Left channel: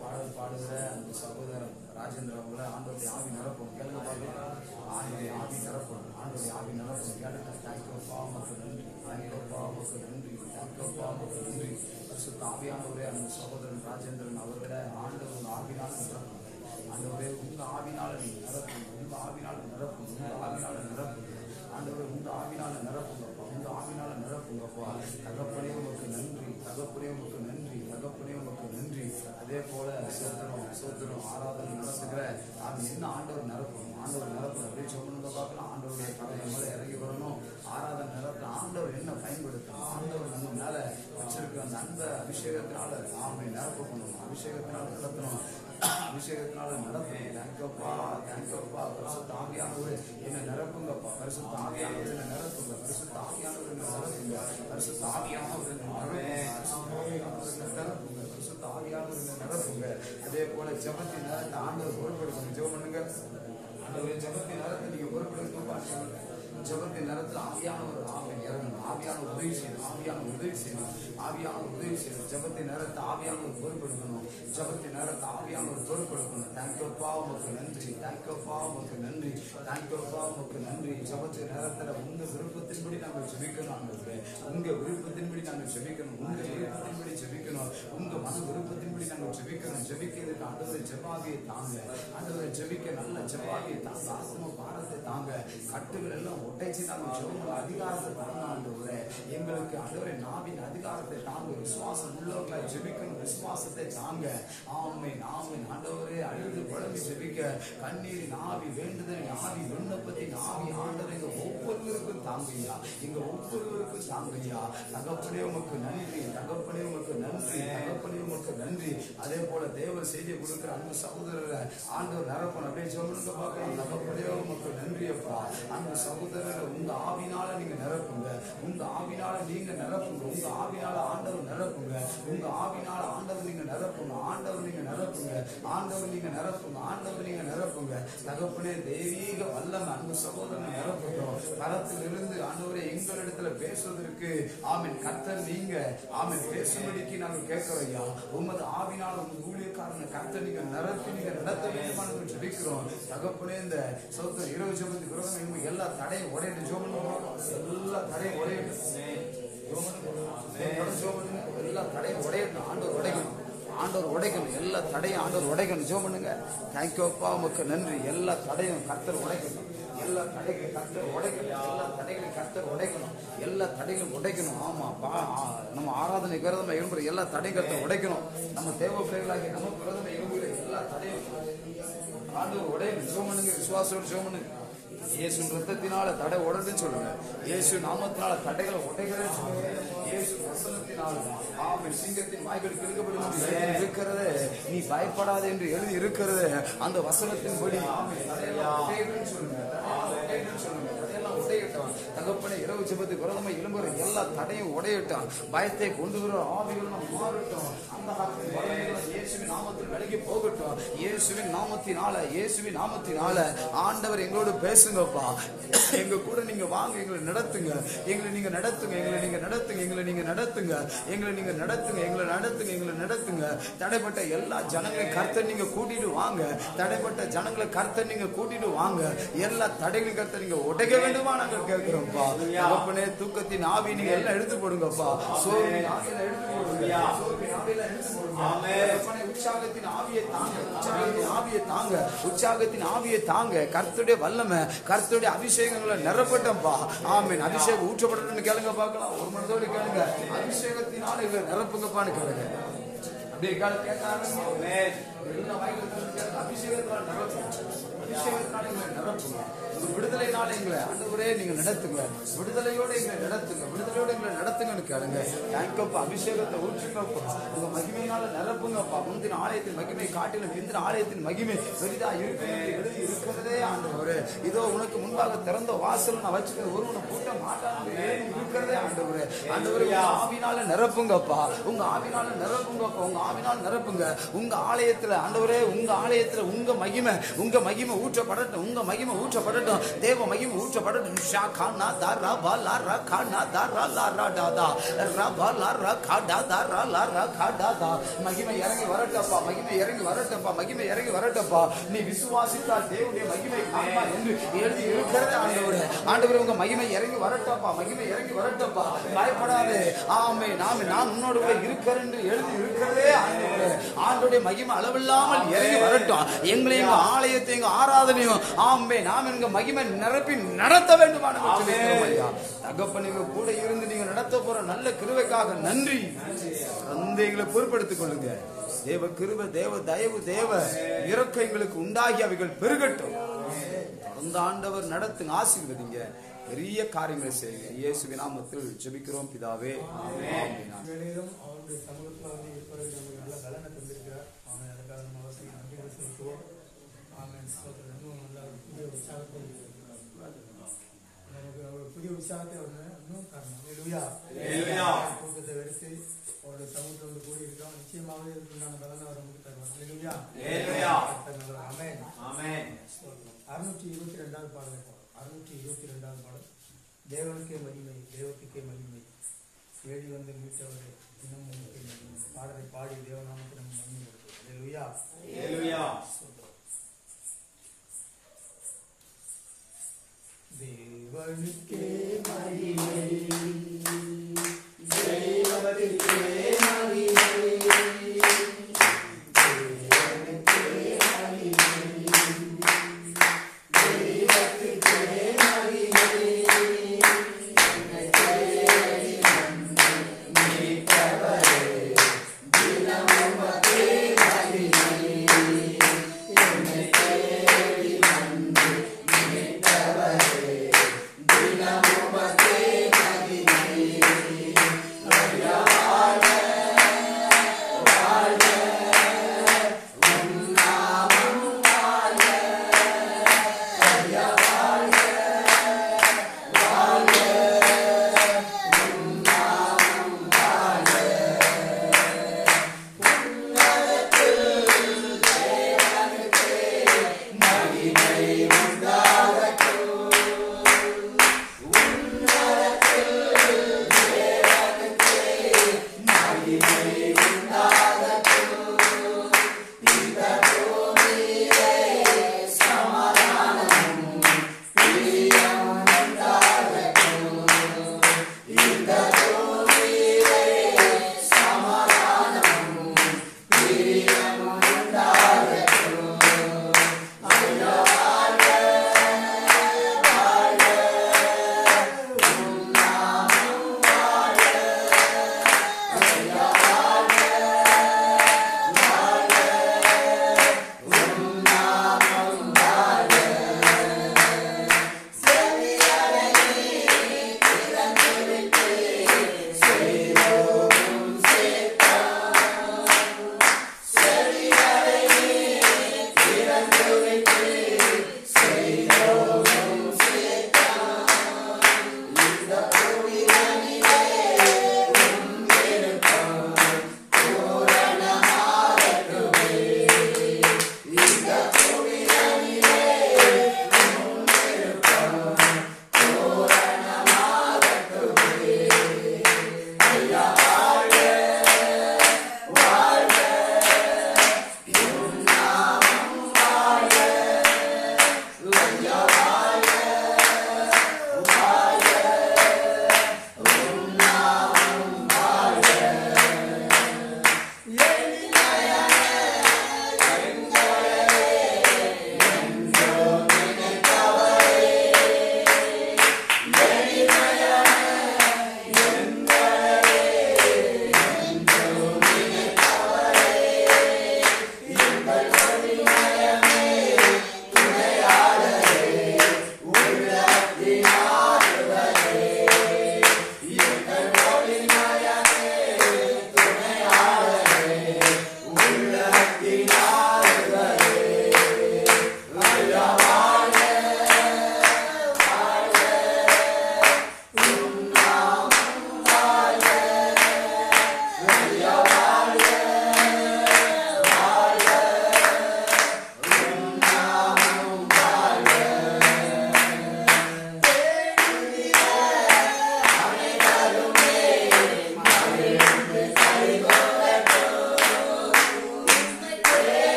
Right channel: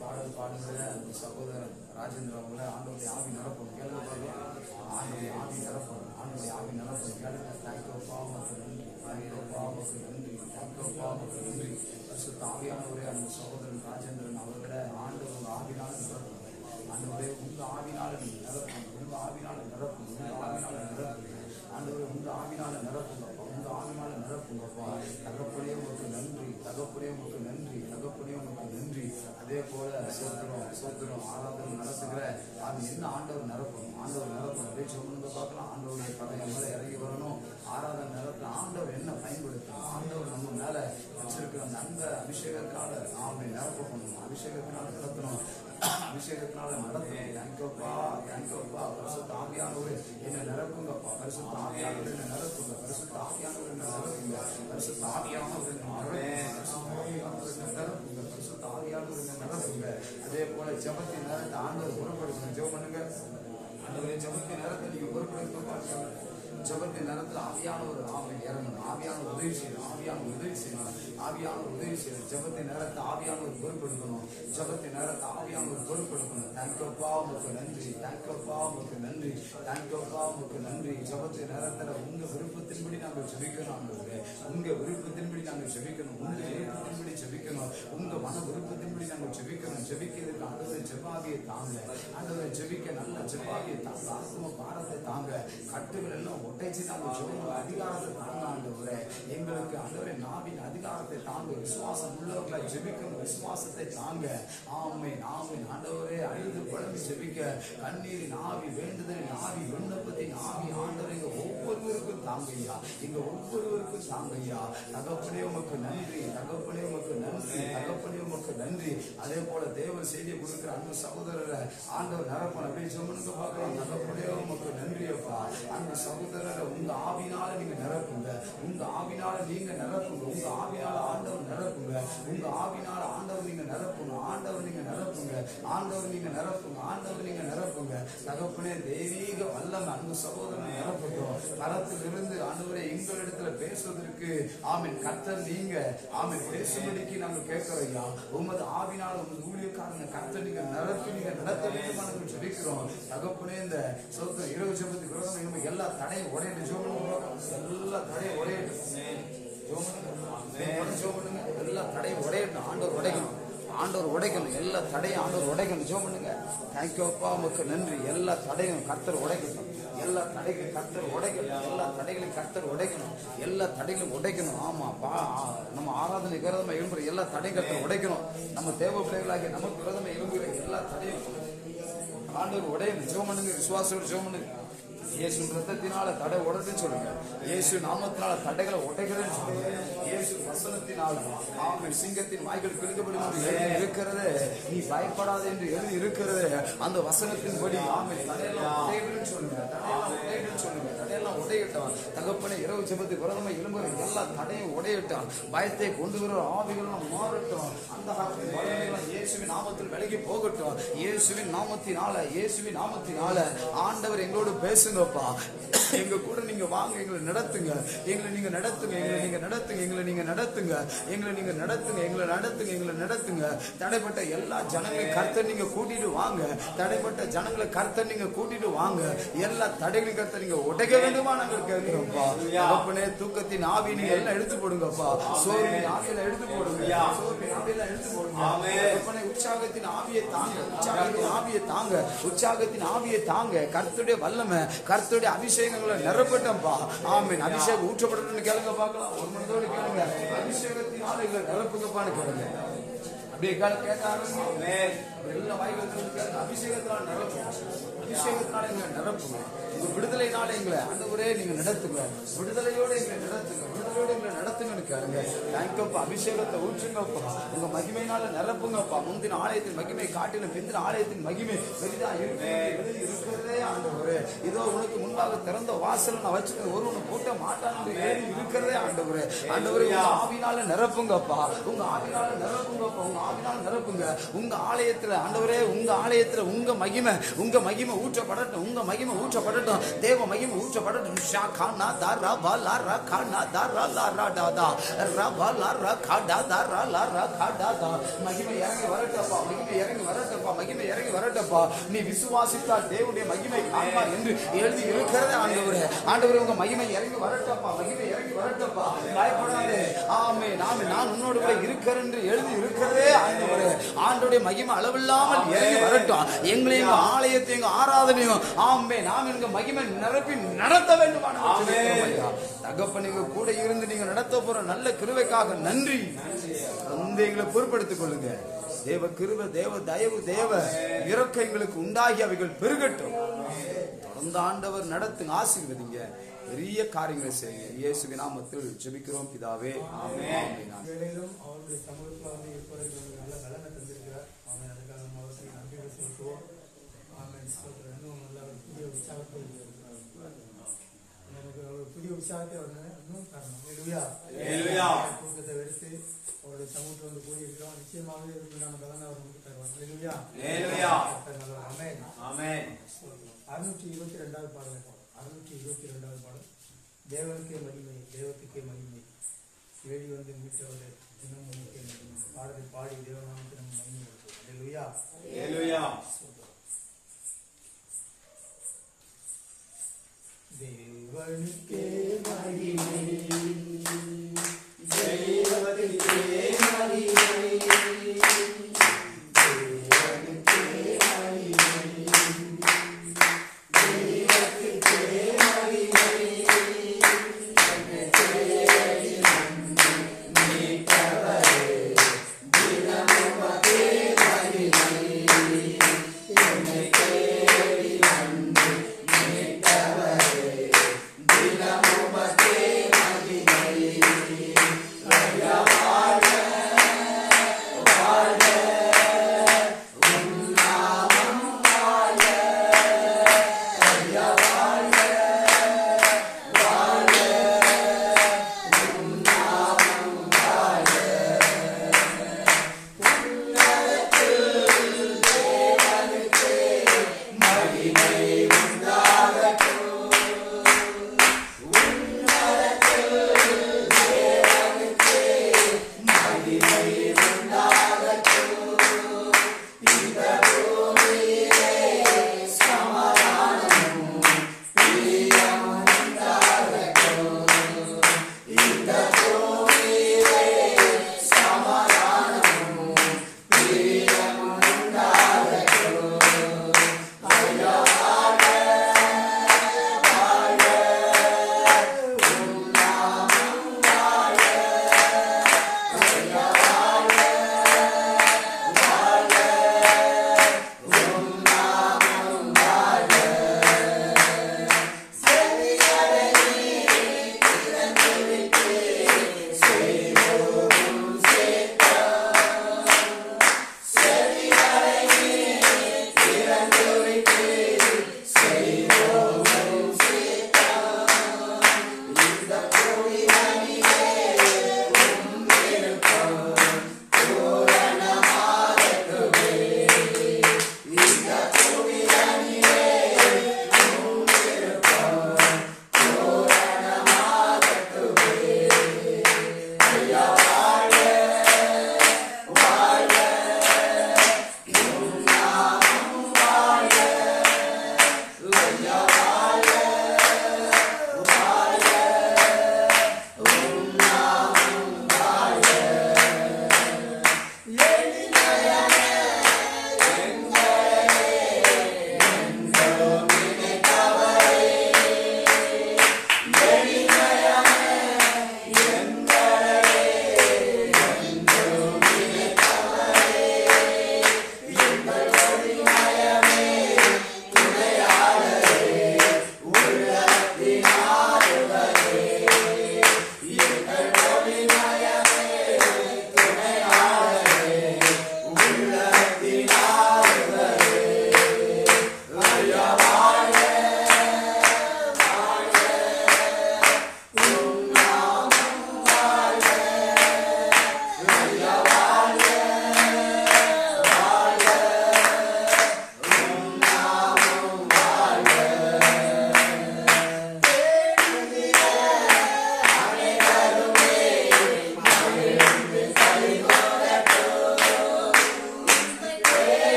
பாடல் பாடுகிற அந்த சகோதரன் ராஜேந்திரன் அவங்கள ஆண்டோடைய ஆவி நிரப்பணும். கேளுங்க பார்க்கலாம். ஆண்டோடைய ஆவி நிரப்பணும். ஆண்டோடைய ஆவி நிரப்பணும். கேளுங்க. தேங்க்யூப்பா உமக்கு நன்றி. தேங்க்யூப்பா உமக்கு நன்றி. தேங்க்யூப்பா உமக்கு நன்றி. பரிசுத்த ஆவியானவரே அந்த சகோதரன் ராஜேந்திரன் அவர்களை ஆண்டவர் உங்க ஆவினால நிரப்பணும். ஆண்டவரே உங்க ஆவினால நீங்க நிரப்பணும். உங்க ஆவினால நிரப்பணும். உங்க ஆவினால நிரப்புங்க. ஆண்டவரே உங்க ஆவினால நிரப்புங்கப்பா. உங்க ஆவினால நிரப்புங்கப்பா. தகப்பனே உமக்கு நன்றி. தகப்பனே உமக்கு நன்றி. தகப்பனே உமக்கு நன்றி. அதே போல சோத்திரம் ஆராதனை நடத்துகிற அது என்ன ஆண்டவர் நிரப்பணும். ஆண்டவர் நிரப்பணும். அப்படியே சொல்லுங்க பார்க்கலாம். ஆண்டவருடைய கரையை மேல இறங்கி வரணும். ஆராதனை நடத்த ஆண்டவர் என்ன பயன்படுத்தணும். ஆண்டவர் நம்ம மேல வச்சிருக்கிற அந்த அன்பை அபிஷேகத்தினால ஆமை நிரப்ப பண்ணணும். அபிஷேகத்தினால நடத்தணும். அபிஷேகத்தினால நடத்தணும். தேங்க்யூப்பா. தேங்க்யூப்பா. பரிசுத்த ஆவியானவரே என்ன நிரப்புங்கப்பா. பரிசுத்த ஆவியானவரே என்ன நிரப்புங்க. பரிசுத்த ஆவியானவரே என்ன நிரப்புங்க. பரிசுத்த ஆவியானவரே என்ன நிரப்புங்க. பரிசுத்த ஆவியானவரே என்ன நிரப்புங்க. அதே போல ஜெபத்தின் நேரத்தை ஆண்டவர் பொறுப்பெடுக்கணும். ஜெபம் பண்ணுங்க. ஆண்டவரே ஜெபத்தின் நேரத்தை நீங்க பொறுப்பெடுக்கணும்ப்பா. ஜெபத்தின் நேரத்தில் ஆவியானவர் ஆமை இறங்கணும். ஆவியானவர் உதவி செய்யணும். ஆவியானவர் உதவி செய்யணும். ஆவியானவர் உதவி செய்யணும். ஜெபத்தின் நேரத்தை ஆவியானவர் பொறுப்பெடுக்கணும். ஜெபத்தின் நேரத்தை ஆவியானவர் பொறுப்பெடுக்கணும். தேங்க்யூப்பா உமக்கு நன்றி. தேங்க்யூப்பா உமக்கு நன்றி. தேங்க்யூப்பா உமக்கு நன்றி. ஜெபத்தின் நேரத்தில் உங்க விருப்பத்தின்படி நாங்கள் ஜெபிக்கணும். ஆண்டவரே உங்க விருப்பத்தின்படி நாங்கள் ஜெபிக்கணும். உங்க விருப்பத்தின்படி ஜெபிக்கணும். உங்க மன விருப்பத்தின்படி நாங்கள் ஜெபிக்கணும். ஜெபிக்கிறதுக்கு ஆண்டவரை ஜெபாவியை தாங்க. ஆண்டவரை ஜெபிக்க நல்ல ஜெபாவியை தாங்க. ஆத்ம பாரத்தை தாங்க. கட்டுகள் எல்லாம் ஒட்டைச்சு நாங்கள் ஜெபம் அதிகாரத்தை தாங்க. ஆண்டவரே எங்களுக்கு ஆண்டவரை நாவின் அதிகாரத்தை தாங்க. விசுவாசம் உள்ளவர்களை ஜெபிக்கணும். விசுவாசத்தை தாங்க. ஆமென் ஆமென். ஆண்டவரே அழுது குழம்பி ஜெபிக்க கண்ணீரின் ஆவி, வேண்டுதலின் ஆவி, விண்ணப்பத்தின் ஆவி ஆண்டவர் எங்க ஒவ்வொருவருக்கும் தாங்கய்யா. எங்க ஒவ்வொருவருக்கும் தாங்கய்யா. தகப்பனே உமக்கு நன்றி. தகப்பனே உமக்கு நன்றி. தகப்பனே உமக்கு நன்றி. அதே போல தேவ செய்தியை கொடுக்கிற அந்த சகோதரரை ஆண்டவர் நிரப்பணும். அப்படியே சொல்லுங்க பார்க்கலாம். தகப்பனே உமக்கு நன்றி அப்பா. அந்த சகோதரரை உங்க ஆவினால நீங்க நிரப்புங்க. உங்க ஆவினால நீங்க நிரப்புங்க. உங்க ஆவினால ஆண்டவர் நிரப்புங்க. உங்க ஆவினால ஆண்டவர் நீங்க நிரப்புங்க. ஆண்டவர் நீங்க நிரப்புங்க. ஆண்டவர் நீங்க நிரப்புங்க. ஆண்டவர் நீங்க நிரப்புங்க. தகப்பனே தெய்வீக வல்லமை அந்த சகோதரனை நிரப்பட்டும். கரத்திலிருந்து ஆண்டவரே எங்களிடத்துல பேசுவதற்கு ஆமென் கர்த்தர் நீங்க ஆமென் பேசும்படிக்கு நாங்கள் கேட்கிறோம் ஐயா. உமது ஆவினால உங்க ஊழியக்காரனை கர்த்தர் நீங்க நிரப்பி நீங்க நடத்த வேண்டுமா நாங்கள் ஜெபிக்கிறோம். தகப்பனே இந்த சோத்திரம் இரவு ஜெபத்துக்கு விரோதம் எல்லா தடையும் உடையிட்டு ஜோமன் எல்லா தடையும் உடையிட்டு எல்லா தடையும் உடையணும். ஆண்டவர் உடைக்கணும். ஆண்டவர் உடைக்கணும். எல்லா தடையும் ஆண்டவர் உடைக்கணும். ஜோ பண்ணுங்க. தேங்க்யூப்பா உமக்கு நன்றி. எல்லா தடையும் கர்த்தர் உடைக்கணும். எல்லா தடைகளும் கர்த்தர் உடைக்கணும். எல்லா தடைகளையும் கர்த்தர் உடைக்கணும். எல்லா தடைகளும் உடைக்கணும். ஆமாப்பா நம்ம ஆராதனை விரதமா எழும்புற எல்லா தடையும் கர்த்தர் உடைக்கணும். நம்ம தேவ பிள்ளைகளாகிய நமக்கு விரதமா எழும்புகிற எல்லா தடையும் ஆண்டவர் உடையணும். ஜோ பண்ணுங்க. விசுவாசோடு ஜோ பண்ணுங்க. இயேசு ரத்தத்தினால தடை உடைதுன்னு சொல்லுங்க. இயேசு நாமத்தினால தடைகளை உடைக்கிறேன்னு சொல்லுங்க. இயேசு வசனத்தினால ஆமென் சிங்கத்தின் வாய்கள் கிழக்கப்படும் இருக்கிறது. நீ பயப்படாது என்று எழுதி இருக்கிறது. அந்த வசனத்தின்படி ஆமென் தடையெல்லாம் உடைக்கிறேன்னு சொல்லுங்க. தகப்பனே இரவு ஜெபத்துக்கு விரதமா எழும்புற எல்லா தடையும் உடையட்டும். பயத்தை கொண்டு வர ஆவிகளும் மாறட்டும். அந்த இயேசுவின் நாமத்தில் விலகி போகட்டும். இயேசுவின் நாமத்தினால ஆண்டவர் எங்களோடு பேசுங்கப்பா. எங்க கூட நீங்க வாங்க. எங்களை நடத்துங்க. எங்களை நீங்க நடத்துங்க. தடைப்பட்ட எல்லா ஜனங்களையும் கர்த்தர் நீங்க கூட்டிட்டு வாங்க. தடைப்பட்ட ஜனங்களை கர்த்தர் நீங்க கூட்டிட்டு வாங்க. எல்லா தடைகளையும் கர்த்தர் நீங்க உடைக்க வேண்டுமா நாங்கள் கேட்கிறோம்ப்பா. தகப்பனே தூக்கத்தின் ஆவி நீங்க எல்லாம் எடுத்து போடுங்கப்பா. சோர்வின் ஆவியில எடுத்து போடுங்க. உற்சாகத்தின் ஆவியை தாங்க. கர்த்தருடைய வல்லமை, கர்த்தருடைய அபிஷேகங்களை நிரப்பட்டோம்ப்பா. ஆமென். அபிஷேகம் ஊற்றப்படணும்னு கேளுங்க பார்க்கலாம். ஒரு மனதோடு கேளுங்க. அபிஷேகத்தினால எங்களை நிரப்புங்கப்பான்னு கேளுங்க. அப்படியே கேட்க அபிஷேகத்தினால நிரப்புங்க. விடுதலைனால எங்களை ஆண்டவரே நீங்க நடத்துங்க. விடுதலையோடு எங்களை நடத்துங்கன்னு கேளுங்க. தேங்க்யூப்பா. அபிஷேகத்தை ஊற்றுங்கப்பா. உங்க மகிமையினால நிரப்புங்கப்பா. முந்தின ஆலயத்தின் மகிமை காட்டின பிந்தின ஆலயத்தின் மகிமை பெரிதா இருக்கிறதே ஆண்டவரே. இதோ உனக்கு முன்பாக திறந்த வாசல் நான் வச்சுக்கிறேன். ஒருவனை கூட்ட மாட்டான் இருக்கிறதே ஆண்டவரே. ஆண்டவரே உங்க ஆவினால நிரப்புங்கப்பா. உங்க ஆவினால நிரப்புங்கப்பா. உங்க ஆவியால் நிரப்புங்க. உங்க ஆலயத்துல ஆண்டவரே, உங்க ஆலயத்துல உங்க மகிமை ஊற்றப்படட்டும். உங்க மகிமை ஊற்றப்படட்டும். தேவ மகிமை ஊற்றப்படட்டும். மகிமை இறங்கி வரட்டப்பா, மகிமை இறங்கி வரட்டப்பா, மகிமை இறங்கி வரட்டப்பா. நீ விசுவாசித்தால் தேவனுடைய மகிமை காண்பார் என்று எழுதி இருக்கிறது. ஆண்டவரே, ஆண்டவரே உங்க மகிமை இறங்கி வரட்டப்பா, மகிமை இறங்கி வரட்டப்பா. பயப்படாதே. ஆமே, நான் உன்னோடு கூட இருக்கிறேன் என்று எழுதி இருக்கிறதே. ஆண்டவரே, ஆண்டவருடைய மகிமை அளவில்லாமல் இறங்கி வரட்டும். எங்களை எங்க ஆலயத்தை எங்க ஆராதனையும் ஆமே நாம் எங்க மகிமை நிரப்பி நடத்த வேண்டும். தகப்பன் நீங்க கூட இருந்து நீங்க நடத்த போற நல்ல கிருபைக்காக நன்றி. வந்து எங்களை பொறுப்படுத்திக் கொள்ளுங்க. தேவ கிருபை, தேவ தயவு, தேவ இரக்கம் எங்களுக்கு உண்டாகி அவைகள் பெருகட்டும். தொடர்ந்து ஆண்டவர் நடத்துங்க, ஆசீர்வதிங்க, பெரிய காரியங்களை செய்யுங்க. இயேசுவின் நாமத்தில் ஜெபிக்கிறோம் பிதாவே, ஆமென். வேளையிலும் அவருடைய சமூகத்தில் வந்து இருப்பதற்கு நமக்கு நல்ல பலனை தந்திருக்கிறார். அவன் அதுக்காக நம்ம அவசியம் நன்றிகளை செலுத்துவோம். ஆமென். இன்னும் நல்ல ஒரு புதிய உற்சாகத்தை நமக்கு அவர் புதிய உற்சாகத்தை இன்னும் தரணும். தூக்கத்தை வெறுத்து அவருடைய சமூகத்தில் வந்து கூடி இருக்கிறோம். நிச்சயமாகவே இதுக்குண்டான பலனை அவர் நமக்கு தருவார். ஆமென். 622வது பாடல். 622வது பாடல். தேவனுக்கே மகிமை, தேவத்துக்கே மகிமை, வேடி வந்து மீட்டவரே தினம் உனக்கே மகிமை. பாடலை பாடி தேவநாமத்தை நம்ம மகிமை கொடுத்தோம். அல்லேலூயா. தேவனுக்கே மகிமை, தேவனுக்கே மகிமை, Dinamo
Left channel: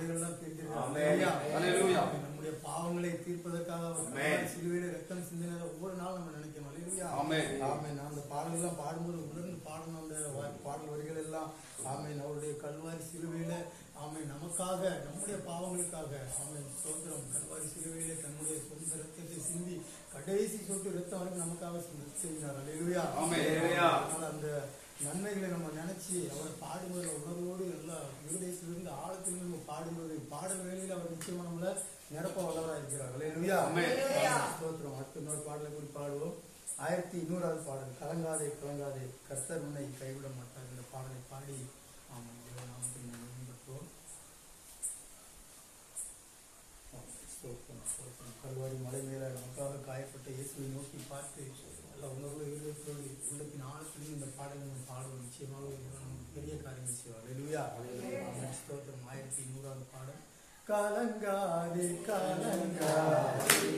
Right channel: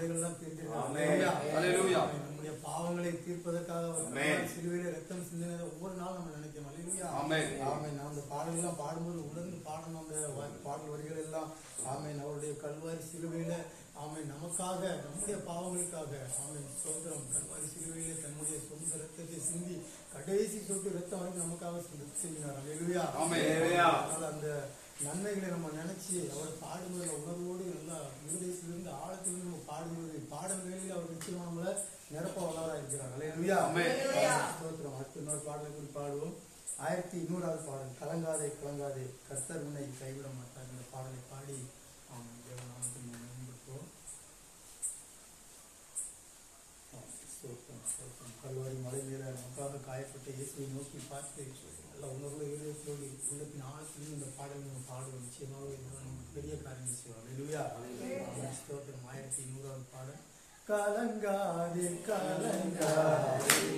விதைகள்லாம் பிரிந்திருக்கிறார். அல்லேலூயா. நம்முடைய பாவங்களை தீர்ப்பதற்காக அவர் சிலுவையில ரத்தம் சிந்தினதை ஒவ்வொரு நாள் நம்ம நினைக்கணும். அல்லேலூயா. ஆமென். நான் அந்த பாடல்கள்லாம் பாடும்போது உணர்ந்து பாடணும். அந்த பாடல் வரிகள் எல்லாம் ஆமென். அவருடைய கல்வாரி சிலுவையில ஆமென் நமக்காக, நம்முடைய பாவங்களுக்காக ஆமென் ஸ்தோத்திரம். கல்வாரி சிலுவையில தன்னுடைய சொந்த ரத்தத்தை சிந்தி கடைசி சொட்டு ரத்தம் வரைக்கும் நமக்காக செய்கிறார். அல்லேலூயா. அதனால அந்த நன்மைகளை நம்ம நினைச்சு அவரை பாடும்போது உணர்வோடு நல்லா இருதயத்திலிருந்து ஆழத்திலிருந்து நம்ம பாடும்போது பாடல் வேலையில் அவர் நிச்சயமா நம்மள நிரப்ப வல்லவராக இருக்கிறார். அல்லேலூயா. ஸ்தோத்திரம். அடுத்த இன்னொரு பாடலை கூடி பாடுவோம். 1100வது பாடல், கலங்காதே கலங்காதே கர்த்தர் உன்னை கைவிட மாட்டார். இந்த பாடலை பாடி ஆமாம் தேவநாமத்தை மேம்படுத்துவோம். கல்வாரி மலை மேல நமக்காக காயப்பட்ட இயேசுவை நோக்கி பார்த்து எல்லா உணர்வு இதயத்தோடு உள்ளத்தின் ஆழத்திலும் இந்த பாடலை நம்ம பாடுவோம். நிச்சயமாக நமக்கு பெரிய காரியங்கள் செய்வார். அல்லேலூயா. ஸ்தோத்திரம். 1100வது பாடல், கலங்காதே கலங்காதே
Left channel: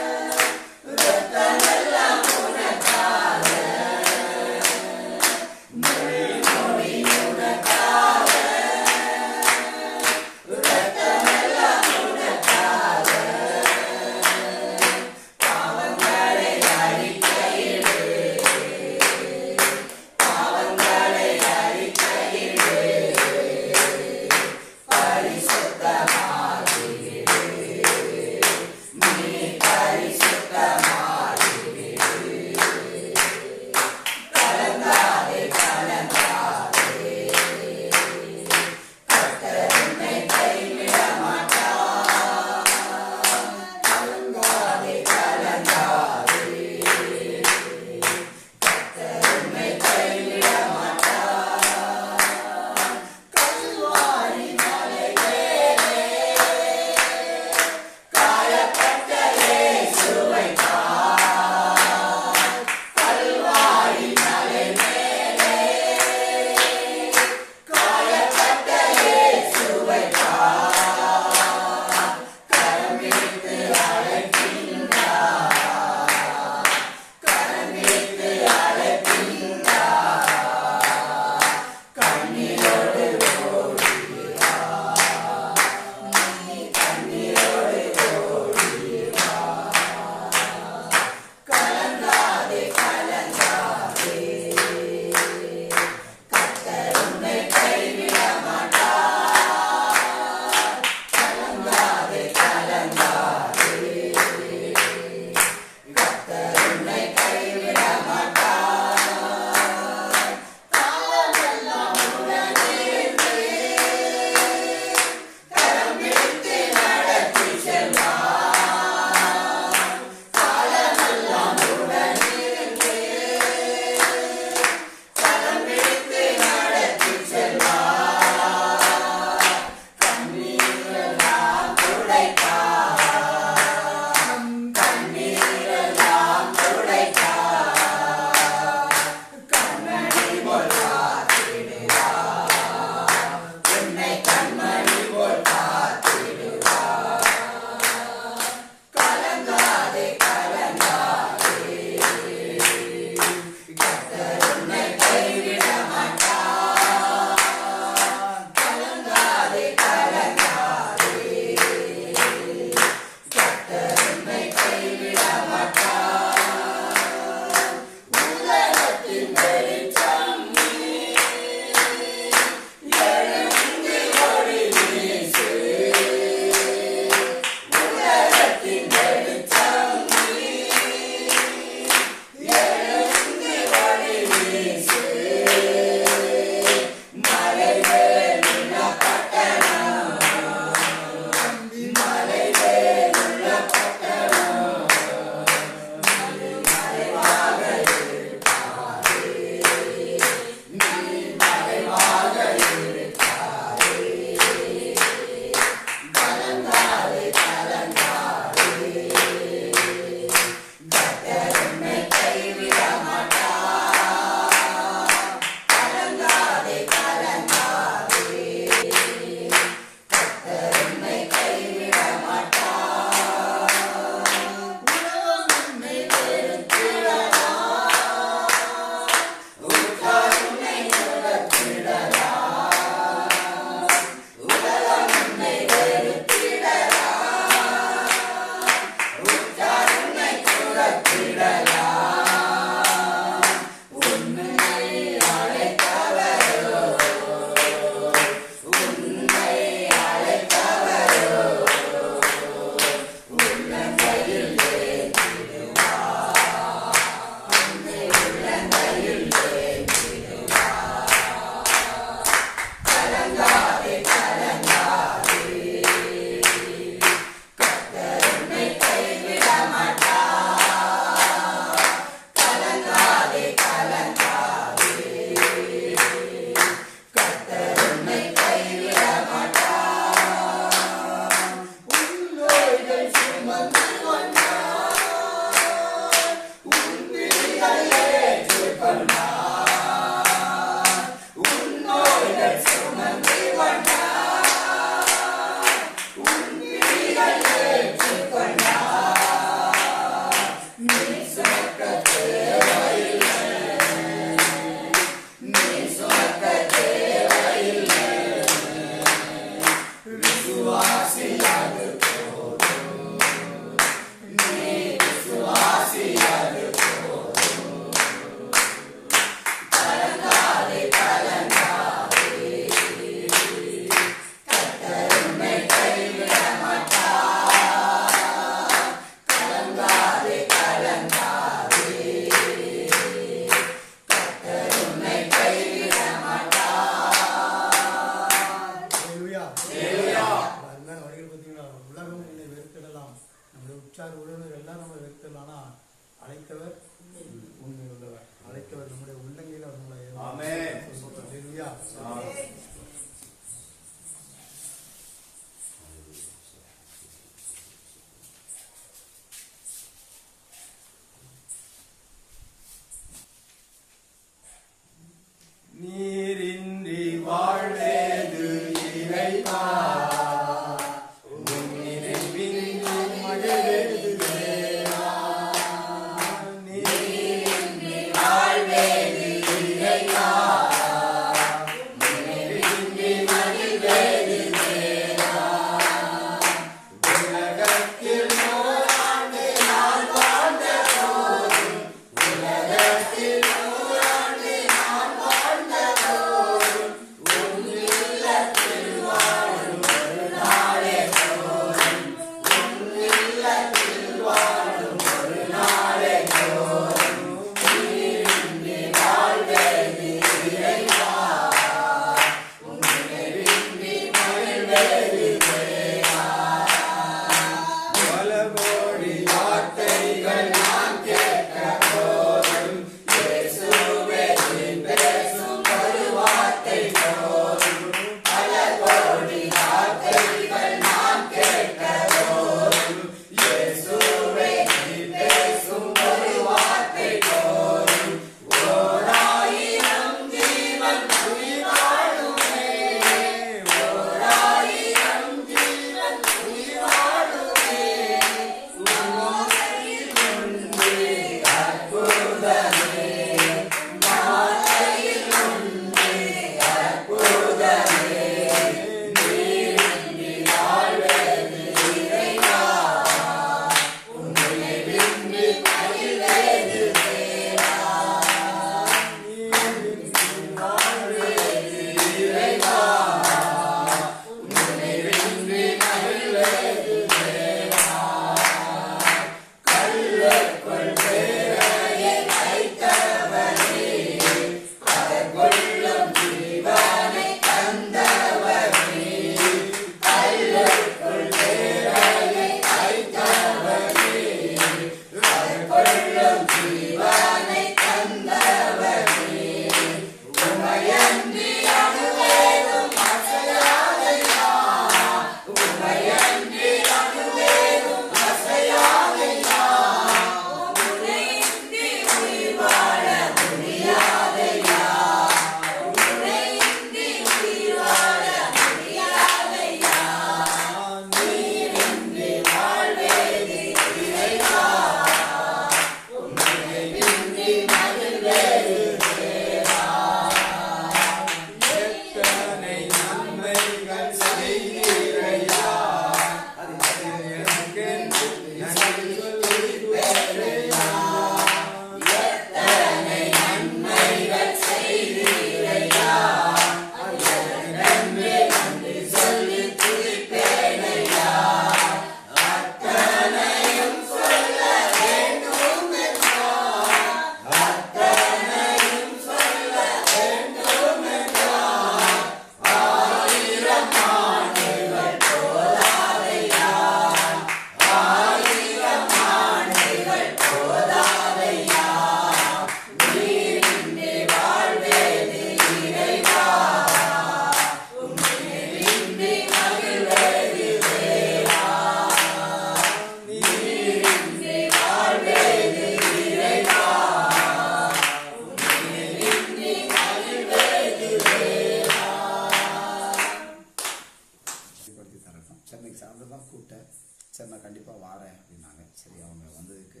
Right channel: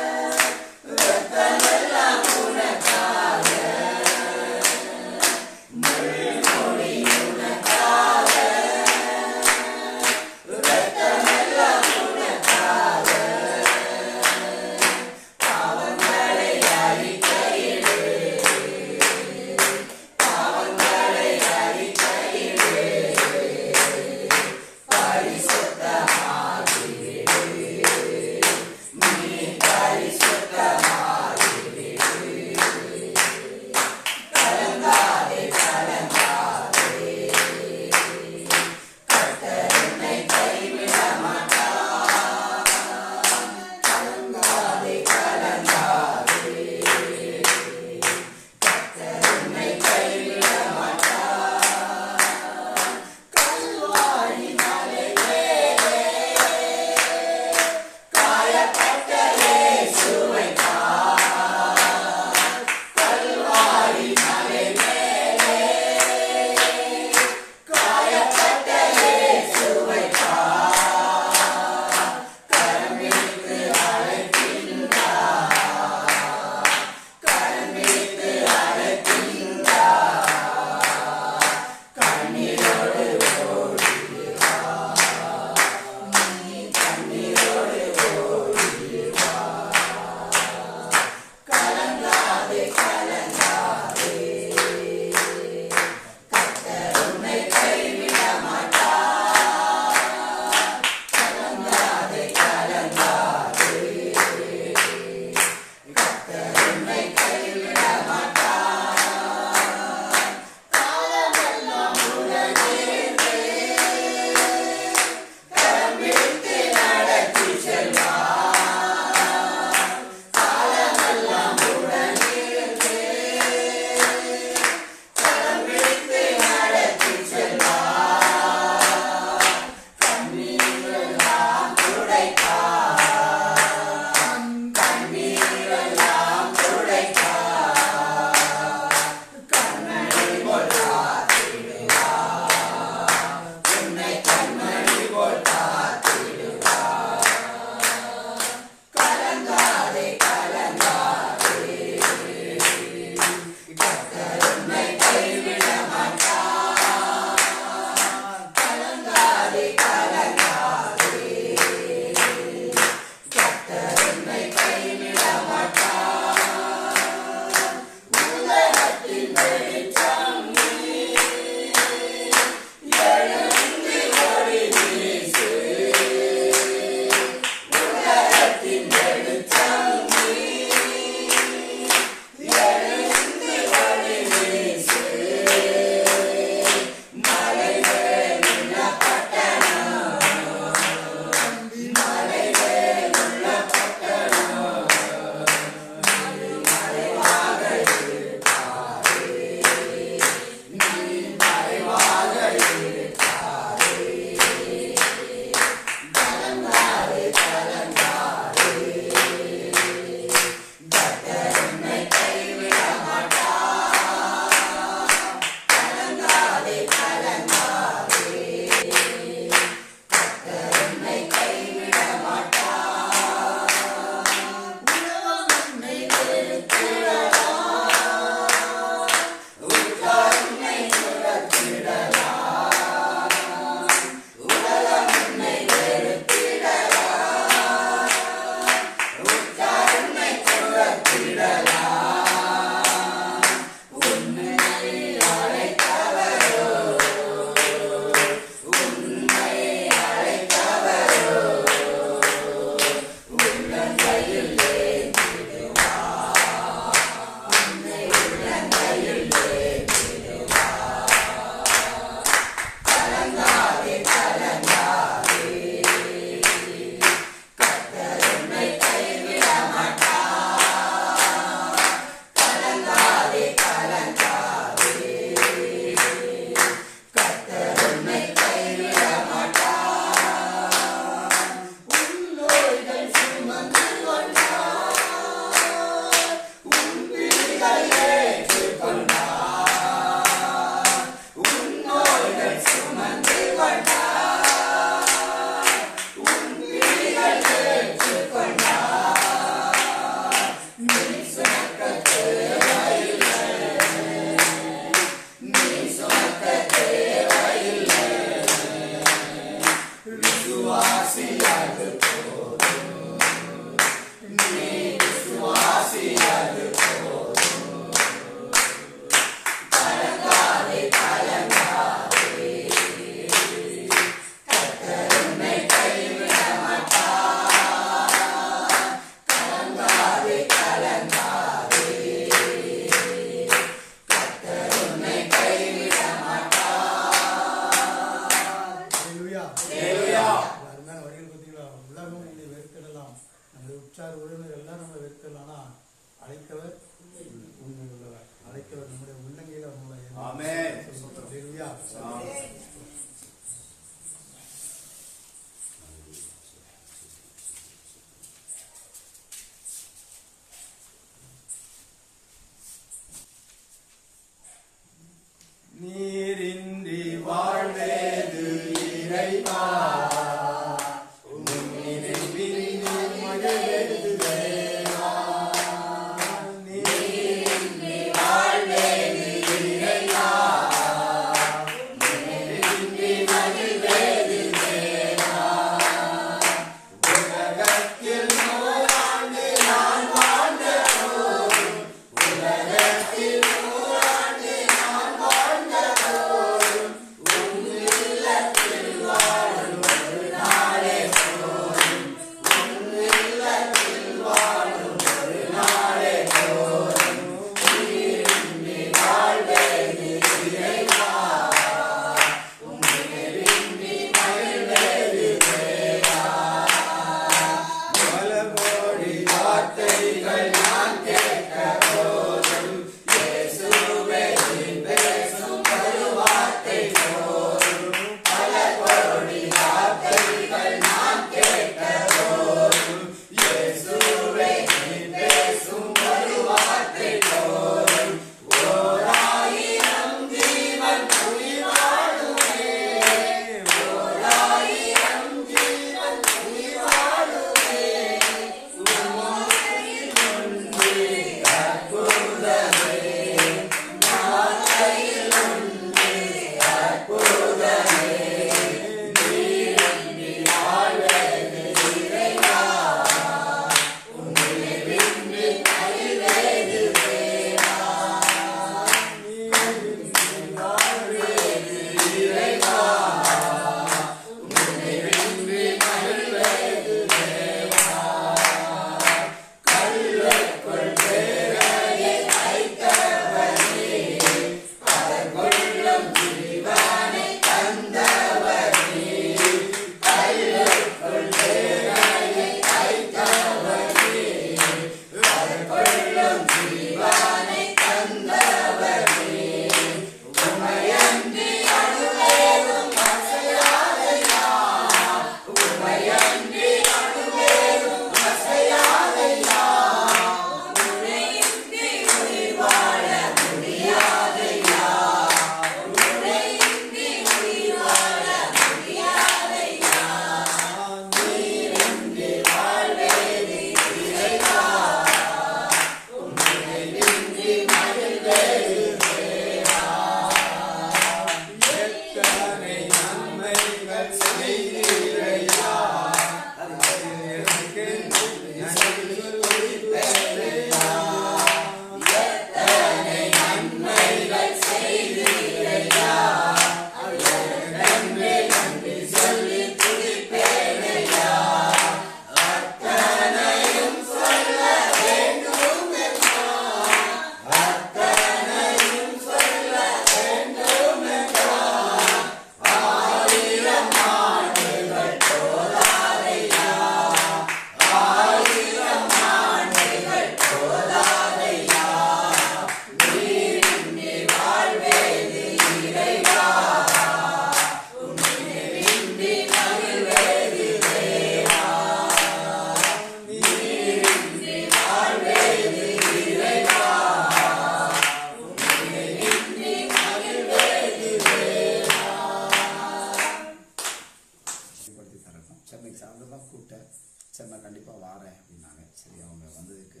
சரி நான் கண்டிப்பாக வாரேன் அப்படின்னாங்க. சரி அவங்க வந்ததுக்கு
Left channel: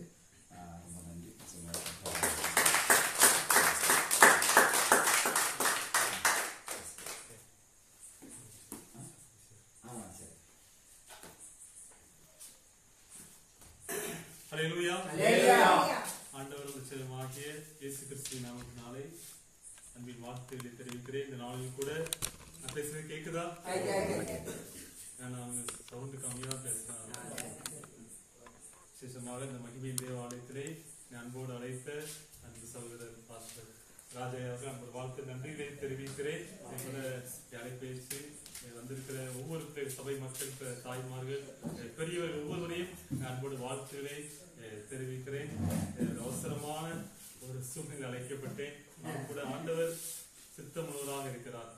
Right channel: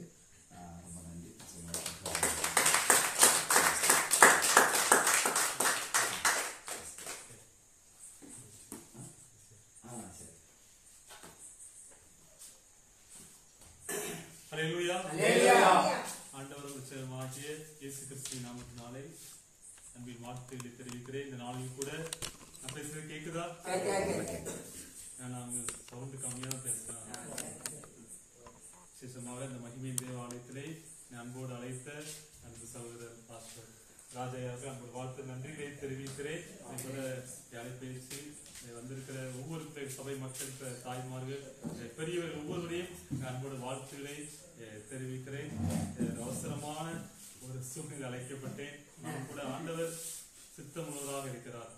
ரொம்ப நன்றி. சரி. ஹல்லேலூயா. ஆண்டவர் உச்சமாகிய இயேசு கிறிஸ்துவின் நாமத்தினாலே அன்பின் வாழ்த்துக்களை தெரிவிக்கிறேன். இந்த நாளில் கூட நான் பேசுறது கேக்குதா? நான் சவுண்டு கம்மியா தான் பேசுறேன். விசேஷமாக இந்த மகிமையின் தேவாலயத்திலே அன்போடு அழைத்த அன்பு சகோதரர் பாஸ்டர் ராஜையாக அன்பு வாழ்த்து நன்றிகளை தெரிவிக்கிறேன். அழைப்பேசி வந்திருக்கிற ஒவ்வொரு சபை மக்கள், தாய்மார்கள், பெரியவர் ஒவ்வொருவரையும் அன்போடு வாழ்த்துக்களை தெரிவிக்கிறேன். அவசரமான ஒரு சூழ்நிலை அழைக்கப்பட்டேன். நான் கூட ஆண்டவர் சித்தமுள்ளவராக இருக்கிறார்.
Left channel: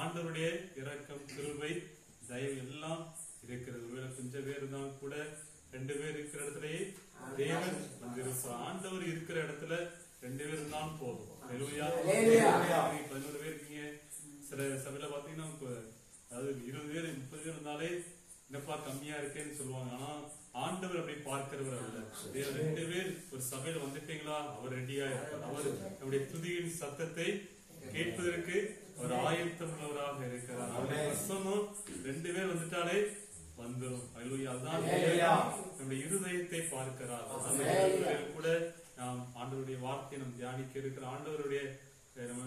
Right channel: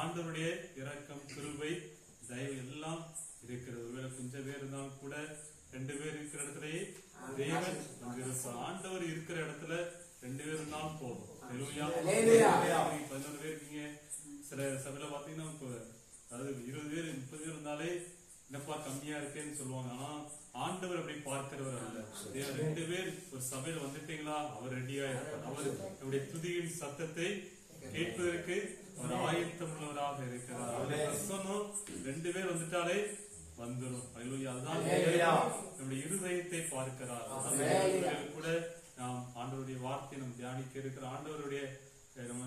ஆண்டவருடைய இரக்கம், கிருபை, தயவு எல்லாம் இருக்கிறது. ஒருவேளை கொஞ்சம் பேர் இருந்தாலும் கூட 2 பேர் இருக்கிற இடத்துலயே தேவன் வந்திருப்பார். ஆண்டவர் இருக்கிற இடத்துல 2 பேர் இருந்தாலும் போதும். 11 பேர் இருக்கீங்க. சில சபையில பாத்தீங்கன்னா அதாவது 20 பேர் 30 பேர் இருந்தாலே என்னப்பா கம்மியா இருக்கேன்னு சொல்லுவாங்க. ஆனா ஆண்டவர் அப்படி பார்க்கிறவர் அல்ல. 2 பேர் ஒரு சபையில வந்துட்டீங்களா அவர் ரெடியா இருப்பார். அவர் நம்முடைய துதியின் சத்தத்தை கேட்பதற்கு அவர் ஆயத்தம் உள்ளவராக இருக்கிறார். அவருடைய வசனம் 2 பேர் வந்துட்டாலே வந்துடும். அதுதான் நம்முடைய இருதயத்தை பார்க்கிறார். கூட ஆண்டவருடைய வார்த்தையை நம்ம தியானிக்க இருக்கிற ஆண்டவருடைய நம்ம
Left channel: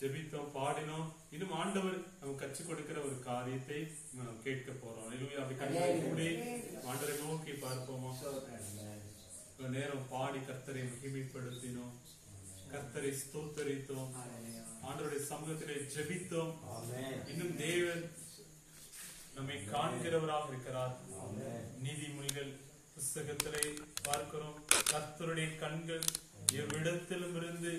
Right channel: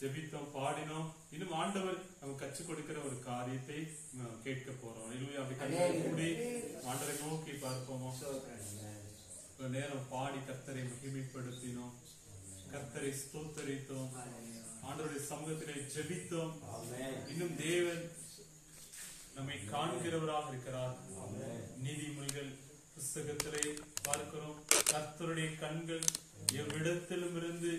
ஜெபித்தோம், பாடினோம். இன்னும் ஆண்டவர் நமக்கு கற்றுக் கொடுக்கிற ஒரு காரியத்தை கேட்க போறோம். அல்லேலூயா. அப்படி கண்களை மூடி ஆண்டவரை நோக்கி பார்ப்போமா? நேரம் பாடி கர்த்தரை மகிமைப்படுத்தினோம், கர்த்தரை ஸ்தோத்தரித்தோம், ஆண்டவருடைய சமூகத்திலே ஜெபித்தோம். இன்னும் தேவன் நம்மை காண்கிறவராக இருக்கிறார். நீதிமொழிகள் புஸ்தகத்திலே பார்க்கிறோம், கர்த்தருடைய கண்கள் எவ்விடத்திலும் இருந்து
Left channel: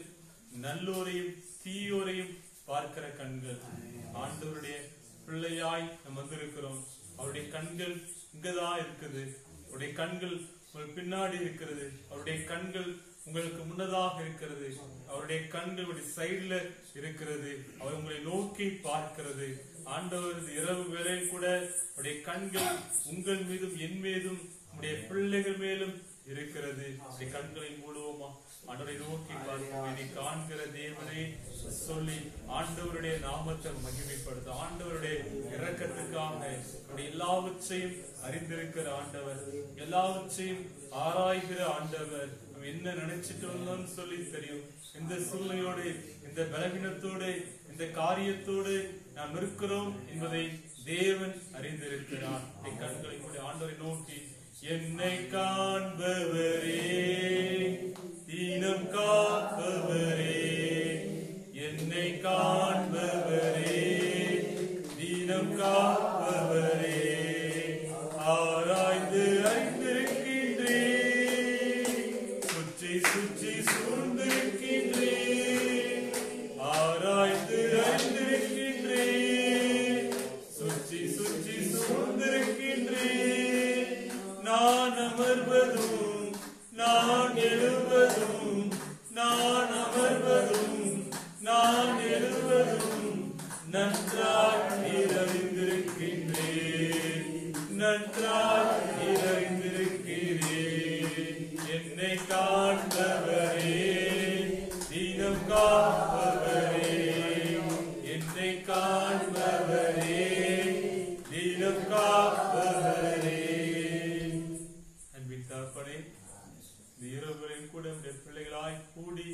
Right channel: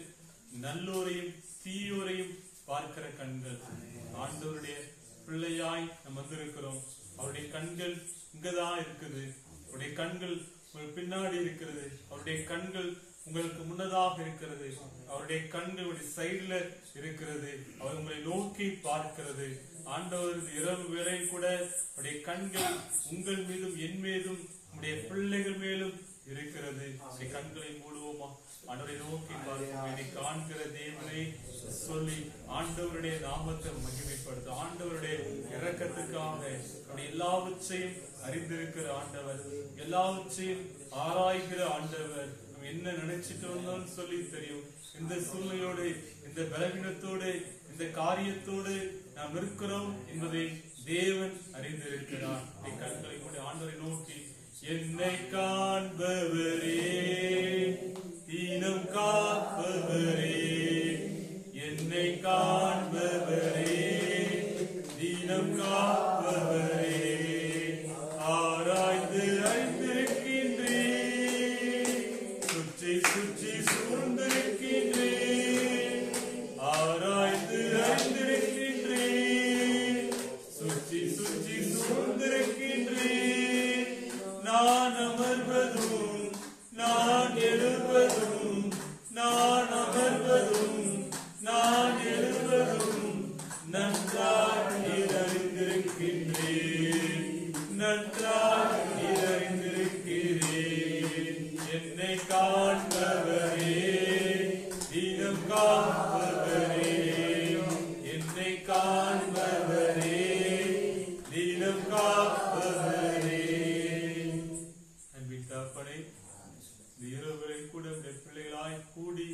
நல்லோரையும் தீயோரையும் பார்க்கிற கண்கள். ஆண்டவருடைய பிள்ளையாய் நாம் வந்திருக்கிறோம். அவருடைய கண்கள் இங்கதான் இருக்குது. அவருடைய கண்கள் உங்களுக்கு பின்னாடி இருக்கிறது. அவருடைய கண்கள் உங்களுக்கு முன்னதாக இருக்கிறது. அவருடைய கண்கள் சைடுல இருக்கிறது. அவர் உங்களை நோக்கி பார்க்கிறது. ஆண்டவர் இரவு வேளை கூட அவருடைய கண்கள் உங்கள் மீதும் என் மீதும் உங்களுடைய பிள்ளைகள் மேலும் இருக்கிறது. கண்களை மூடுவோமா? ஆண்டவரை நோக்கி பார்ப்போம். என்னை காண்கிற தேவனை சொல்லி ஆண்டவருடைய நாமத்தை மகிமைப்படுத்த, ஆண்டவருடைய இரக்கத்துக்காக எல்லாவற்றையும் அறிந்திருக்கிற ஆண்டவர், எல்லாவற்றையும் ஆராய்கிற ஆண்டவர். நம்ம என்ன நினைச்சிட்டு வந்தோம்னு சொல்லி தெரியும். இந்த சூழ்நிலையோடு, இந்த பலவீனத்தோடு, இந்த காரியத்தோடு நாம் இருக்கிறோம் என்பதை தேவன் அறிந்திருக்கிறார். கண்களை மூடி ஆண்டவரை நோக்கி, என்னை காண்பவரே, தீனம் காப்பவரே, என்னை காண்பவரே, தீனம் காப்பவரே, ஆராய்ந்து அறிந்திருக்கின்றே, சுற்றி சுற்றி சூழ்ந்திருக்கின்றே, ஆராய்ந்து அறிந்திருக்கின்றே, சுற்றி சுற்றி சூழ்ந்திருக்கின்றே. நான் அமர்வதும் நான் எழுவதும், நான் அமர்வதும் நான் எழுவதும் நன்றாய் நிறைந்திருக்கின்றேன், நன்றாய் நிறைந்திருக்கிறேன். என்னை காண்பவரே, தினம் காப்பவரே, என்னை காண்பவரே, தினம் காப்பவரே. அன்பின் தகப்பனே, இந்த இரவுகளில் கூட உடைய பிள்ளைகளாய் கூடி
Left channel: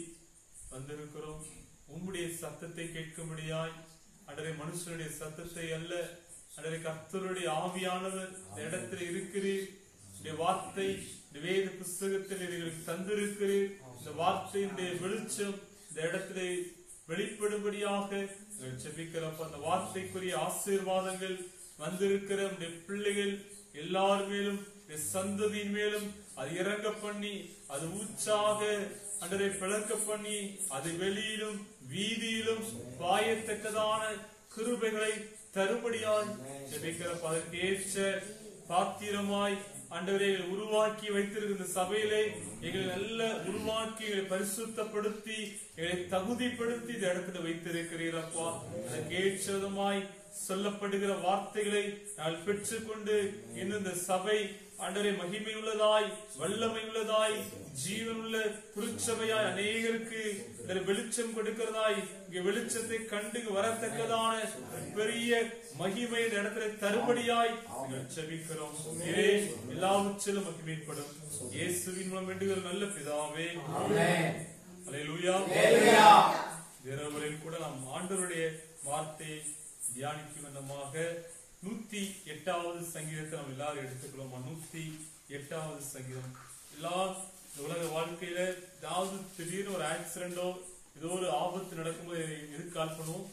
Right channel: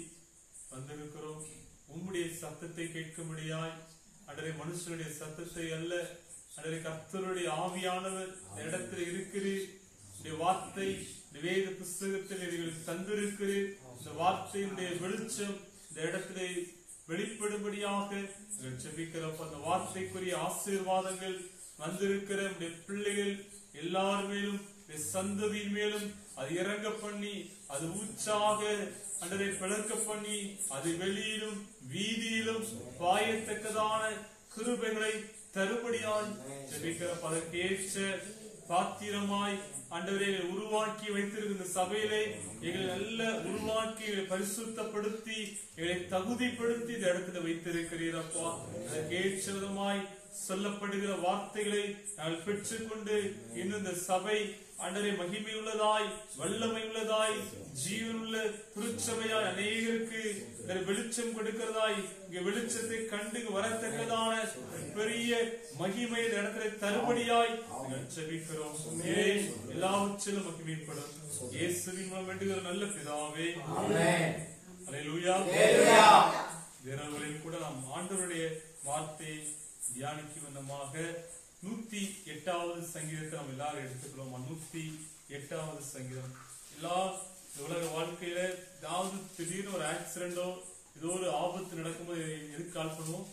வந்திருக்கிறோம். உம்முடைய சத்தத்தை கேட்கும்படியாய், அன்றரை மனுஷனுடைய சத்தத்தை அல்ல, அன்றரை கர்த்தருடைய ஆவியானவர் இந்த இடத்துல இருக்கிறீர். இந்த வார்த்தை இந்த வேத புஸ்தகத்தில் நீங்கள் தந்திருக்கிறீர். இந்த வார்த்தையினுடைய வெளிச்சம் இந்த இடத்திலே வெளிப்படும்படியாக ஜெபிக்கிறோம். அந்த வார்த்தைக்குரிய ஆசீர்வாதங்கள் வந்திருக்கிற உடைய பிள்ளைகள் எல்லார் மேலும், சந்ததியின் மேலும் அது இறங்க பண்ணி, அது ஊற்றாக அன்றரை பிளக்க பண்ணி, அது வெளியிலும் வீதியிலும் பாயத்தக்கதான கிருபைகளை தருபடியாய் ஜெபிக்கிற அதற்கேற்ற பாத்திரமாய் ஆண்டவரை உருவாக்கி வைத்திருக்கிற சபையிலே எங்களை நல்ல உருவாக்கி எங்களை பரிசுத்தப்படுத்தி எங்களை தகுதிப்படுத்தி இந்த இடத்துல வைத்திருக்கிறீரப்பா. அதற்கேற்ற விதமாய் சொல்லப்படுகிற வார்த்தைகளை நாங்கள் பெற்றுக்கொண்டு இன்னும் இந்த சபை ஆண்டவரே மகிமை உள்ளதாய், வல்லமை உள்ளதாய், ஜீவனுள்ள திருச்சபையாய் அநேகருக்கு வெளிச்சம் கொடுக்கிறதாய், இங்க வெளிச்சத்தை கண்டு வரத்தக்கதான பெரிய மகிமை இந்த இடத்துல தருபடியாய் ஜெபிக்கிறோம். எல்லாவற்றிலும் மகிமைப்படும் இயேசுவின் மூலம் வேண்டுகிற நல்ல பிதாவே, அல்லேலூயா. இரவுகளில் கூட நாம் ஆண்டவருடைய வார்த்தையை தியானிக்கும் விதமாக 108வது சங்கீதத்தை நம்ம எல்லாரும் எடுத்துக்கிறோம். 108வது சங்கீதம். எல்லா உலக வாழ்க்கையில ஏதாவது திடீர்னு ஒரு ஆக்சிடென்டோ ஏதோ ஒரு ஆபத்து நடக்கும்போது எதுக்கு கால் பண்ணுவோம்?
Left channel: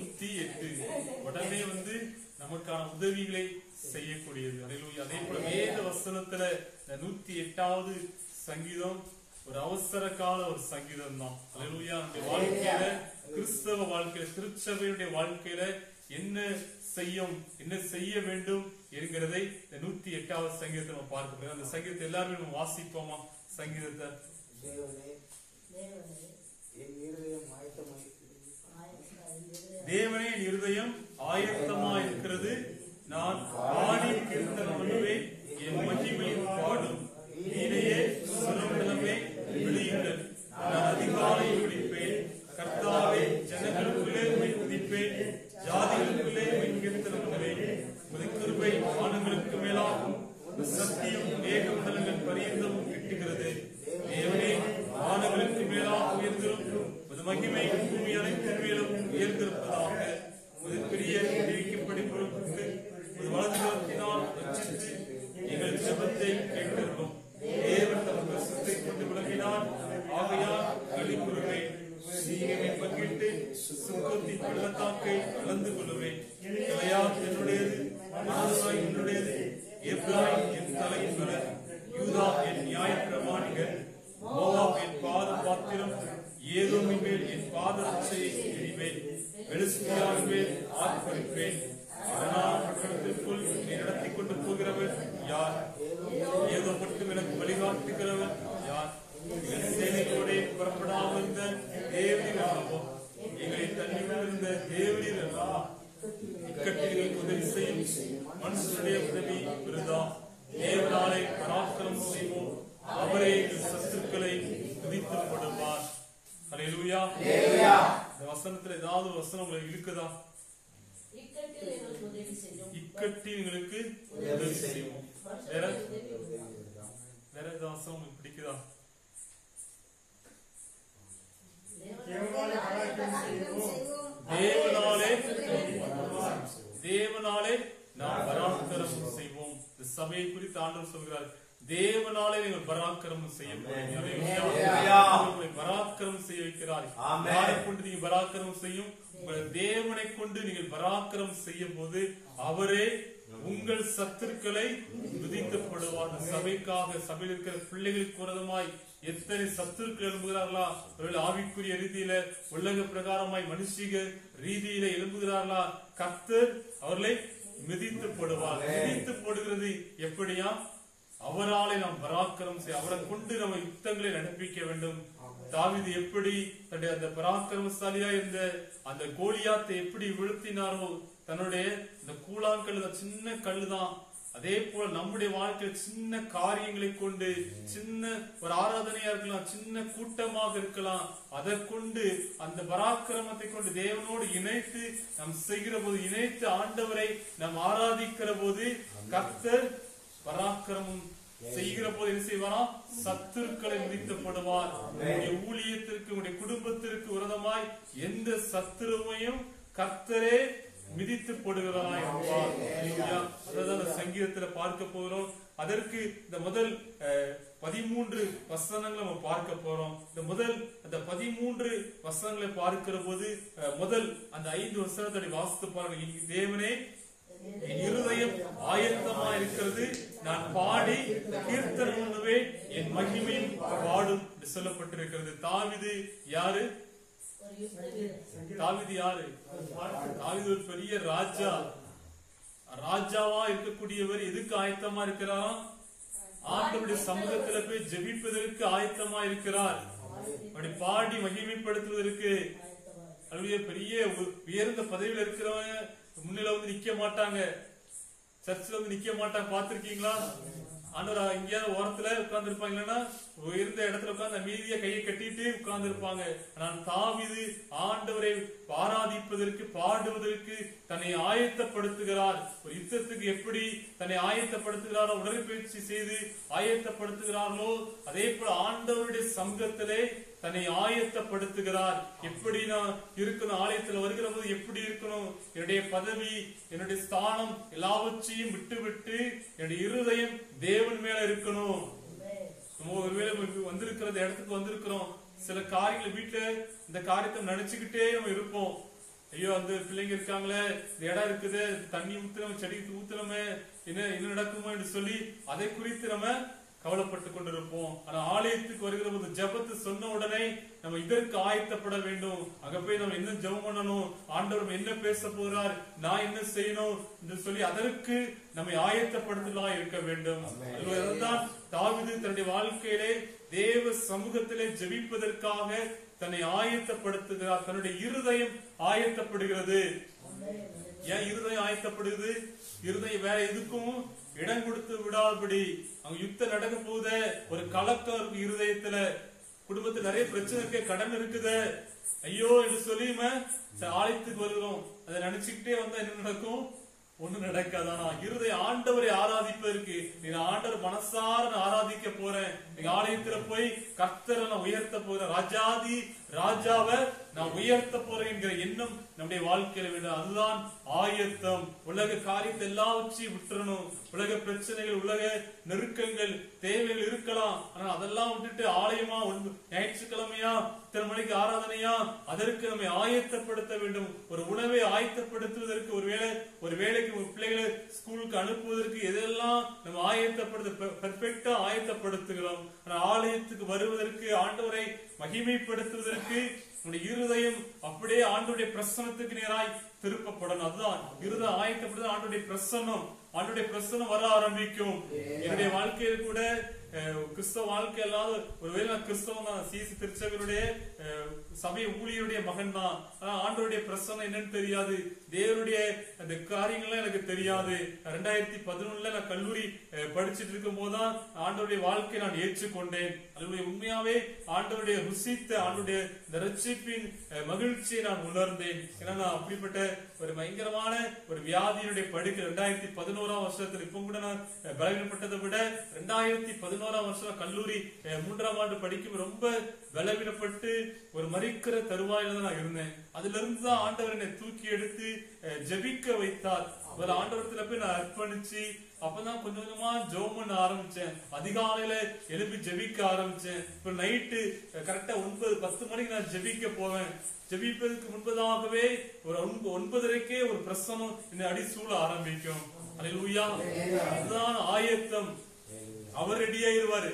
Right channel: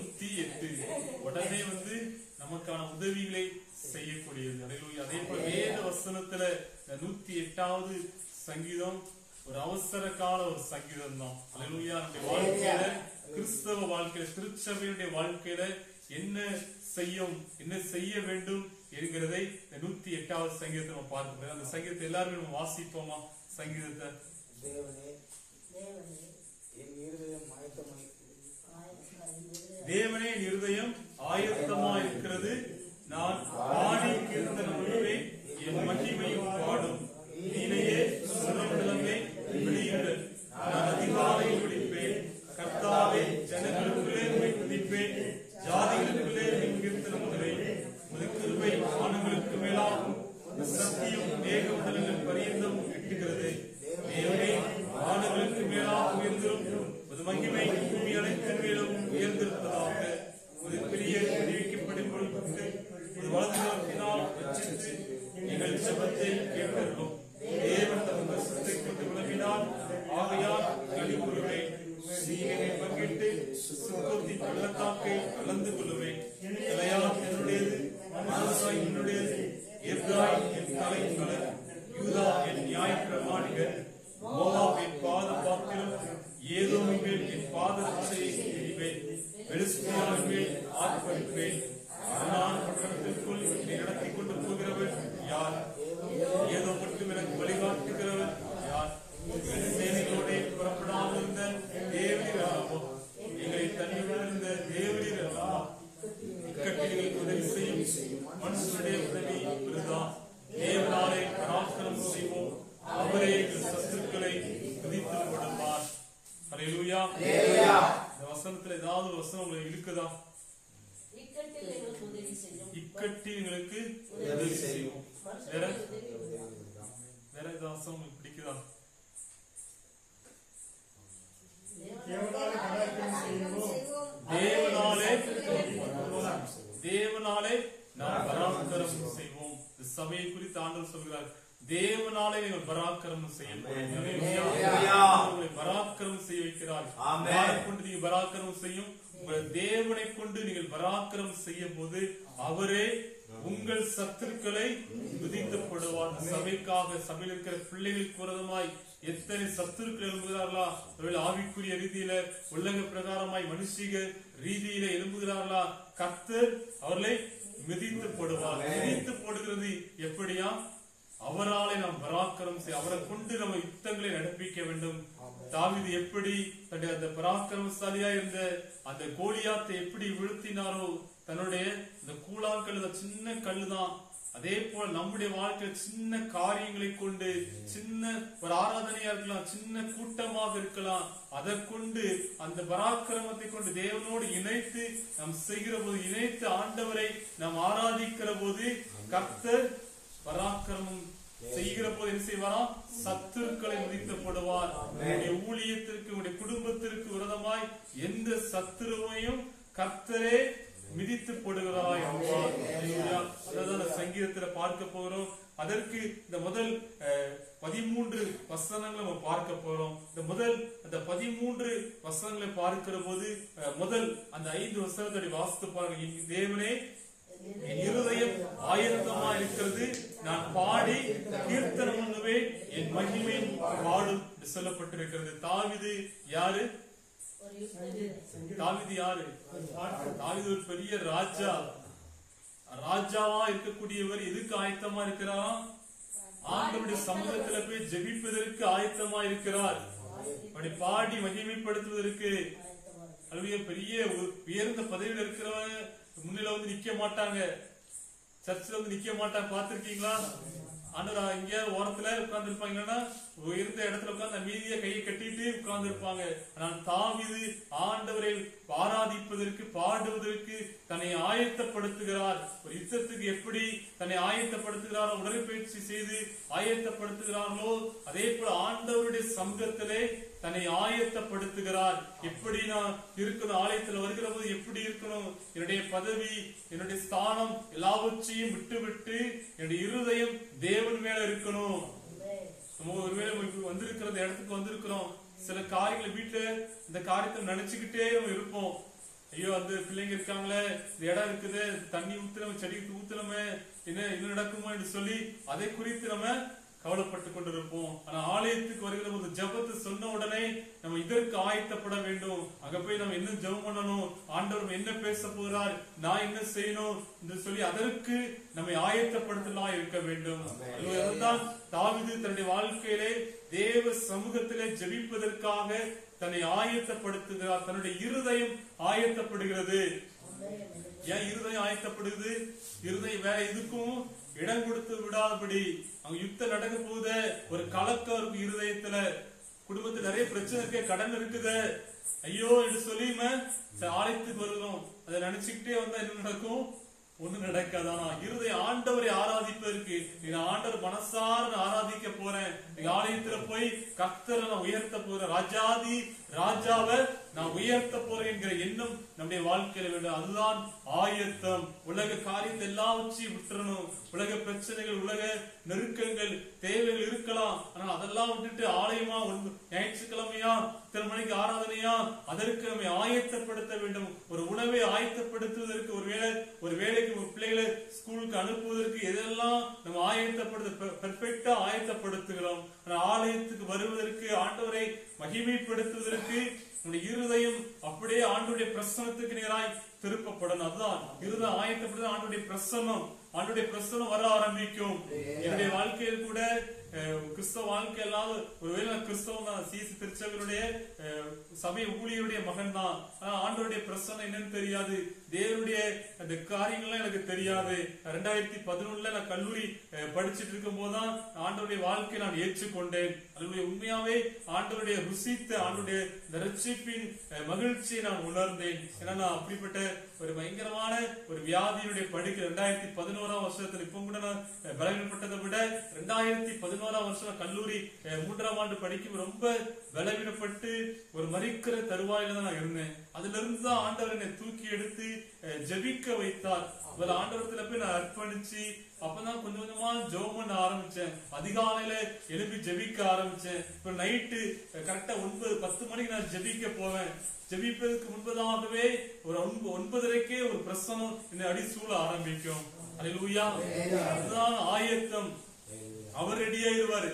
108. உடனே நமக்கான உதவிகளை செய்யக்கூடியது. அதே போல வேத வசனத்துல 108வது சங்கீதம் ஒரு அவசர கால ஒரு சங்கீதம் தான். அல்லேலூயா. நம்முடைய வாழ்க்கையில, கிறிஸ்தவ வாழ்க்கையில, திருச்சபையுடைய வாழ்க்கையில என்ன செய்ய வேண்டும் என்கிறதை 108வது சங்கீதத்தை நம்ம பார்க்கிறோம். அந்த சங்கீதத்தை எல்லாருமே நம்ம வாசிப்போமா? சங்கீதத்தை தேவனே என் இருதயம் ஆயத்தமாய் இருக்கிறது, நான் பாடி கீர்த்தனம் பண்ணுவேன், என் மகிமையும் பாடும். நீரையே சுரமண்டலமே விழியுங்கள், நான் அதிகாலை விழிப்பேன். கர்த்தாவே, ஜனங்களுக்குள்ளே உம்மை துதிப்பேன், ஜாதிகளுக்குள்ளே உம்மை கீர்த்தனம் பண்ணுவேன். உமது கிருபை வானங்களுக்கு மேலாகும், சத்தியம் மேகமண்டலங்கள் பரியந்தம் எட்டுகிறது. தேவனே கணக்கை அளந்து கொள்ளுவேன். கிளையாத் என்னுடையது, மனோசாய் என்னுடையது, எப்ராயிம் என் தலையின் பலன், யூதா என் நியாயப்பிரமாணிகர், மோவாப் என் பாத பாத்திரம், ஏதோமின் மேல் என் பாதத்தை எறிவேன், பெலிஸ்தியாவின் மேல் ஆர்ப்பரிப்பேன். அரணான பட்டணத்திற்குள் என்னை நடத்தி கொண்டு போகிறவர் யார்? ஏதோ மட்டும் எனக்கு வழிகாட்டுகிறவர் யார்? எங்கள் சேனைகளோட புறப்படாமல் இருந்த தேவரீர் அல்லவோ, எங்களை தள்ளிவிட்டிருந்த தேவரீர் அல்லவா? இக்கட்டிகளுக்கு உதவி செய்யும் மனுஷனுடைய உதவி விருதா. தேவனாலே பராக்கிரமம் செய்வோம், அவரே எங்கள் சத்துருக்களை விதித்து போடுவார். அல்லேலூயா. இந்த வசனத்துல ஏதாவது ஒரு வசனம் உங்களை இழுக்குதா? இக்கட்டில் எங்களுக்கு உதவி செய்வோம். வேற வேற ஏதாவது வசனம் உங்களுக்கு பிடிக்குதா? தேவனாலே நாம் பராக்கிரமம் செய்வோம். சபையை குறித்து ஆண்டவர் சொல்கிறார், தேவனாலே நீங்கள் பராக்கிரமம் செய்ய போறீங்க. பராக்கிரமம் செய்ய வைக்கிறார். யாரை கொண்டு நீங்க பராக்கிரமம் செய்யும்? உங்கள் தேவனை கொண்டு நீங்கள் பராக்கிரமம் செய்யும் போது அவரே உங்கள் சத்துருக்களை விதிக்கப்படுவார். சபைக்காக சபையில் இருக்கிற பிள்ளைகளுக்கு விரோதமாய் எத்தனை சத்துருக்கள் எழும்புகிறார்களா? அவர்கள் ஆவிக்குரிய ரீதியில உலக பிரகாரமாய் மனுஷிக ரீதியில எழும்புகிறார்களா? கர்த்தர் அவர்களை மிதித்து போடுவார். மிதித்து போடுகிறது எப்படியா? அவராலே நாம் பராக்கிரமம் செய்ய, அவரை கொண்டு நம்ம யுத்தங்களை நடப்பிக்க வேண்டும். தாவீது எப்படி தன்னுடைய அந்த பராக்கிரமசாலியா இருந்த அந்த கோலியாத்தை எப்படி வீழ்த்தினாரோ, தன்னுடைய இந்த கூழாங்கல் சின்ன கல்லுதான். அதே போல நம்முடைய வாழ்க்கையில் சின்ன காரியங்களை கொண்டு, சின்ன ஒரு ஆராதனையா இருக்கலாம், சின்ன கூட்டமாக இருக்கலாம், அதை கொண்டு அந்த பராக்கிரமத்தை கொண்டு தேவனோடு இணைத்து நாம் செய்கிற போது, இணைத்து ஆண்டவரை நாம் ஆராதிக்கிற போது கர்த்தர் பராக்கிரமம் செய்கிற போது என்ன செய்வாரா? சத்துருக்களை மிதிக்கப்படுவார். உங்களுடைய ஊழியத்திற்கு, உங்களுடைய குடும்பத்திற்கு விரோதமாய் எந்த சத்துருவையும் கர்த்தரே மிதித்து போடுகிறாராய் இருப்பார். அதான் சங்கீதத்துல பார்க்க போறோம். அதற்கு இந்த முதல் 13 வசனங்களை நம்ம பார்க்க போறோம். இந்த முதல் அந்த 13 வசனங்களை பார்க்கிற போது முதல் அந்த 5 வசனத்தை வாசித்து பாருங்க. தேவனே, என் இருதயம் ஆயத்தமா இருக்கிறது, நான் பாடி கீர்த்தனம் பண்ணுவேன், என் மகிமையும் பாடும் சொல்லப்பட்டிருக்கிறது. தாவீது யாரு? தாவீது யாரு? தாவீது ஒரு பெரிய ராஜாவா இருக்கக்கூடியவர். எதுக்கு ஆயத்தமா இருக்கிறாரா? ஆண்டவருடைய சமூகத்துல போய் ஜெபிப்பதற்கு ஆயத்தமா இருக்கிறார். அப்படி பாடி மகிமைப்படுத்துவதற்கு. அதுவே பெரிய உயர்ந்த பதவியில் இருக்கிறவங்க முன்னில வந்து நிக்க மாட்டாங்க, சர்ச்சில் வந்து நிக்க மாட்டாங்க. பாத்திருக்கீங்களா? ஆண்டவர் இங்க ஓரத்துல உட்கார்ந்து இருப்பாங்க, இல்லைன்னா உயர்ந்த இடத்துல உட்கார்ந்து மீதிய கையை கட்டிட்டு உட்கார்ந்து இருப்பாங்க. ஆனால் தாவீது ஆண்டவரை ஆராதிப்பதற்கு, பாடுவதற்கு தன்னை ஆயத்தப்படுத்துகிறார். ஒரு யுத்தத்துக்கு எப்படி தன்னை ஆயத்தப்படுத்துகிறாரோ, உடற்பயிற்சி செய்து ஆயத்தப்படுத்துகிறார்களோ, அதே போல ஆண்டவருடைய சமூகத்திலே தன்னை ஆயத்தப்படுத்துகிறார். எப்படி நான் இருக்கணும், ஆலயத்தில் வருகிற போது எப்படி இருக்கணும், என்னுடைய பதவி, என்னுடைய ஸ்தானம் எல்லாவற்றையும் விட்டு என்னுடைய இருதயம் தேவன் மேல இருக்கணும். ஒருவேளை வந்திருக்கிற இடத்துக்கு வந்திருக்கிறோம், சில காரியங்களை வீட்டுல இந்த காரியத்தை நினைச்சுக்கிட்டே நம்ம இருப்போம். ஐயோ, அந்த பிள்ளைங்க இருக்காங்களே, இந்த இடம் இருக்குது, தண்ணி ஊத்துறோம், செடிக்கு ஊத்துறோமே, என்ன நடக்குமோ என்று சொல்லி அதை குறித்து நம்ம கவலைப்பட்டு கொண்டிருப்போம். ஆனா ஆலயத்துக்கு வருகிற போது ஜெபத்தை சொன்ன உடனே நம்ம இதற்கு ஆயத்தப்பட வேண்டும். அங்க போய் நம்ம என்ன ஜெபம் பண்ணணும், ஆண்டவர் என்ன பேச போகிறார், நான் என்ன செய்யணும் என்று சொல்லி அதற்கு நம்மை ஆயத்தப்படுத்தலாம் இருக்க வேண்டும். அதுதான் தாவீது தன்னுடைய வாழ்க்கையிலே தேவ சமூகத்திலே ஜெபிப்பதற்காக தன்னை ஆயத்தப்படுத்துகிறார். தன்னுடைய இருதயம் ஆயத்தப்படுகிறது. ஏன் இருதயம் ஆயத்தப்படுகிறது? இருதயம் வேற எதுக்கும் இடம் கொடுத்து விடாதபடி. அங்க யுத்தம் நடக்க போகுத, ஒரு கலக்கம் இருக்கு இருதயத்துல, குடும்பத்துல நிறைய பிரச்சனை இருக்கு, கடன் இருக்குது, ஐயோ என்று சொல்லி ஆலயத்துக்கு வருகிறோம். அதை நினைச்சுக்கிட்டே வந்தா என்ன நடக்கும்? ஒண்ணு நடக்காதானா? இருதயம் ஆண்டவரை ஆராதிப்பதற்கு, நீங்க ஆண்டவர் மனசார ஆராதிக்க போறேன், நீங்க ஆலயத்துல போய் கர்த்தரை நான் உயர்த்த போறேன், ராஜாதி ராஜாவை நான் உயர்த்த போறேன் என்கிற எண்ணம் நம்முடைய வாழ்க்கையில வேண்டும். அதுதான் ஆயத்தம். உலக காரியத்தை எல்லாவற்றையும் விட்டுறணும். உலக பிரச்சனைகள், உலக நெருக்கங்கள், தேவைகள் இருக்கலாம். ஆனால் அதெல்லாம் விட்டுட்டு ஆலயமா, ஞாயிற்றுக்கிழமையா, இத்தனை மணிக்கு ஆராதனையா, அதற்கு நம்மை ஆயத்தப்படுத்த வேண்டும். ஒரு உணவை ஆயத்தப்படுத்துவதற்கு, ஒரு வேலைக்கு பிள்ளைகளை ஸ்கூலுக்கு அனுப்புவதற்கு எதெல்லாம் நம்ம பெர்ஃபெக்டா ஆயத்தப்படுத்துகிறோம். ஆனால் ஆலயத்துக்கு வருவதற்கு, ஆண்டவரை மகிமைப்படுத்துவதற்கு நம்முடைய இருதயம் அப்படியே ஆண்டவருடைய பிரசன்னத்துக்கு நேராய் திருப்பப்படணும். அதுதான் இருதயம் ஆயத்தப்படுது. ஆண்டவருடைய பிரசன்னம் வர ஆரம்பிக்கும். என்னுடைய வாழ்க்கையில் கூட கிறிஸ்தவ வாழ்க்கை அல்லாத, ஒருவேளை கிறிஸ்தவம் தான், சிசி திருச்சபையுடைய சபை ஊழியருடைய மகன் தான். ஆனா ஆண்டவருடைய பிரசன்னம் என்னன்னு தெரியாது. தேவனுடைய அந்த காரியங்கள்லாம் எனக்கு தெரியாது. 2011 நான் கல்லூரி படிச்சுட்டு இருக்கும் போதுதான் ஆண்டவருடைய வாழ்க்கை நான் ஏற்றுக்கொண்டேன். அதனுடைய உண்மையாவே ஆண்டவருடைய ருசித்த, ஆண்டவருடைய ரட்சிப்பின் மகிழ்ச்சியை நான் உணர்ந்தேன். ஏன்னா நான் அப்படிப்பட்ட ஒரு பயங்கரமான ஒரு வியாதியினுடைய படுக்கை 2011 வருஷத்துல, இப்ப கூட நான் பலவீனப்பட்டதை விட 2011 வருஷம் கல்லூரி 3ஆம் ஆண்டு படிக்கும் ரொம்ப பலவீனப்பட்டு ஒரு மரிக்கிற தருவாயில தான் நான் இருந்தேன். அதுல இருந்துதான் ஆண்டவர் என்னை தூக்கி எடுத்து ஜெபிக்க வைத்தார். ஆண்டவரத்துல போய் நான் அர்ப்பணிச்சு அப்பதான் கொஞ்சம் கொஞ்சமா ஜெபம் பண்ண ஆரம்பிச்சேன். அதிகாலையில எழுப்பி ஜெபிக்க ஆரம்பிச்சேன். இப்ப நைட்டு கரெக்டா 9-10 மணிக்கு நான் ஜெபிக்க போவேன். ஜெபிப்பதற்கு முன்பதாகவே ஒரு 9:30க்கே ஒரு பிரசனம் என்னை அடிசூழ ஆரம்பிக்கும். அல்லேலூயா. அதுதான் ஆயத்தம். அவர் ரெடியாயிருவாரு.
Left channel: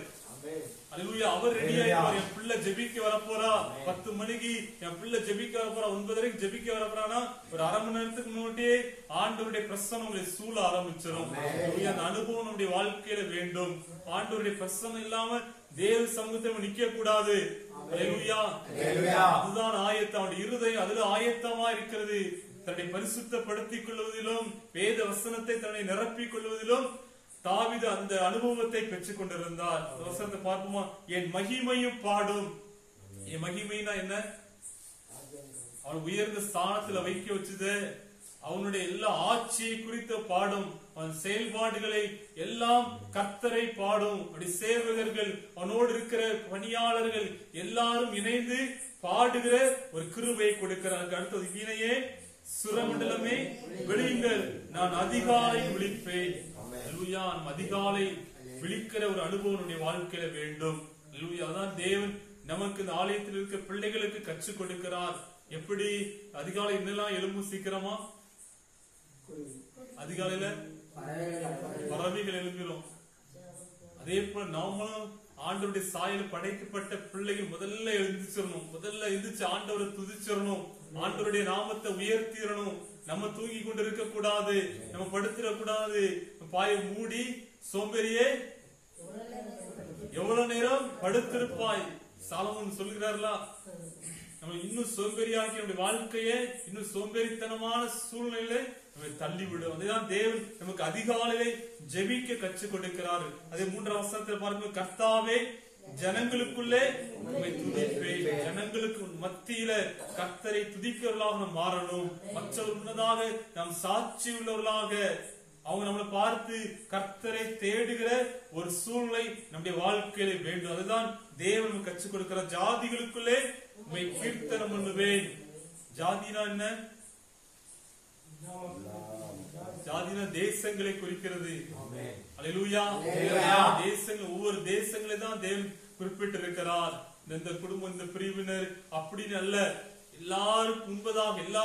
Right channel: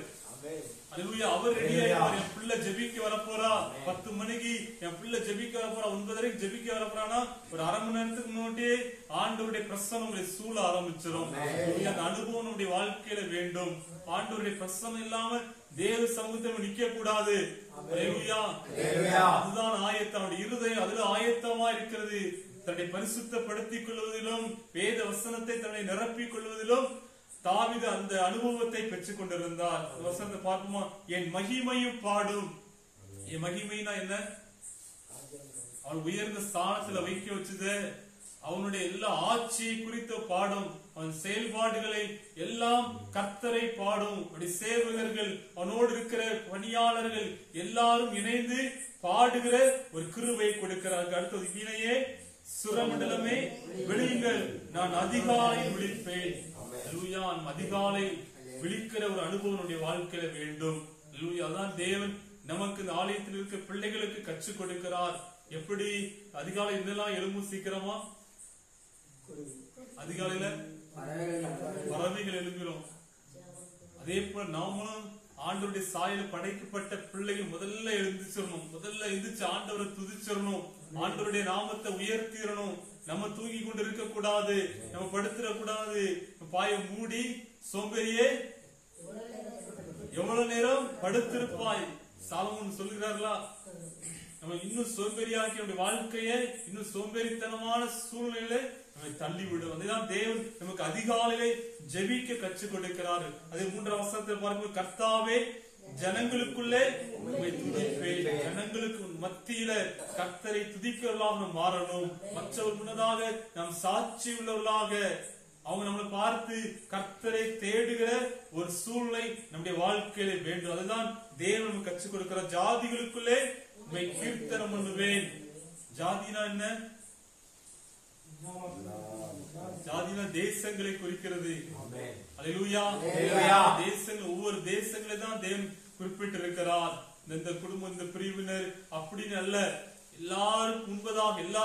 அல்லேலூயா. அவர் ரெடியாயிருவார். என் பிள்ளை ஜெபிக்க வரப்போறா, 10 மணிக்கு என் பிள்ளை ஜெபிக்க வரப்போறா, 9:30க்கு ஜெபிக்க வரப்போறானா, ஒரு அரை மணி நேரத்துக்கு முன்னாடியே ஆண்டவருடைய பிரசன்னம் உங்களை சூழ ஆரம்பிச்சிடும். அந்த அனுபவம் நம்முடைய வாழ்க்கையில வேண்டும். ஆண்டவருடைய பிரசன்னம் இல்லாம தேவ சமூகத்தில் நிக்க கூடாது. அல்லேலூயா. அதுதான் ஆயத்தம். அவருடைய இருதயம் அதுல ஆயத்தமா இருக்கிறது. தன்னை பரிசுத்தப்படுத்திக் கொள்வதிலும், வேத வசனத்தை தன்னை நிரப்பிக் கொள்வதிலும் தாவீது அந்த அனுபவத்தை பெற்றுக் கொண்டிருந்தார். வசனத்தை பார்ப்போமா? என் மகிமையும் பாடும். என் மகிமைனா என்ன? அவன் உயர்ந்த ஸ்தானத்துல வைக்க வச்சது, அவனுடைய எல்லா ஆட்சியை குறித்த பாடும், அவன் செயல்பாடுகளை எல்லாம் கர்த்தரை பாடும். அப்படி சேவகர்கள், அவனோடு இருக்கிற பணியாளர்கள் எல்லாரும் இணைந்து பாடுகிற ஒரு கிருபை கொடுக்கிறார்கள். அடுத்தது கீழையே சுரமண்டலமே விழியுங்கள், நான் அதிகாலையில் விழிப்பேன். அதிகாலை விழிக்கிற ஒரு அனுபவம் வாழ்க்கையில வேண்டும். அதான் தேவன் நமக்கு இந்த ஆலயத்தில் இருக்க பிள்ளைகளுக்கு கற்றுக் கொடுக்கிறார். எப்படி அதிகாலை என்னெல்லாம் எழும்பும் சீக்கிரமா? அதிகாலையில பறவைகள் எழும்பிடும். அதே போல நாமளும் ஆண்டவருடைய சாயல் படைக்கப்பட்ட பிள்ளைகள் முதல்ல எழுந்திச்சிடணும். முதல்ல எழுந்திச்சு ஆண்டவரை துதிச்சிடணும். ஆண்டவருடைய நாமத்தை உயர்த்திடணும். நம்ம தூங்கி கொண்டு இருக்க கூடாது, நம்ம படுத்துட கூடாது. பாய மூடி சோம்பேறியே எவ்வளவு நேரம் படுத்திருப்பாய், சாலமோன் சொல்கிறார்களா? நம்ம இன்னும் சோம்பேறியாக்கி நம்முடைய வாழ்க்கையை இன்னும் சோம்பேறித்தனமான சூழ்நிலையில நம்ம தள்ளிவிடும். அதுதான் தேவன் நமக்கு அதிகாலையிலே ஜெபிக்க கற்றுக் கொடுக்கிறார். அதே 3ஆம் வசனத்தில் பாருங்க, கர்த்தாவே ஜனங்களுக்குள்ளே உம்மை துதிப்பேன். ஜனங்களுக்கு மத்தியில கர்த்தரை துதிக்கிறவர்களாக நாம் மாறணும். மற்றவர் முன்னதாக நாம் சாட்சி உள்ளவர்களாக, அவங்க நம்மளை பார்த்து கர்த்தரை தேடுகிற ஒரு சூழ்நிலை நம்முடைய வாழ்க்கையில வேண்டும். அதுதான் தேவன் நமக்கு கற்றுக் கொடுக்கிறார். ஜாதிகளுக்குள்ளே உம்மை கீர்த்தனம் பண்ணுவேன். ஜாதினா என்ன? ஜாதினா தேசங்களை குறிக்கிறது. அல்லேலூயா. தேசங்கள், ஒவ்வொரு தேசங்களை தான் தேவன் குறிப்பிட்டு இருக்கிறார். இந்த குடும்பம், இந்த பிரிவினர் அப்படின்னு அல்ல, எல்லாருக்கும் முன்பதாக எல்லா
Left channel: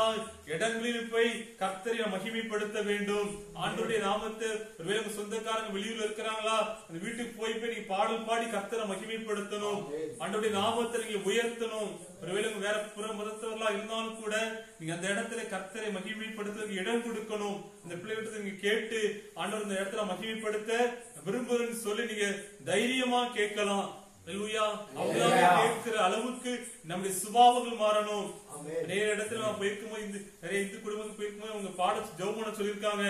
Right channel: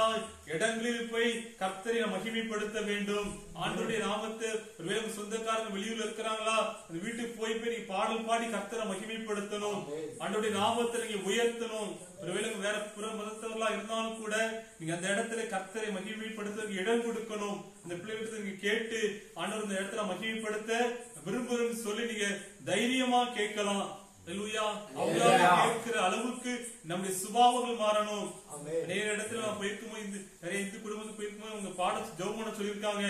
இடங்களிலும் போய் கர்த்தரை மகிமைப்படுத்த வேண்டும். ஆண்டவருடைய நாமத்தை, ஒருவேளை உங்க சொந்தக்காரங்க வெளியூர்ல இருக்கிறாங்களா, அந்த வீட்டுக்கு போய் நீங்க பாடல் பாடி கர்த்தரை மகிமைப்படுத்தணும். ஆண்டவருடைய நாமத்தை நீங்க உயர்த்தணும். ஒருவேளை வேற புற மதத்தவர்களா இருந்தாலும் கூட நீங்க அந்த இடத்துல கர்த்தரை மகிமைப்படுத்துறதுக்கு இடம் கொடுக்கணும். அந்த பிள்ளைகிட்ட நீங்க கேட்டு ஆண்டவர் இந்த இடத்துல மகிமைப்படுத்த விரும்புறேன்னு சொல்லி நீங்க தைரியமா கேட்கலாம். அவங்களால கேட்கிற அளவுக்கு நம்முடைய சுபாவங்கள் மாறணும். நிறைய இடத்துல நான் போயிருக்கும்போது, நிறைய இந்து குடும்பத்துக்கு போயிருக்கும்போது அவங்க பாட ஜெபம் பண்ண சொல்லியிருக்காங்க.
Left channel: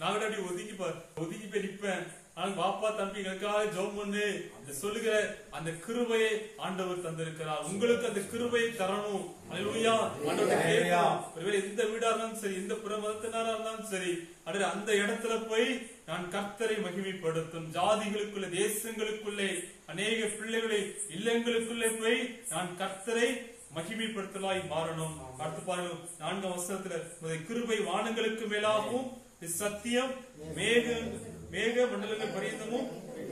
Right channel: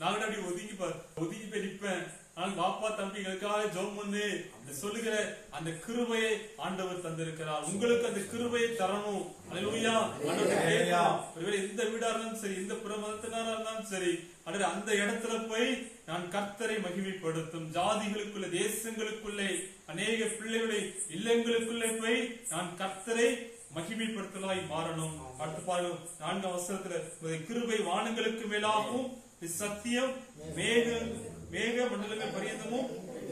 நான் கூட அப்படி ஒதுங்கி போய் நிற்பேன். ஆனால் பாப்பா தம்பி எங்களுக்காக ஜெபம் பண்ணு சொல்லுகிற அந்த கிருபையை ஆண்டவர் தந்திருக்கிறார். உங்களுக்கு அந்த கிருபையை தரணும். அல்லேலூயா. ஆண்டவர்கிட்ட கேட்கணும். ஒருவேளை எந்த வீடா இருந்தாலும் சரி, எந்த புற மதத்தினரா இருந்தாலும் சரி, அந்த இடத்துல போய் நான் கர்த்தரை மகிமைப்படுத்தும். ஜாதிகளுக்குள்ள, தேசங்களுக்குள்ளே, அநேக பிள்ளைகளை இல்லங்களுக்குள்ளே போய் நான் கர்த்தரை மகிமைப்படுத்தலாய் மாறணும். அடுத்து பாருங்க 4ஆம் வசனத்துல, கிருபை வானங்களுக்கு மேலாகவும் சத்தியம் மேக மண்டலங்கள் பரியந்தமும்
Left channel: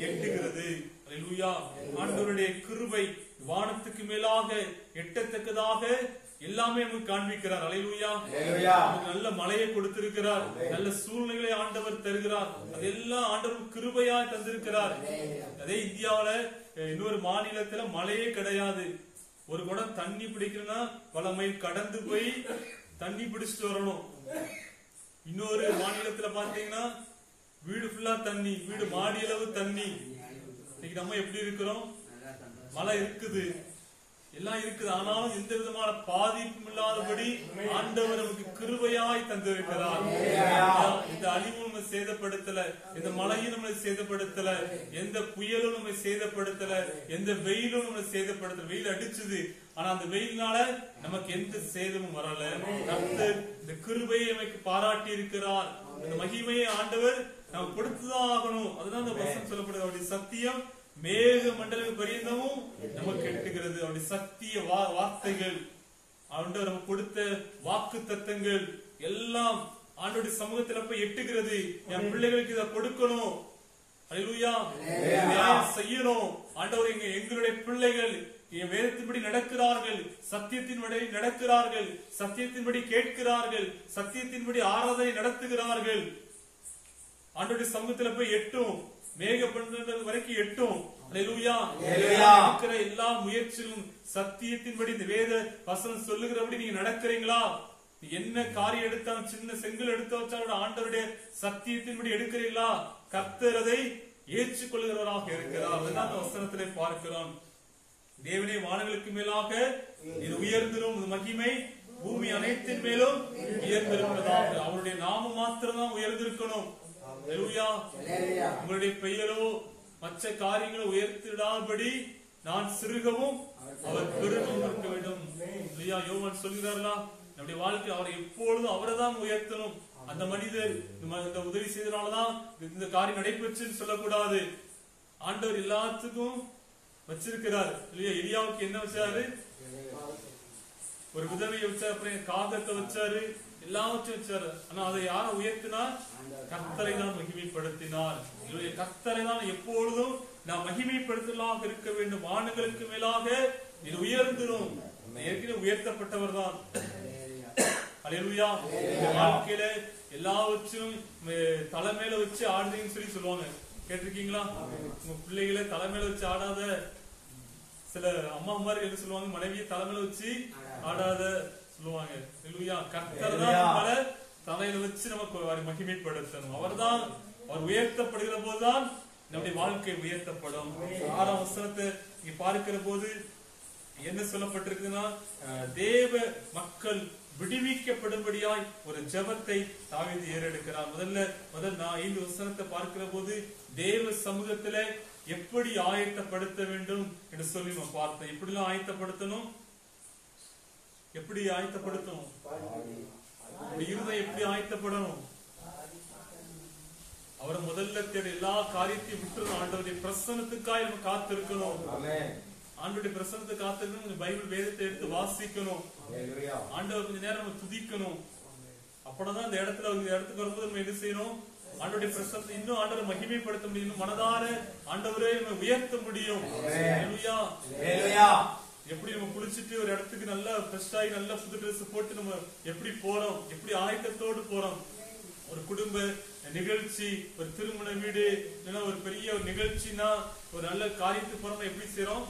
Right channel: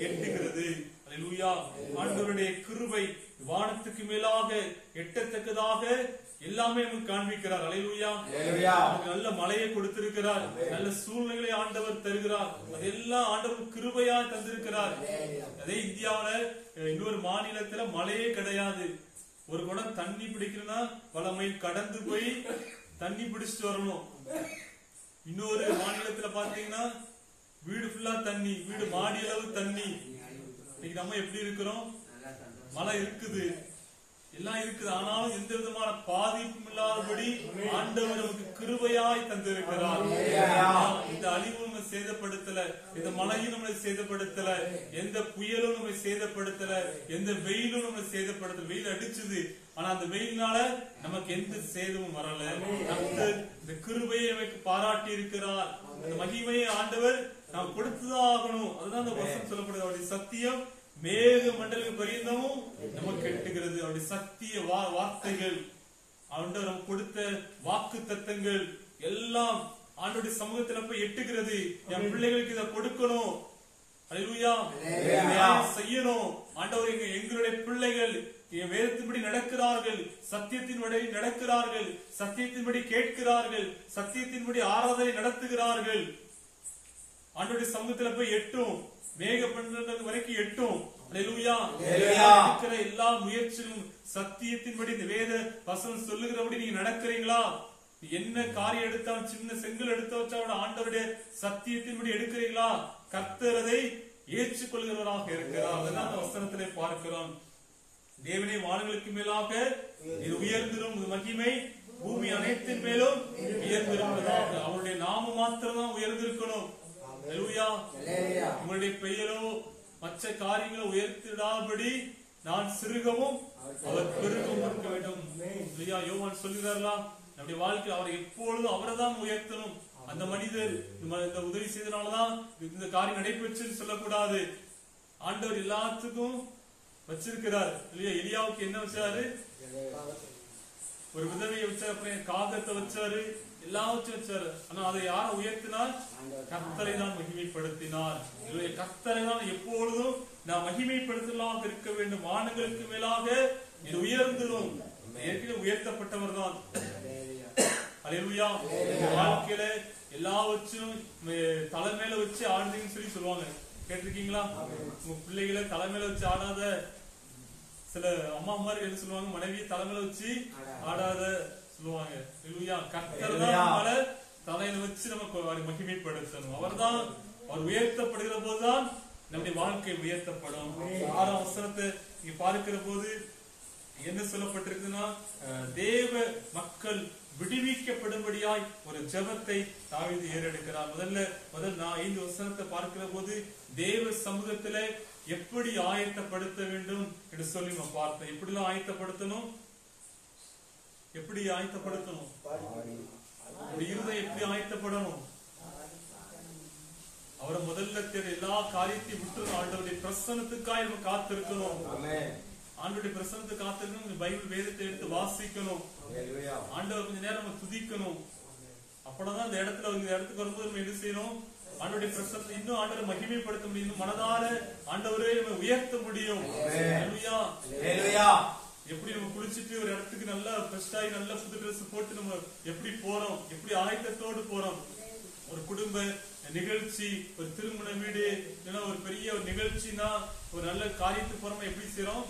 எட்டுகிறது. அல்லேலூயா. ஆண்டவருடைய கிருபை வானத்துக்கு மேலாக எட்டத்தக்கதாக எல்லாமே நமக்கு காண்பிக்கிறார். அல்லேலூயா. நமக்கு நல்ல மழையை கொடுத்திருக்கிறார், நல்ல சூழ்நிலைகளை ஆண்டவர் தருகிறார். அதெல்லாம் ஆண்டவர் கிருபையாய் தந்திருக்கிறார். அதே இந்தியாவில இன்னொரு மாநிலத்துல மழையே கிடையாது. ஒரு குடம் தண்ணி பிடிக்கணும்னா பல மைல் கடந்து போய் தண்ணி பிடிச்சிட்டு வரணும். இன்னொரு மாநிலத்துல பாத்தீங்கன்னா வீடு ஃபுல்லா தண்ணி, வீடு மாடி அளவு தண்ணி. இன்னைக்கு நம்ம எப்படி இருக்கிறோம்? மழை இருக்குது, எல்லாம் இருக்குது, ஆனாலும் எந்த விதமான பாதிப்பும் இல்லாதபடி ஆண்டவர் நமக்கு கிருபையாய் தந்திருக்கிறார். இந்த அழிவும் நம்ம சேதப்படுத்தல, இந்த மழையும் நம்மளை சேதப்படுத்தல, எந்த புயலும் நம்மை சேதப்படுத்தல, எந்த வெயிலும் நம்மளை சேதப்படுத்தல. வெயில் அடிச்சது, ஆனா அந்த வெயில்னால நமக்கு எந்த சேதமும் வரல. கர்த்தர் இந்த கிருபையை நமக்கு பாராட்டி இருக்கிறார். அந்த மகிமையை ஆண்டவர் நாம் கொடுத்துதான் ஆகணும். அதுதான் அந்த வசனம் சொல்லப்படுது. அவருடைய சத்தியம் மேக மண்டல பரியந்தமும் நமக்கு எட்டுகிறது. அவருடைய சத்திய வார்த்தைகள், ஆண்டவர் நமக்கு கொடுத்த வாக்கு தத்தங்கள் எல்லாம் ஆண்டவருடைய சமூகத்துல போய் எட்டுகிறது. என் பிள்ளைகளுக்கு இதை கொடுக்கணும், அல்லேலூயா, செய்யணும். ஆண்டவர் எங்களுடைய பிள்ளைகள் வேதத்தின்படி நடக்கிறார்கள், சத்தியத்தின்படி நடக்கிறார்கள், சத்தியத்தின்படி கேட்கிறார்கள், சத்தியத்தின்படி ஆராதனை நடத்துகிறார்கள். ஆண்டவருடைய சமூகத்துல போய் எட்டும், மேக பண்டங்கள் வரைக்கும் எட்டும். அல்லேலூயா. இருக்கிற எல்லா முயற்சியும் சத்தியத்தின்படி இந்த வேத வசனம் சொல்லுகிறபடி நீங்க நடக்கிறீங்களா? என்ன காரியம் எடுத்தாலும், சின்ன செங்கல் எடுத்து வச்சாலும் ஆண்டவருடைய சத்தியத்தின்படி எடுக்கிறீங்களா? கர்த்தர் அதை ஏற்றுக்கொள்கிறவராக இருக்கிறார். அதுதான் அந்த வசனத்திலே பார்க்கிறோம். தேவனே, வானங்களுக்கு மேலாக இது உயர்ந்திரும், மகிமை பூமி அனைத்தின் மேலும் உயர்ந்திருப்பதாக. அவருடைய நாமம் மாத்திரம்தான் உயர்ந்திருக்கணும். அல்லேலூயா. உங்களுடைய பெயரோ மற்ற காரியங்களை உயர்த்திடாதபடி நான் சிறுகவும் அவர் பெருகவும் இருக்க வேண்டும். யோவான் சொல்கிறார்களா, நம்முடைய வாழ்க்கை அவரை எப்பொழுதும் அவரை தான் உயர்த்தணும். அந்த மனிதர் இந்த உதவி செய்தனாலதான் இந்த காரியம் நடைபெற்றுன்னு சொல்லக்கூடாது. ஆண்டவர் எல்லாத்துக்கும் வச்சிருக்கிறார். எலியாவுக்கு என்ன வச்சாரு? ஒரு விதவையை வச்சாரு, அப்புறம் காகத்தை வச்சாரு, எல்லாவற்றையும் வச்சாரு. ஆனா அதை யார உயர்த்தினார்? கர்த்தரை தான் மகிமைப்படுத்தினார். கர்த்தரை தான் எப்பொழுதும் நாம் மகிமைப்படுத்தலாக இருக்க வேண்டும். வானங்களுக்கு மேலாக இது உயர்ந்திரும். ஏற்கனவே உயர்த்தப்பட்டவர் தான். அல்லேலூயா. வாழ்க்கையில எல்லாவற்றும் தலைமையில வச்சு ஆடுறீங்கன்னு சொல்லி சொல்லுவாங்க. கேட்டிருக்கீங்களா? உங்க பிள்ளைகளை தலைமையில வச்சு ஆடாத சில அம்மா மாதிரி என்ன சொல்லுவாங்க? மனைவியை தலைமையில வச்சு ஆடாத சொல்லுவாங்க. கர்த்தர் தான் நம்மளை தலையில வச்சு நமக்கு மகிமைப்படுத்தணும். அவர் உயர்த்தப்படுகிற போதுதான் நம்முடைய வாழ்க்கை உயர்த்தப்படும். 6ஆம் வசனத்தை இங்க பார்க்கிற போது என்ன சொல்லப்பட்டிருக்குன்னா, தேவ மக்கள் விடுவிக்கப்படும்படியாய் ஒரு ஜெபத்தை தாவீது ஏறெடுக்கிறார். முதல் 5 வசனத்தை பார்க்கிற போது தேவ சமூகத்துல எப்படி ஆயத்தப்படுத்த வேண்டும் என்று சொல்லி நம்ம பார்த்தோம். எப்படிலாம் ஆயத்தப்படுத்தணும்? எப்படி ஆயத்தப்படுத்தணும்? இருதயம் எப்படி ஆயத்தப்படணும்? அவரை முதல்ல தேட எல்லா காரியத்தையும் விட்டு ஆண்டவருடைய பிரசன்னத்துக்காக நம்ம காத்திருக்கணும். ஆண்டவருடைய பிரசன்னத்தை காத்திருக்கணும். பைபிள் வேதத்தை எடுத்து வாசிக்கணும். ஆண்டவர் கொஞ்ச நேரம் நம்ம துதிக்கணும். அப்பதான் இந்த இடத்துக்கு வரும்போது நம்ம என்ன செய்யணும்? ஆண்டவருடைய பிரசன்னத்தை இன்னும் ஆண்டவரை மகிமைப்படுத்த முடியும். மனதார ஆண்டவரே நம்ம உயர்த்த முடியும். எப்படி நம்ம குளிச்சுட்டு ஒரு இடத்துக்கு நல்லா ஃப்ரெஷ் ஆகி நல்லா புது ட்ரெஸ் போட்டு நம்ம எப்படி போறோம்? எப்படி ஆயத்தத்தோடு போறோம்? ஒரு குடும்ப நிகழ்ச்சி, ஒரு திருமண வீடு, இல்லைன்னா ஒரு பெரிய ஒரு நிகழ்ச்சினா ஒரு நல்ல காரியத்துக்கு போறோம், எப்படி செய்யறோம்?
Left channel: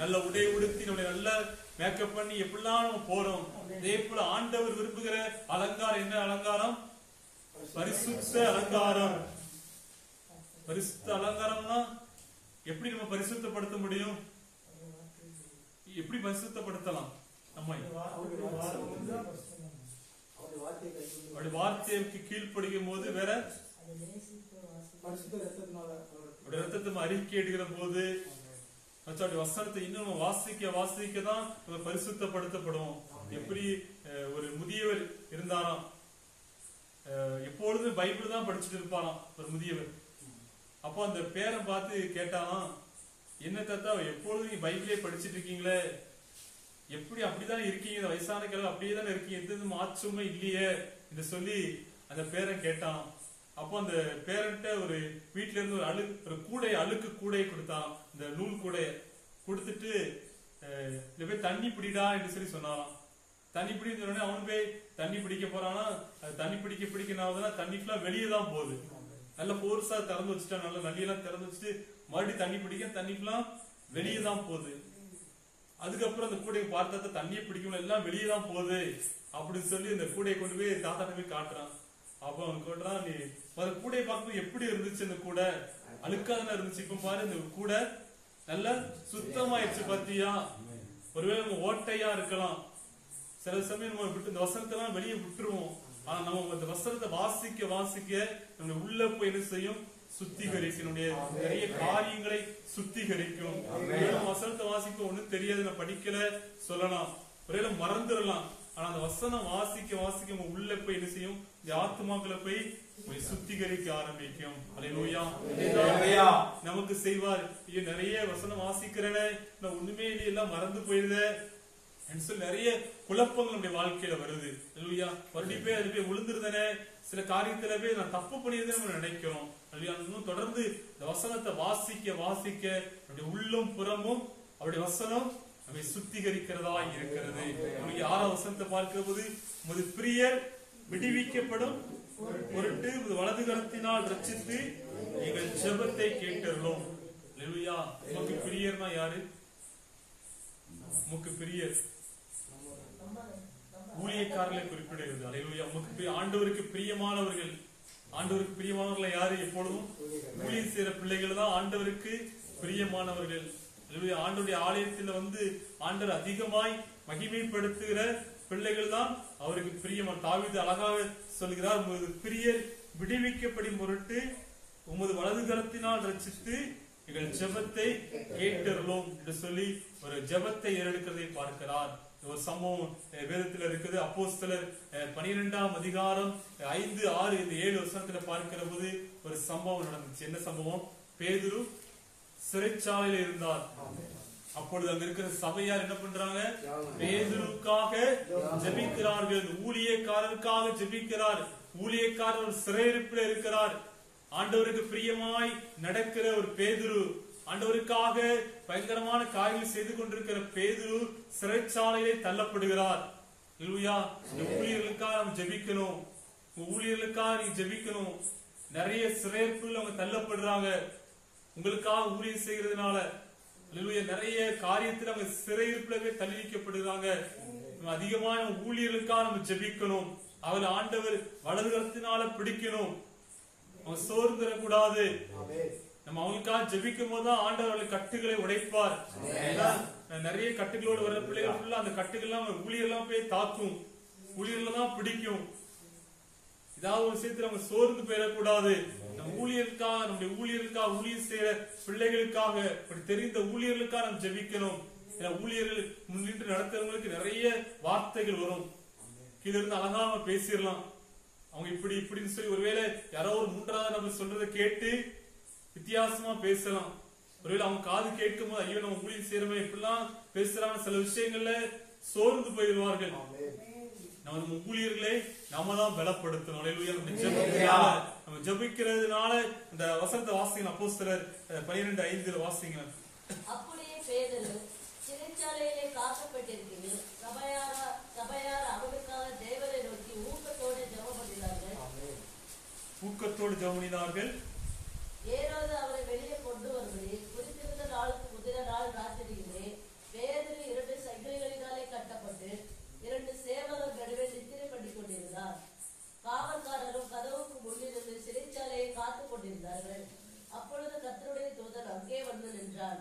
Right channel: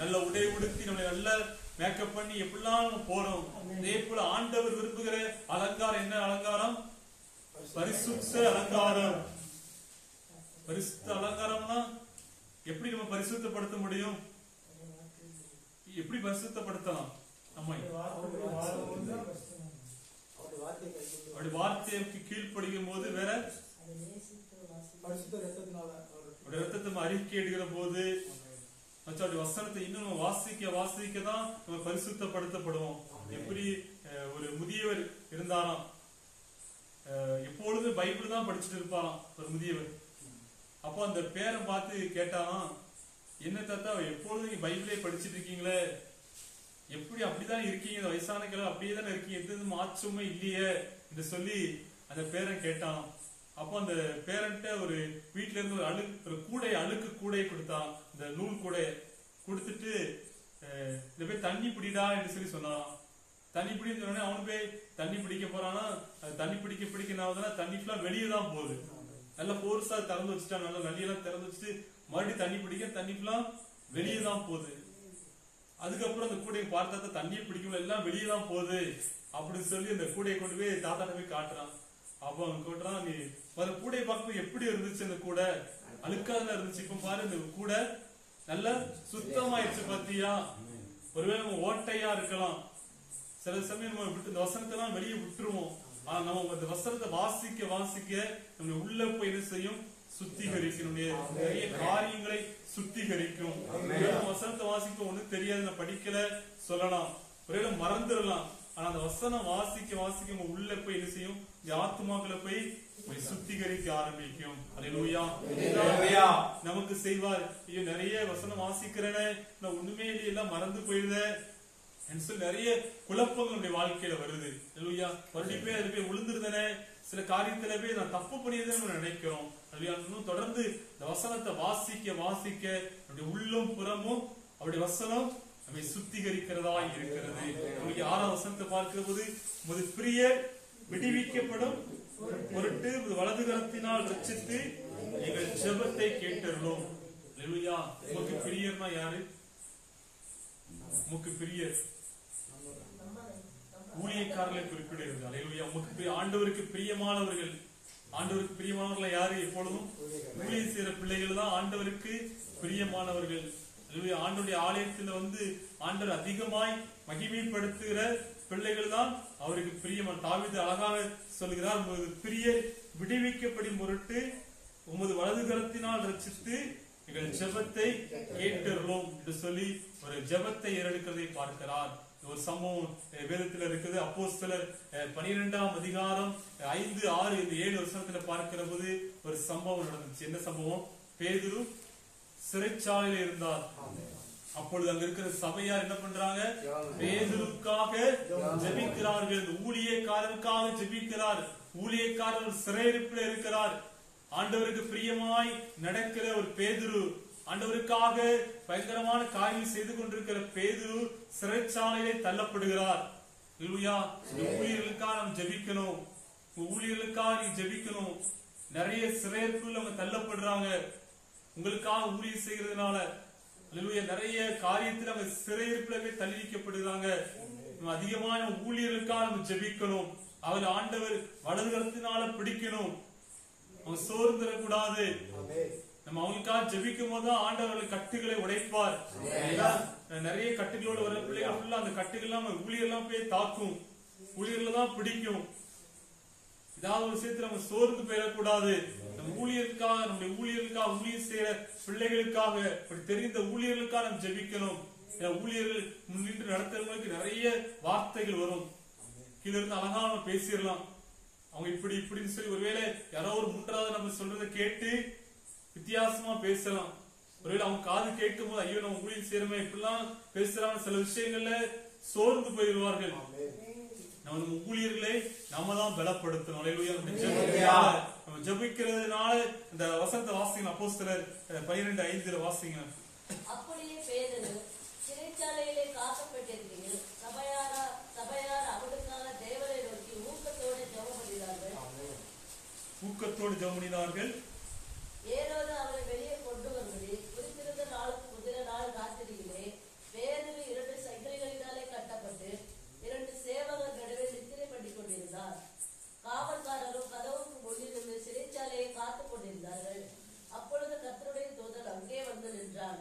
நல்ல உடை உடுத்தி நம்மளை நல்ல மேக்கப் பண்ணி எப்படிலாம் நம்ம போறோம். அதே போல ஆண்டவர் விரும்புகிற அலங்காரம் என்ன அலங்காரம்? பரிசுத்த அலங்காரம். பரிசுத்த அலங்காரம்னா எப்படி நம்ம பரிசுத்தப்படுத்த முடியும்? எப்படி பரிசுத்தப்படுத்தலாம்? நம்ம அப்படி வார்த்தைக்கு கீழ்ப்படுகும் போது வேற ரத்தத்தை அறிக்கை எடுக்கிற போது வசனத்தை இன்னும் நம்ம வாசிக்க தான் நம்ம பரிசுத்தப்படுத்தப்படுவோம். எப்படி ஒரு முதியவர் இருந்தாராம், எப்பொழுதும் பைபிள் தான் படிச்சுட்டு இருப்பாராம் ஒரு முதியவர். அப்போ அந்த பேரன் பார்த்து கேட்டாராம், என்ன தாத்தா எப்பொழுதும் நீங்க பைபிளே படிச்சுட்டு இருக்கீங்களே, எப்படி அப்படித்தானே இருக்கீங்க, வயசான கிழமை அப்படியே தானே இருக்கீங்க, எந்த மாற்றமே இல்லையே என்று சொல்லி அந்த பேரன் கேட்டான். அப்போ அந்த பேரண்ட ஒரு வீட்டுல இருந்து ஒரு அழுக்கு கூடையை கொடுத்தான். இந்த நூல் கூடைய கொடுத்துட்டு இத போய் தண்ணி பிடிடா என்று சொல்லி சொன்னாராம். தண்ணி பிடின்னு சொன்னோடனே அவனு போய் தண்ணி பிடிக்க போறானா. தண்ணி பிடிக்க தண்ணி ஃபுல்லா வெளியே தான் போகுது. நல்லா போர்ஸா திறந்து வச்சுட்டான். நல்லா நள்ளியெல்லாம் திறந்து வச்சுட்டு மறுபடியும் தண்ணி பிடிக்க தண்ணி ஃபுல்லா வெளியே தான் போகுது. அதுக்கப்புறம் அந்த கூடையை பார்த்தா தண்ணியை பிடிக்கல, எல்லாம் வெளியே தான் போகுது அப்படின்னு சொல்லி அந்த கூடையை கொண்டு போய் தாத்தா போய் காட்டுறான். அப்ப அவன் கேட்டுறான், நீ அந்த கூடையை பார்க்கும்போது எப்படி இருந்துச்சு? அந்த கூடை அழுக்காதான இருந்துச்சு, இப்ப பாரு இந்த கூடை நல்லா சுத்தமாயிருச்சு பாத்தியா? ஒருவேளை நம்ம ஓட்டையா இருக்கலாம், சில சமயம் நம்ம விட்டு இந்த வசனத்தை எல்லாம் வெளியே விட்டுருவோம். ஆனா நம்ம அந்த வசனத்தை வாசிக்க வாசிக்க நம்முடைய உள்ள போய் என்ன செய்யும்? சுத்திகரிக்கும். நம்முடைய நிறைய காரியங்களை சுத்திகரிக்கும். வசனத்தை வாசிக்க ஒண்ணும் தெரியாது, நான் படிக்கல சொல்லலாம், ஒரே மறந்துடலாம். ஆனா அந்த வசனம் வாசிக்க வாசிக்க நம்ம உள்ள போய் என்ன செய்யும்? இந்த ஆத்மாக்களை போய் சுத்திகரிக்க ஆரம்பிக்கும். அல்லேலூயா. நமக்கு செய்வார். ஐயோ நிறைய வசனம் வாசிக்கிறேனே, நான் ஒண்ணுமே இல்லை, எல்லாம் மறந்து போயிருந்தேன் சொல்லி நிறைய குழப்பங்கள் நம்முடைய வாழ்க்கையில வருது. அல்லேலூயா. மறுபடியும் போய் அதுல போய் விழுந்துருந்தேனே, சில காரியத்துல போய் நான் தப்பு பண்ணியதுன்னு நம்ம நினைக்கிறோம். அல்லேலூயா. இன்னும் தொடர்ந்து இந்த வசனத்தை வாசிக்க வாசிக்க நம்முடைய உள்ளும் புறமும் அவருடைய வசனம் நம்மை சுத்திகரிக்கிறதா இருக்கிறது. 6ஆம் வசனத்தை பார்க்கிற போது, உமது பிரியர் விடுவிக்கப்படும் பொருட்டு வலது கரத்தினால் ரட்சித்து எங்கள் ஜெபத்தை கேட்டருளோம். அல்லேலூயா. உமக்கு பிரியர்னா யாரு? உமக்கு பிரியர் ஊழியக்காரர்களை குறிப்பிடுகிறது. அல்லேலூயா. உமக்கு ஆண்டவருக்கு பிரியமானவர்கள். ஆண்டவருக்கு பிரியமானவர்கள் யாரு? எப்பொழுதும் ஊழியம் செய்யற பிள்ளைகள் தான் ஆண்டவருக்கு பிரியமானவர்கள். ஆண்டவருடைய ஆலயத்தில் ஆண்டவர் அதிகமாய் மகிமைப்படுத்துகிற பிள்ளைகள் தான் அவருக்கு பிரியமான. தாவீது அழகாக சொல்கிறார், உமது பிரியர் விடுவிக்கப்படும் பொருட்டு உமது வலது கரத்தினால் ரட்சித்து எங்கள் ஜெபத்தை கேட்டருளோம் என்று சொல்லி ஒரு ஜெபத்தை ஏறெடுக்கிறதை பார்க்கிறார். ஒரு சம்பவம் வேதத்தில் இருக்குது. அப்போஸ்தலர் 12ஆம் அதிகாரம் 5, 6, 7 வசனத்துல பார்க்கிற போது ஒரு சம்பவம் நடந்துச்சு. என்ன சம்பவம்? பேதுரு சிறைச்சாலையில் இருந்தார். அப்பொழுது அங்க இருக்கிற சபையார் என்ன பண்றாங்க? பேதுருக்காக ஜெபிக்கிறார்கள். ஊழியக்காரருக்காக ஜெபிக்கிறார். ஊழியக்காரர் சிறையிருப்பில் இருக்கிறார். ஆண்டவருக்கு பிரியமாய் நடக்கிற ஒரு பேதுரு, ஆண்டவருக்காக பயங்கரமான காரியங்கள் செய்து கொண்டிருக்கிற பேதுரு சிறைச்சாலையிலே தள்ளப்படுகிறார். அல்லேலூயா. இந்த ஊழியர்களுக்காக நாம் ஜெபிக்கணும். ஊழியர்களுக்காக நீங்க ஜெபிக்கணும். நிறைய சிறையிருப்புகள் அவங்க தள்ளப்படுறாங்க. உங்களுக்காக ஊழியம் செய்கிறதுனால அல்லேலூயா நிறைய காரியத்தில் அவங்க சிறையிருப்பிலே தள்ளி வைக்கப்படுகிறாங்க. அதிகமான ஊழியர்களுக்காக நம்ம ஜெபிக்கணும். அவள் ஆண்டவர் வலது கரத்தினால பிடிக்கணும். அவங்க சோர்ந்துடக்கூடாது. நம்ம அவங்களுக்காக ஜெபிக்கும் போதுதான் ஆண்டவர்கள் கட்டுகளை உடைப்பார். நிறைய கட்டுகளோடு வர்ற பிள்ளைகள் ஃபுல்லா அந்த கட்டுகள்லாம் ஊழியெல்லாம் போய் தாக்கும், ஊழியர்ல தான் பிடிக்கும். ஏதாவது ஒரு விஷயத்துல நம்ம சோர்ந்து போயிடக்கூடாது. நம்ம ஊழியருக்காக, நம்முடைய ஊழியர்களுக்காக, ஊழியர் செய்யற பிள்ளைகளுக்காக, இப்படி தெரிந்த ஊழியர்களுக்காக நம்ம ஜெபிக்கணும். ஊழியர்கள் முன்னின்று நடத்துறவங்களுக்கு நிறைய வார்த்தைகள் வரும். கீழ இருந்து அழகா நம்ம பேசிடலாம். அவங்க இப்படி இப்படின்னு சொல்லி ஒருவேளை யாரோ ஒரு 3வது நபர் சொல்றதை கேட்டு வித்தியாசமா பேசலாம். ஒருவேளை அவங்க காது கேட்கும் போது ஐயோ நம்ம ஊழியம் செய்யறோமே இப்படிலாம் பேசுறாங்க, சில விஷயங்கள்ல சோர்ந்து போயிடுவார்கள். நம்ம ஊழியர்களை நாம தான் பலப்படுத்தணும். நம்ம ஜெபிக்கிறதுனால இந்த வசனத்தை வாசிங்க. அப்போஸ்தலர் 12:5 வாசிங்க. அப்படியே பேதுரு சிறைச்சாலையிலே காக்கப்பட்டிருக்கிறது. சபையார் அவருக்காக தேவனை நோக்கி ஊக்கத்தோடு ஜெபம் பண்ணினார்கள். ஏரோது அவரை வெளியே கொண்டு வருவது குறித்திருந்த நாளுக்கு முந்தின நாள் ராத்திரியிலே பேதுரு 2 சங்கிலிகளினாலே கட்டப்பட்டு 2 சேவகர் நடுவே நித்திரை பண்ணிக் கொண்டிருந்தார். காவல்காரரும் கதவுக்கு முன்னிருந்து சிறைச்சாலையை காத்துக் கொண்டிருந்தார்கள். அப்பொழுது கர்த்தருடைய தூதன் அங்கே வந்து நின்றான்.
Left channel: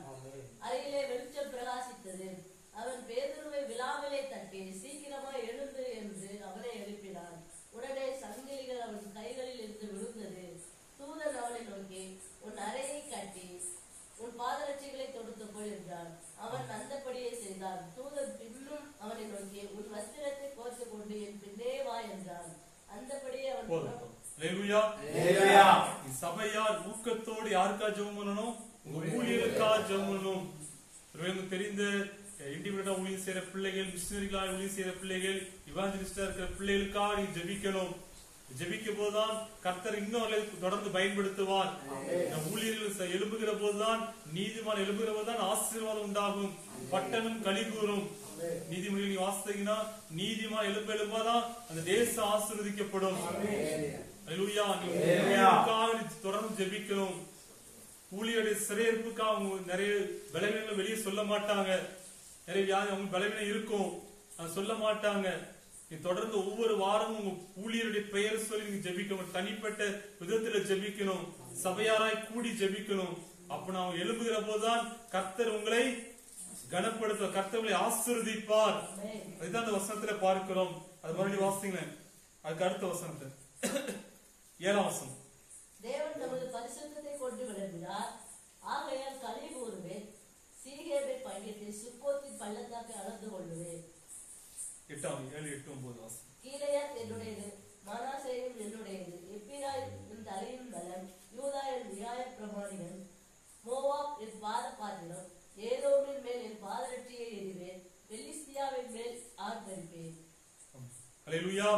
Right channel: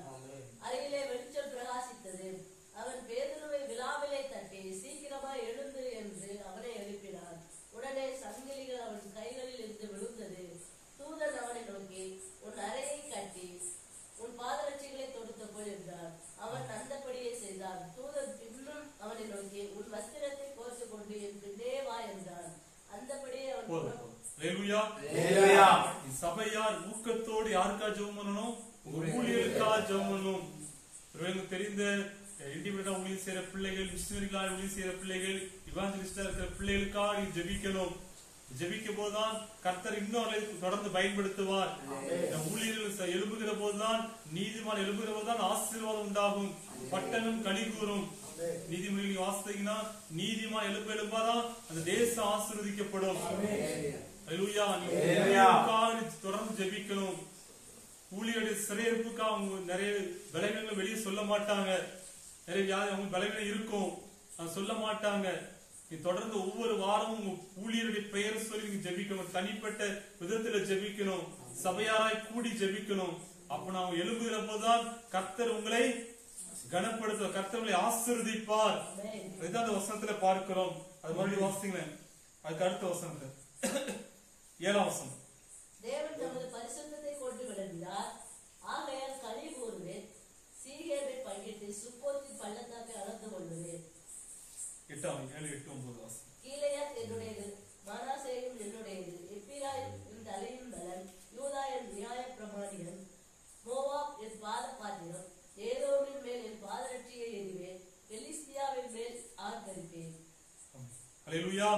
அருகிலே வெளிச்சம் பிரகாசித்தது. அவன் பேதுருவை விழாவிலே தட்டி சீக்கிரமாய் எழுந்து என்று அவனை எழுப்பினான். உடனே சங்கிலிகள் அவன் கைகளில் இருந்து விழுந்தது. தூதன் அவனை நோக்கி உன் அறையை கட்டி உன் பாதரட்சிகளை தொடுத்து போய் என்றான். அவன் அந்தபடியே செய்தான். தூதன் பின்னும் அவனை நோக்கி உன் வஸ்திரத்தை கோர்த்து கொண்டு என் பின்னே வா என்றான். அந்தபடியே அவன் சபையார் ஊக்கத்தோடு யாருக்கா ஜெபம் பண்ணணும்? ஊழியர்களுக்காக ஜெபம் பண்ணணும். தெரிந்த இண்டிபெண்டா ஊழியம் செய்யற பிள்ளைகள், மிஷனரிகளா ஊழியம் செய்யற பிள்ளைகள், இவாஞ்சலிஸ்டா இருக்கிற பிள்ளைகளுக்காக நீ ஜெபிக்கணும். ஜெபிக்கும் போதுதான் கர்த்தர் இன்னொரு தொடர்ந்து பயன்படுத்துவார். ஊழியர்கள் எழுப்புகிற போதுதான், நீதிமான் எழுப்புகிற போதுதான் ஆசீர்வாதம் உண்டாகும், பட்டணம் களி கூறும். நீதிமொழியில் வாசித்தீங்கன்னா நீதிமான் எழுப்பாதான் அந்த தேசம் ஆசீர்வதிக்கப்படும். அல்லேலூயா. தொடர்ந்து ஜெபிக்கணும். ஊழியருடைய சிறையிருப்புக்காக நிறைய பலவீனங்களை வெளியே சொல்ல மாட்டாங்க. நிறைய வியாதி அவங்க பலவீனம் இருக்கும், சொல்ல மாட்டாங்க. தொடர்ந்து ஒவ்வொரு வாரமும் உங்க ஊழியருடைய பெயர் சொல்லி நீங்க ஜெபிக்கணும். தனிப்பட்ட விதத்துல ஜெபிக்கணும், சபையாராய் கூடி ஜெபிக்கணும். அப்ப நான் எழும்புகிற போதுதான் கர்த்தர் உங்களை கனப்படுத்த, கர்த்தர் உங்களை ஆசீர்வதிப்பார். அதுதான் அந்த வசனத்துல பார்க்கிறோம். அது மறுபடியும் வாசிங்களேன். அதுக்கு அடுத்த வசனத்தை 7ஆம் வசனம். தேவன் தமது பரிசுத்தத்தை கொண்டு விளங்கினார், ஆகையால் களி கூறுவேன், சீகேமை பங்கிட்டு சுக்கோத்தின் பள்ளத்தாக்கை அளந்து கொள்ளுவேன். 7, 8, 9 வாசம். கீலேயாத் என்னுடையது, மனாசேயும் என்னுடையது, எப்பிராயிம் என் தலையின் பலம், யூதா என் நியாய பிரமாணிகள், மோவாப் என் பாத பாத்திரம், ஏதோமின் மேல் என் பாதரட்சியை எறிவேன், பெலிஸ்தியாவின் மேல் ஆர்ப்பரிப்பேன். அல்லேலூயா.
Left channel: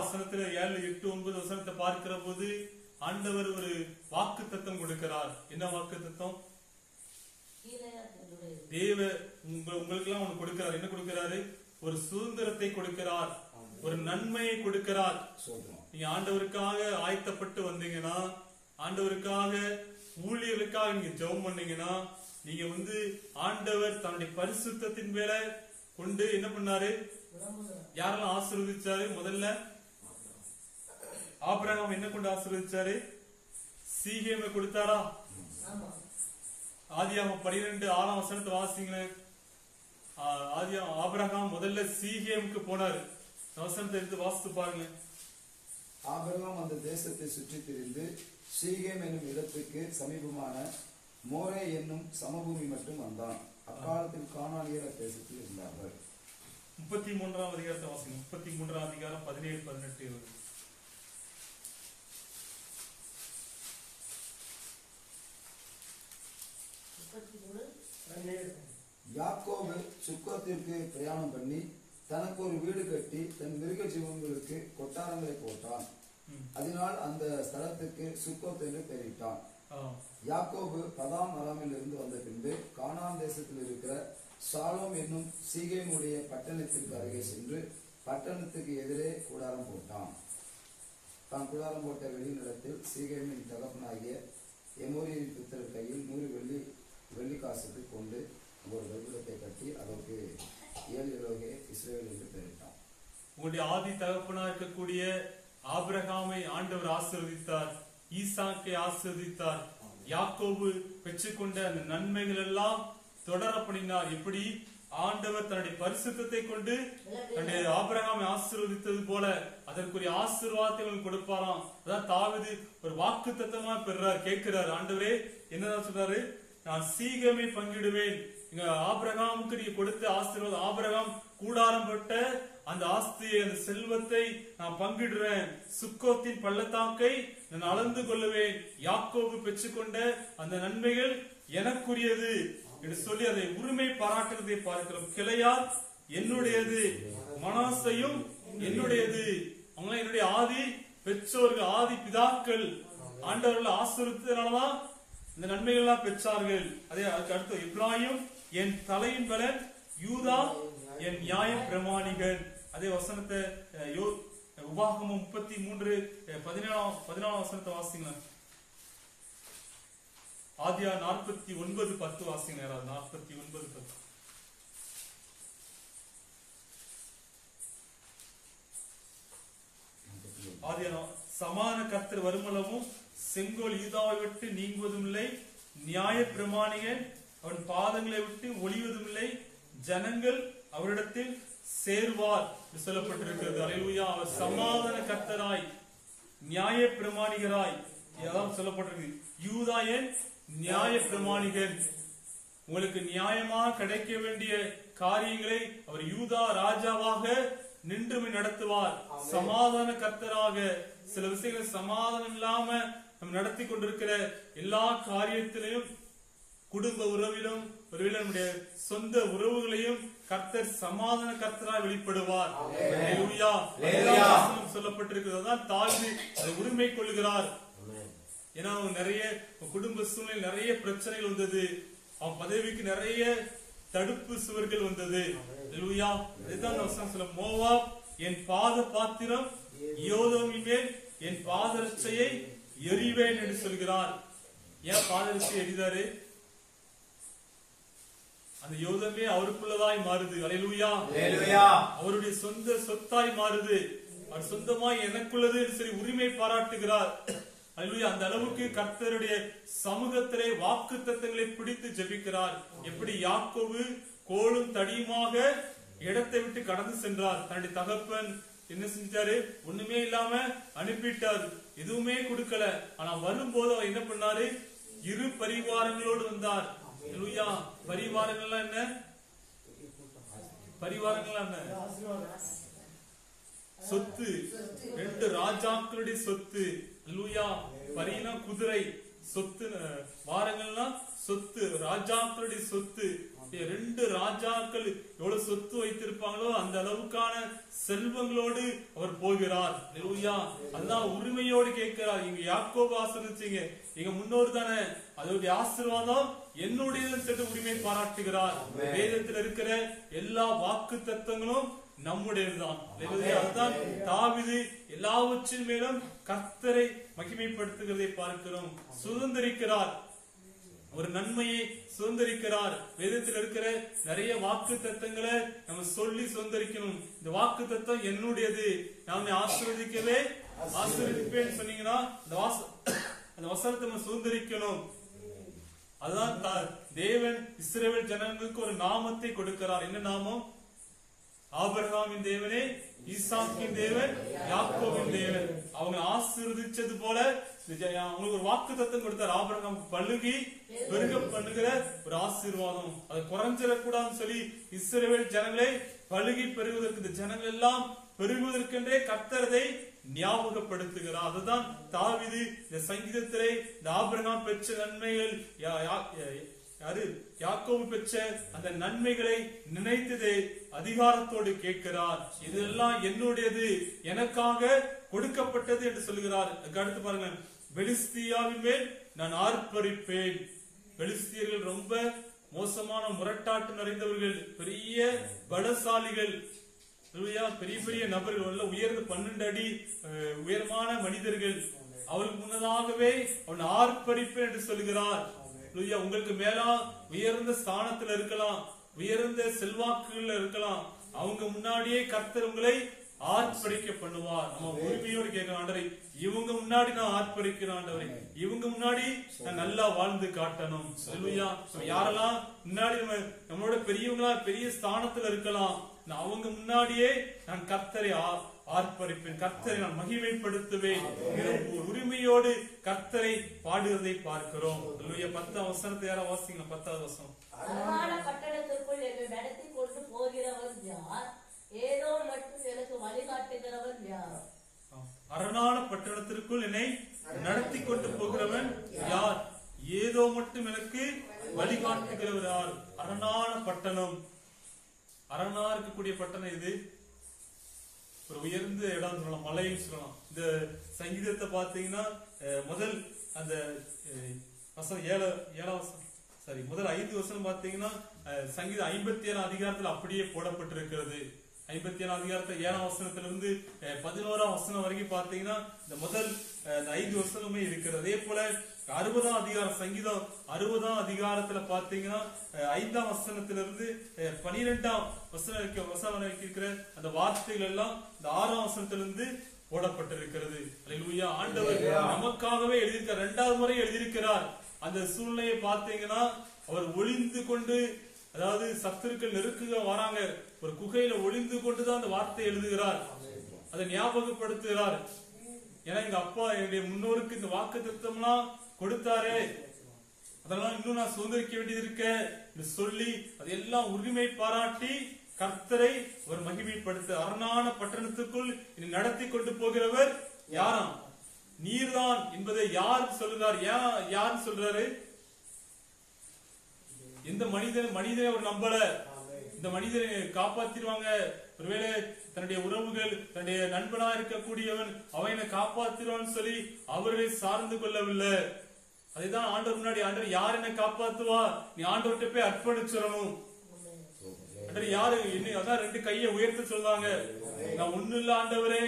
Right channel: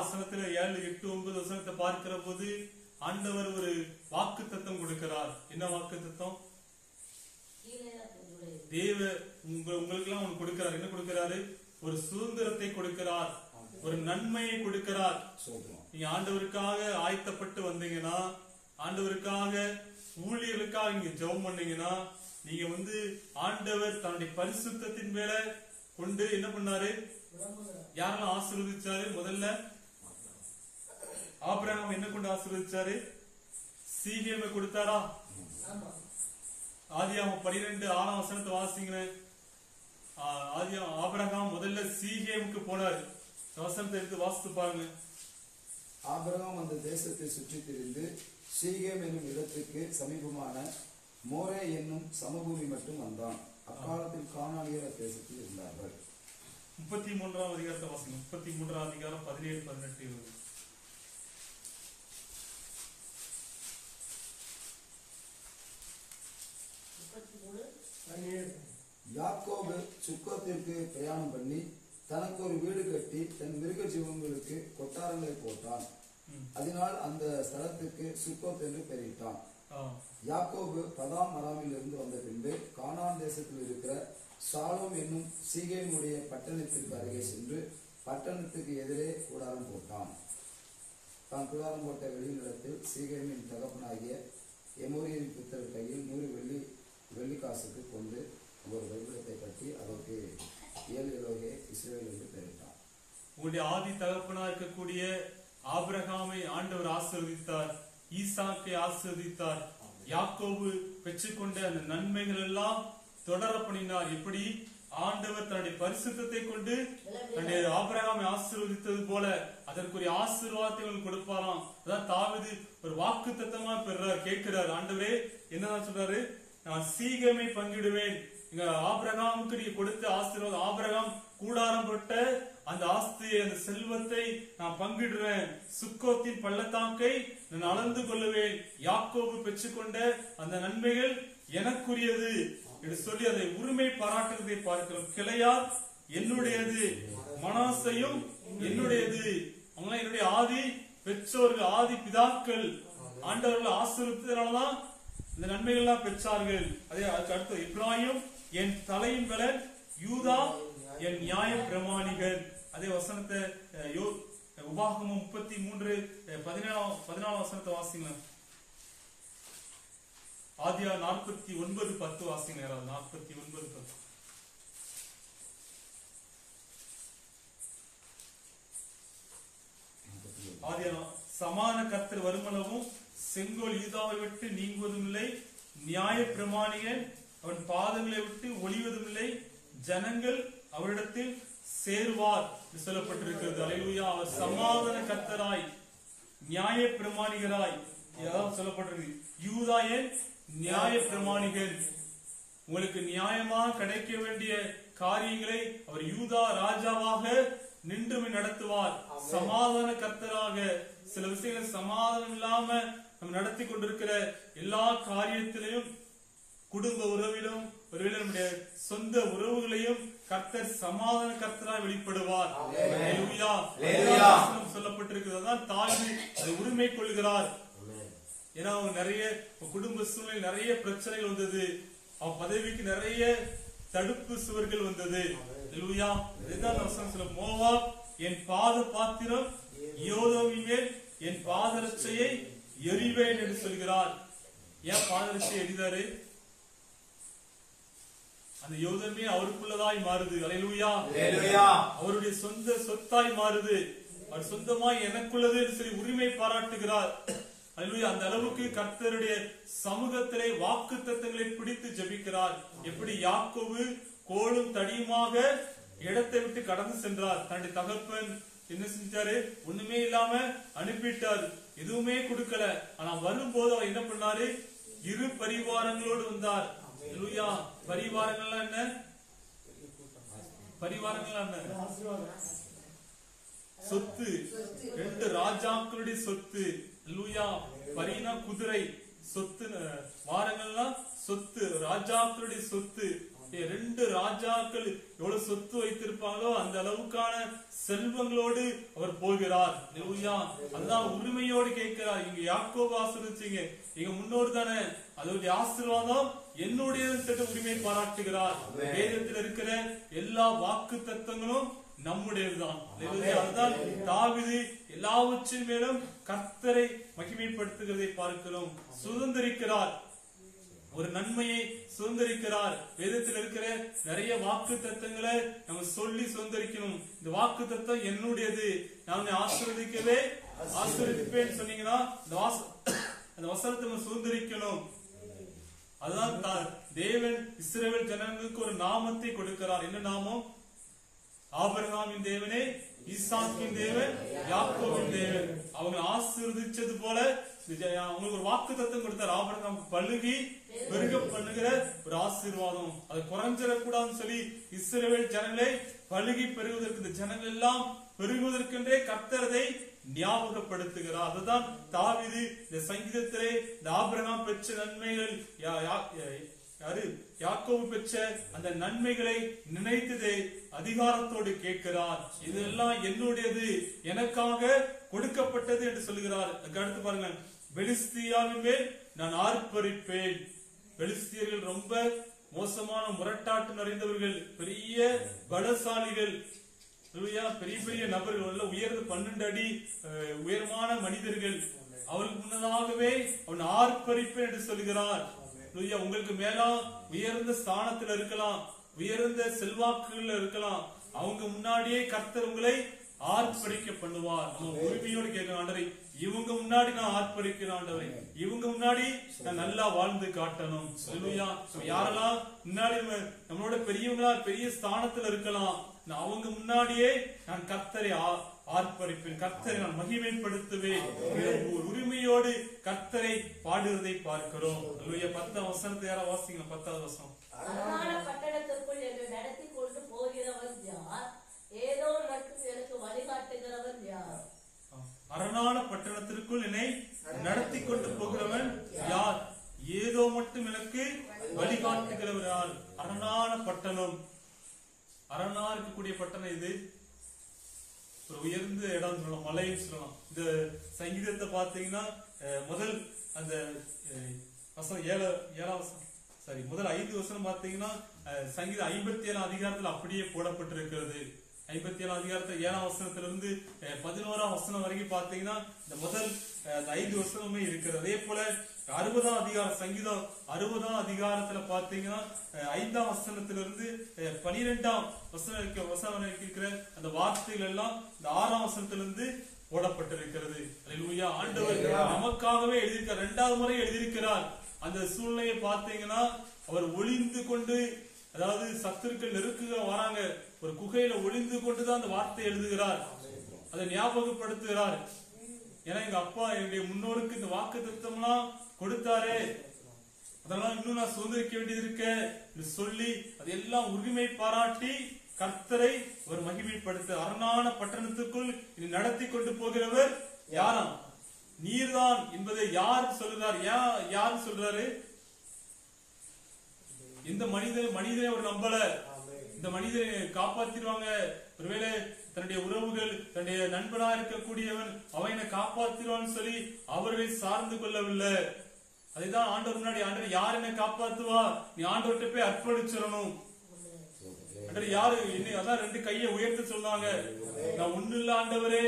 வசனத்துல 7, 8, 9 வசனத்தை பார்க்கிற போது ஆண்டவர் ஒரு வாக்கு தத்தம் கொடுக்கிறார். என்ன வாக்கு தத்தம்? தேவ உங்களுக்கு எல்லாம் ஒண்ணு கொடுக்கிறார். என்ன கொடுக்கிறாரு? ஒரு சுதந்திரத்தை கொடுக்கிறார், ஒரு நன்மையை கொடுக்கிறார். நீங்க ஆண்டவருக்காக ஆயத்தப்பட்டு வந்தீங்கன்னா, ஆண்டவருக்காக ஊழியர்களுக்காக நீங்க ஜெபம் பண்ணீங்கன்னா, நீங்க ஆண்டவர் தன்னுடைய பரிசுத்தத்தின் மேல கொண்டு என்ன பண்ணாரு? யாரெல்லாம் ஆசீர்வதிச்சாரு? முதல்ல ஆபிரகாம் என்ன கொண்டு ஆசீர்வதிச்சாரு? சீகேமை கொடுத்தாரா? ஆதியாகமம் 12 6ஆம் வசனத்தை வாசிங்களேன். ஆபிரகாம் முதல்ல சீகேமுக்கு போனாரு. வசனத்தை எடுத்து வாசித்து பாருங்க. ஆபிரகாம் அந்த தேசத்தை சுற்றி திரிந்து சீகேம் என்னும் இடத்துக்கு சமீபமான மோரே என்னும் சமபூமி மட்டும் வந்தான். அக்காலத்தில் கானானியர் தேசத்தில் இருந்தார்கள். 33ஆம் அதிகாரத்தை வாசிங்க. 33ஆம் அதிகாரம் 17, 18, 20. யாக்கோபு சுக்கோத்திற்கு பிரயாணம் பண்ணி தனக்கு ஒரு வீடு கட்டி தன் மிருக ஜீவன்களுக்கு கொட்டாரங்களை போட்டான். அதனால் அந்த ஸ்தலத்துக்கு சுக்கோத் என்று பெயரிட்டான். யாக்கோபு பதாம் அராமில் இருந்து வந்த பின்பு கானான் தேசத்தில் இருக்கிற சாலோம் என்னும் சீகேமுடைய பட்டணத்திற்கு அருகே சென்று பட்டணத்துக்கு எதிரே கூடாரம் போட்டான். தான் கூடாரம் போட்ட வெளிநிலத்தில் சீகேமின் தகப்பனாகிய எமோரியரின் புத்திரர் கையில் 100 வெள்ளி காசுக்கு கொண்டு ஒரு பலிபீடத்தை கட்டி அதற்கு ஏல் எலோகே இஸ்ரவேல் என்று பெயரிட்டான். உங்களுடைய ஆதி தகப்பனா இருக்கக்கூடிய ஆபிரகாமை ஆண்டவர் ஆசீர்வதித்தார், ஈசாக்கை ஆசீர்வதித்தார். யாக்கோபு பெற்றுக்கொண்ட அந்த நன்மைகள் எல்லாம் தொடர பண்ணினார். எப்படி ஆண்டவர் தன்னுடைய பரிசுத்தத்தை கொண்டு தன்னுடைய ஆபிரகாமை ஆசீர்வதித்தது போல அதற்குரிய ஆசீர்வாதத்தை கொடுப்பாராம். அதான் தாவீது ஒரு வாக்கு தத்தமா பெறார், கேட்கிறார். ஆண்டவரே என்னதான் சொல்றாரு? நான் சீகேமை பங்கிடுவேன். இங்க ஆபிரகாமுக்கு நீங்க கொடுத்த ஆசீர்வாதம், ஆபிரகாம் கூடாரம் போட்ட அந்த ஆஸ்தியை, அந்த செல்வத்தை நான் பங்கிடுறேன். சுக்கோத்தின் பள்ளத்தாக்கை நான் அளந்து கொள்ளுவேன். யாக்கோபு பெற்றுக்கொண்ட அந்த நன்மைகள் எனக்குரியது என்று சொல்லி அதை உரிமை பாராட்டுவதை பார்க்கிறோம். கிளையார் என்னுடையது, மனாசையும் என்னுடையது. அவங்க என்னுடைய ஆதி பெற்றோர்கள், ஆதி பிதாக்கள். ஆண்டவர்கள் ஆசீர்வதித்ததனாலதான் இந்த நன்மைகள் எல்லாம் பெற்றார்கள். அதே அதுக்கு அடுத்து எப்ராயிம் என் தலையின் பலன், யூதா என் நியாய பிரமாணிகள். அதே வசனத்தை உபாகமம் 33 14 வசனத்தை வாசிங்க. ஆதியா 49:10 வாசிங்க. 49:10. ஆதியா சமான கர்த்தர் வருமளவும் செங்கோல் யூதாவை விட்டு நீங்குவதும் இல்லை, நியாய பிரமாணிகன் அவன் பாதங்களை விட்டு ஒளிவதும் இல்லை, ஜனங்கள் அவரிடத்தில் சேருவார் சொல்லப்பட்டிருக்கிறது. அல்லேலூயா. அவர் சமாதான கர்த்தராய் நியாய பிரமாணிகராய் சொல்லப்பட்டிருக்கு. யூதா என் நியாய பிரமாணிகன். உங்களுக்கு நியாயமாக கிடைக்க வேண்டிய காரியங்களை அவர் யூதா ராஜாவாக நின்று நடத்துவார். சமாதான கர்த்தராக சில விஷயங்கள் சமாதானம் இல்லாம நம்ம நடத்தி கொண்டிருக்கிற எல்லா காரியத்திலையும் குடும்ப உறவிலும் ஒருவேளை நம்முடைய சொந்த உறவுகளையும் கர்த்தர் சமாதான கர்த்தராய் வெளிப்படுவார். அல்லேலூயா. சொல்லப்பட்டிருக்கிறதான் தாழ்வு அதை உரிமை கொள்கிறார். ஏன்னா அவங்க நிறைய குடும்ப சூழ்நிலை நிறைய பிரச்சனைகள் வந்தது, அவன் பதவிக்கு நிறைய தடுப்பு சுவர்கள் வந்தது. அல்லேலூயா. அதுதான் வசனம் சொல்ல, மோவாப் என் பாத பாத்திரம், யோதோமின் மேல் என் பாதரட்சையை எறிவேன் என்று சொல்கிறார். ஏன் பாதரட்சையை எரிதாரு? அந்த யோதமே அவருக்குள்ளதாய் மாறுது. அல்லேலூயா. அவருடைய சொந்த சொத்தாய் மாறுது. அவர் சொந்தமாய் எனக்குள்ளது என்று சொல்லி உரிமை பாராட்டுகிறார். அல்லேலூயா. அந்த அளவுக்கு கர்த்தருடைய சமூகத்திலே வாக்குத்தத்தங்களை பிடித்து ஜெபிக்கிறார். எப்படி யாக்கோபு கோலும் தடியுமாக இடத்தை விட்டு கடந்து சென்றார். தன்னுடைய தகப்பன் என்ன செஞ்சாரு? ஒண்ணுமே இல்லாம அனுப்பிட்டார், எதுவுமே கொடுக்கல. ஆனா வரும்போது அவர் என்ன பண்ணாரு? இரு பரிவாரங்களோடு வந்தார். அல்லேலூயா. பரிவாரங்கள்லாம் என்ன? பரிவாரங்கள்லாம் என்ன? சொத்து. 2 ராஜாக்களுடைய சொத்து. அல்லேலூயா. பரினா குதிரை, சொத்து வாரங்கள்னா சொத்து, ராஜாக்களுடைய சொத்து. 2 ராஜாக்கள் எவ்வளவு சொத்து வைத்திருப்பாங்களோ அந்த அளவுக்கான செல்வங்களோடு அவர் போகிறார். அல்லேலூயா. அதுதான் உரிமையோடு கேட்கிறார். இங்க யாக்கோபு ஆசீர்வதிச்சீங்க, எங்க முன்னோர் தானே, அதோடைய ஆசீர்வாதம் என்னுடைய உரிமை பாராட்டுகிறார். வேதத்தில் இருக்கிற எல்லா வாக்கு தத்தங்களும் நம்முடையதுதான். அதுதான் தாவீது எல்லாவற்றின் மேலும் கர்த்தரை மகிமைப்படுத்துகிறதை பார்க்கிறோம். சுதந்திரிக்கிறார், ஒரு நன்மையை சுதந்திரிக்கிறார். வேதத்தில் இருக்கிற நிறைய வாக்கு தத்தங்களை நம்ம சொல்லி சுதந்திரிக்கணும். இந்த வாக்கு தத்தம் என்னுடையது, நான் ஆசீர்வதிக்கவே ஆசீர்வதிப்பேன்னு சொன்னீங்கன்னா அந்த வசனத்தை நம்ம சுதந்திரிக்கணும். அதுதான் தேவன் இஸ்ரவேல் ஜனங்களுக்கு ஒரு நாமத்தை கொடுக்கிறார். என்ன நாமம்? ஆபிரகாமின் தேவனே, ஈசாக்கின் தேவன், யாக்கோபின் தேவன். அவங்க ஆசீர்வதிச்சது போல அவங்களுக்கு ஒரு வாக்கு தத்தம் கொடுத்தார். ஆபிரகாம் பழுகி பெருக பண்ணுகிற ஒரு ஆசீர்வாதம், அது குறைஞ்சிடக்கூடாதுன்னு சொல்லி இஸ்ரவேல் ஜனங்களை பழுகி பெருகுவதற்கு, இந்த ஜனங்கள் எல்லாம் பெருகுவதற்கென்றே கர்த்தரதை ஞாபகப்படுத்துகிறார். அதுதான் தாவீது இந்த சங்கீதத்திலே இந்த ஆபிரகாம் பெற்ற நன்மைகள், யாக்கோபு பெற்ற அந்த நன்மைகளை நினைத்ததே அதிகாரத்தோடு கேட்கிறார். இதெல்லாம் என்னுடையது, எனக்காக கொடுக்கப்பட்டது என்று சொல்லுகிறார். அடுத்து பாருங்க, பெலிஸ்தியாவின் மேல் நான் ஆர்ப்பரிப்பேன். பெலிஸ்தியர்கள் ரொம்ப மோசமான முரட்டாட்டு நிறைந்தவர்கள், பெரிய பலசாலிகள், பெரிய பெரிய நபர்கள், உயர்ந்த 12 அடி உயரமான மனிதர்கள். அவளுக்கு முன்னதாகவே அவன் ஆர்ப்பரிப்பேன் என்று சொல்லுகிறார். உங்களுக்கு மேலா உயர்ந்த ஸ்தானத்தில் இருக்கலாம், உயர்ந்த செல்வாக்குகள் இருக்கலாம், அவங்க முன்னாடியே கர்த்தர் உங்களை ஆர்ப்பரிக்க பண்ணுவார். நம்ம உரிமையோடு கேட்க, ஆண்டவரே இவங்க முன்னாடி நான் ஆர்ப்பரிக்கிறேன், ஆண்டவரே இவங்க முன்னாடி நான் நல்லா வாழ்ந்து காட்டணும். யாரெல்லாம் முன்னாடி நம்மளோட பெரியவங்களா பெரிய ஸ்தானத்துல இருக்கலாம், அவங்க முன்னாடியே நான் கர்த்தரை ஆர்ப்பரிப்பேன், கர்த்தரை நான் மகிமைப்படுத்துவேன். உரிமையோடு கர்த்தரை பாடுவதை பார்க்கிறோம். 10ஆம் வசனத்தை யாரா வாசிங்க? 10வது வசனம். பட்டணத்திற்குள் என்னை நடத்தி கொண்டு போகிறவன் யார்? ஏதோ மட்டும் எனக்கு வழிகாட்டுகிறவன் யார்? அரணான பட்டணத்திற்குள் என்னை நடத்தி கொண்டு போகிறவன் யார்? ஏதோ மட்டும் எனக்கு வழிகாட்டுகிறவர் யார்? அரணான பட்டணம். அரணா இருக்கக்கூடிய பட்டணம் இது ஒரு உயர்ந்த இடம் சொல்லலாம், மலைன்னு சொல்லலாம். இந்த சங்கீதத்தை பாத்தீங்கன்னா முதல் அந்த வசனம் 7ஆம் வசனம், முதல் 5 வசனம் பாத்தீங்கன்னா சங்கீதம் 57ஆம் அதிகாரத்தில் அப்படியே போடப்பட்டிருக்கிறது. 57ஆம் அதிகாரத்தில் 7ஆம் வசனத்திலிருந்து 11ஆம் வசனம் வரைக்கும் பாத்தீங்கன்னா இந்த முதல் 5 வசனமே இருக்கிறது. அதே போல 60ஆம் அதிகாரம், சங்கீதம் 60ஆம் அதிகாரத்துல பாத்தீங்கன்னா 5ஆம் வசனத்திலிருந்து 12ஆம் வசனம் இருக்கிற அந்த வார்த்தைகள் எல்லாம் இந்த 6ஆம் வசனத்திலிருந்து போடப்பட்டிருக்கிறது. அல்லேலூயா. ஆண்டவர் நமக்காகவே எழுதியிருக்கிறார், 2வது முறை எழுதியிருக்கிறார். அந்த சூழ்நிலையை பார்த்தீங்கன்னா அவர் ஒளிந்து கொண்டு, அதாவது சத்துருக்கள் நெருக்குக வராங்க, ஒரு குகையில ஒளிந்து கொண்டுதான் அந்த வார்த்தை எழுதுகிறார், அதை ஞாபகப்படுத்துகிறார். ஏன்னா எங்க அப்பா என்னுடைய முன்னோருக்கு இந்த வாக்கு தத்தம்லாம் கொடுத்தாரே, அதெல்லாம் இன்னும் நான் சுதந்திரிக்க வேண்டியது இருக்க சொல்லி அதெல்லாம் உரிமை பாராட்டி கர்த்தரை ஒரு மகிமைப்படுத்த, அரணான பட்டணத்துக்குள் நடத்தி கொண்டு போகிறவர் யாராம்? நீர்தான் என்பதை யார் சொல்றார்? யார் சொல்றாரு? இந்த மனிதனை அவர் நம்பல. இந்த மனிதனை காப்பாத்திடுவாங்க, ஒருவேளை தன்னுடைய உறவுகள், தன்னுடைய நண்பனா இருக்கக்கூடியவன் அவனை காப்பாத்திடுவான்னு சொல்லி அவரை சார்ந்து கொள்ளவில்லை. அதுதான் ஆண்டவர் முன்னாடி, ஆண்டவர் யார் என்ன காப்பாத்துவா, நீ ஆண்டவர்கிட்ட போய் அர்ப்பணிச்சிடணும். ஆண்டவர் யாரு என்ன, அதான் 2 கையை உயர்த்த சொன்னாங்க. நான் ஒண்ணு இல்ல ஆண்டவரே,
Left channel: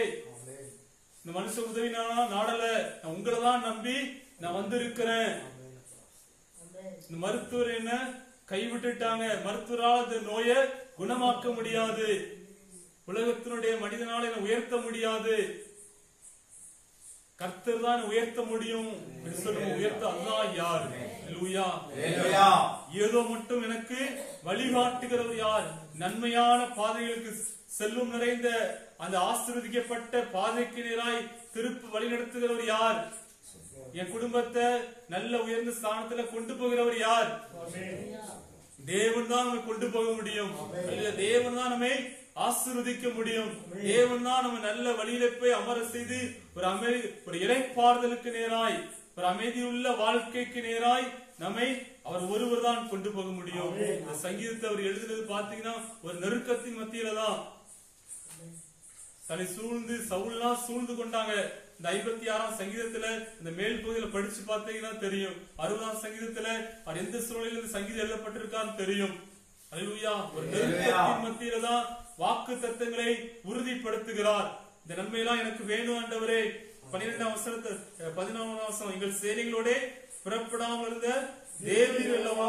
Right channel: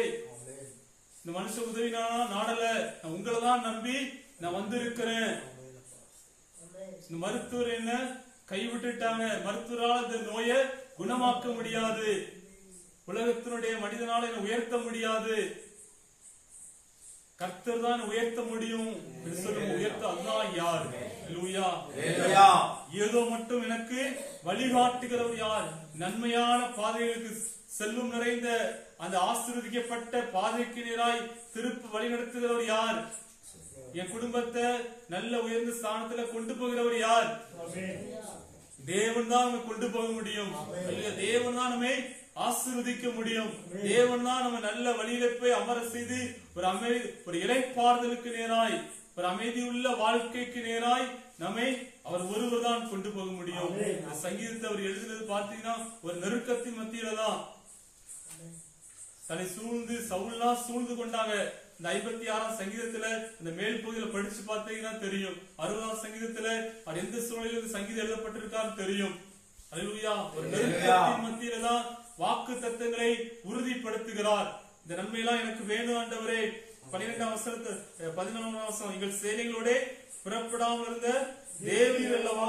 இந்த மனுஷ உதவி நான் நாடல, நான் உங்களை தான் நம்பி நான் வந்திருக்கிறேன். இந்த மருத்துவர் என்ன கைவிட்டுட்டாங்க, மருத்துவரால் இந்த நோயை குணமாக்க முடியாது, உலகத்தினுடைய மனிதனால என்ன உயர்த்த முடியாது, கர்த்தர் தான் உயர்த்த முடியும் சொல்லுவோம். உயர்த்த அதுதான் யார்? ஏதோ மட்டும் எனக்கு வழிகாட்டுகிறவர் யார்? நன்மையான பாதைகளுக்கு செல்வம் நிறைந்த அந்த ஆசீர்வதிக்கப்பட்ட பாதைக்கு நேராய் திருப்பு வழி நடத்துகிறவர் யார்? என் குடும்பத்தை நல்ல உயர்ந்த ஸ்தானத்துல கொண்டு போகிறவர் யார்? தேவன் தான் நம்ம கொண்டு போக முடியும். தேவன் தான் நம்மை ஆசீர்வதிக்க முடியும். தேவன் தான் நம்ம நல்ல வழியில போய் அமர செய்து ஒரு இளைப்பாறுதலுக்கு நேராய், ஒரு அமைதியுள்ள வாழ்க்கைக்கு நேராய் நம்மை அவர் ஒருவர் தான் கொண்டு போக முடியும். இந்த சங்கீதத்தை அவர் எழுதுனது பாத்தீங்கன்னா ஒரு நெருக்கத்தின் மத்தியில தான். தன்னை சூழ்ந்து சவுல்லாம் சூழ்ந்து கொண்டாங்க. இந்த 56ஆம் சங்கீதத்துல இந்த மேல் பகுதியில படிச்சு பார்த்தீங்கன்னா தெரியும். 60ஆம் சங்கீதத்துல அவர் எந்த சூழ்நிலையில இந்த சங்கீதம் எழுதப்பட்டிருக்கான்னு தெரியும். அல்லேலூயா. ஒரு நெருக்கத்தின் மத்தியில தான் வாக்கு தத்தங்களை உறுதிப்படுத்துகிறார். இந்த நன்மையெல்லாம் எனக்கு வேணும் ஆண்டவரே. 11ஆம் வசனம், எங்கள் சேனைகளோட புறப்படாமல் இருந்த தேவரீர் அல்லவோ,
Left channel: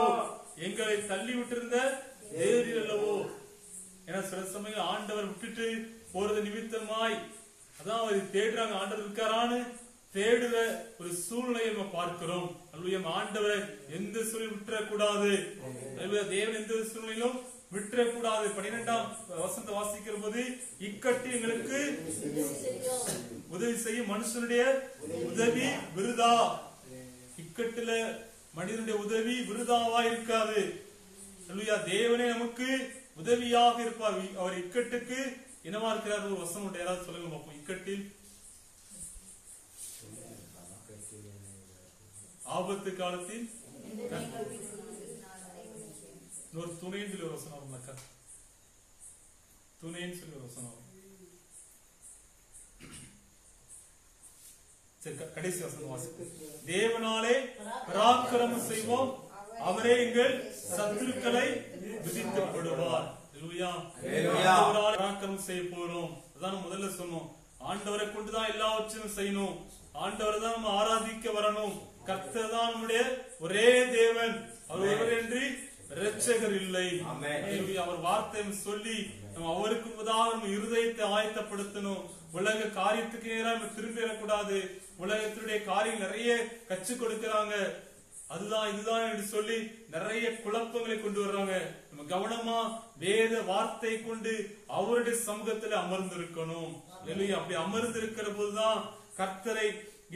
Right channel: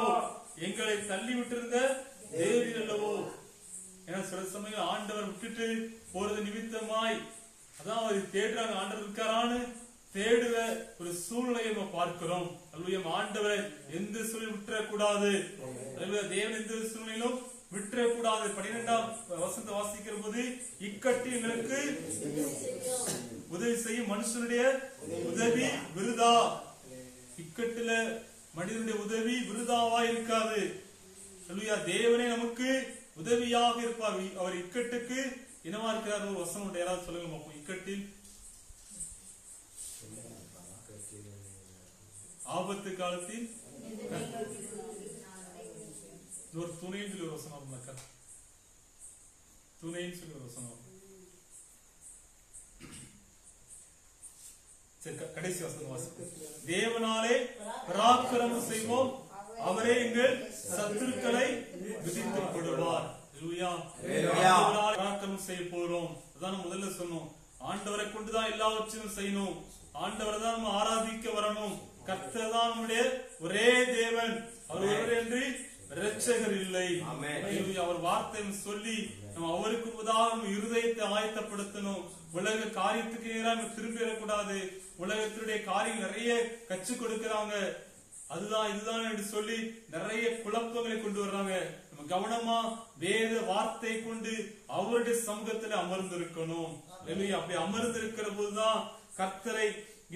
எங்களை தள்ளி விட்டிருந்த தேவரீர் அல்லவோ. ஏன்னா சில சமயம் ஆண்டவர் விட்டுட்டு போறது நிமித்தமாய் அதான் அவர் தேடுறாங்க, ஆண்டவர் இருக்காரான்னு தேடுற ஒரு சூழ்நிலையை நம்ம பார்க்கிறோம். அல்லேலூயா. ஆண்டவரை எந்த சூழ்நிலை விட்டுறக்கூடாது. தேவன் எந்த சூழ்நிலையிலும் விட்டுறக்கூடாது. 12ஆம் வசனத்தை வாசிக்கிற போது, இக்கட்டு எங்களுக்கு உதவி செய்யும் மனுஷனுடைய உதவி விருதா. இக்கட்டுல மனிதனுடைய உதவி விருதாவா இருக்காது. அல்லேலூயா. தேவனே நமக்கு உதவியாக இருப்பார். அவர் இக்கட்டுக்கு என்னவா இருக்கிறார்? ஒரு வசனம் யாராவது சொல்லுங்க பார்ப்போம். இக்கட்டில் ஆபத்து காலத்தில் ஒரு துணைன்னு சொல்லி ஒரு வசனம், துணைன்னு சொல்லி ஒரு வசனம். கடைசி வசனம் வாசிப்போம். தேவனாலே பராக்கிரமம் செய்வோம், அவரே எங்கள் சத்துருக்களை விதித்து விடுவார். பராக்கிரமம் செய்ய போறோம். அதான் முதல்ல சொன்னோம். ஆண்டவரை கொண்டுதான் எல்லாவற்றையும் செய்யணும். ஆண்டவரை தான் நம்ம ஆராதிக்க வரணும். கர்த்தர் தான் நம்முடைய ஒரே தேவன், அவர் ஒருவர் என்று இரட்சகர் இல்லை. அவர் வார்த்தை சொல்லி நம்ம அவருக்கு உதாரணம் இருதயத்தை ஆயத்தப்படுத்தணும். உலக காரியத்துக்கு நேராக திரும்பிடக்கூடாது. உலகத்தினுடைய காரியம் நிறைய கற்றுக் கொடுக்கிறாங்க, அதுதான் இதுதான் என்று சொல்லி நிறைய குழப்பங்களை கொண்டு வர்றாங்க. நம்ம கவனமா வேத வார்த்தை கொண்டு அவருடைய சமூகத்துல அமர்ந்திருக்கணும். அப்படி அமர்ந்திருக்கிற போதுதான் கர்த்தரை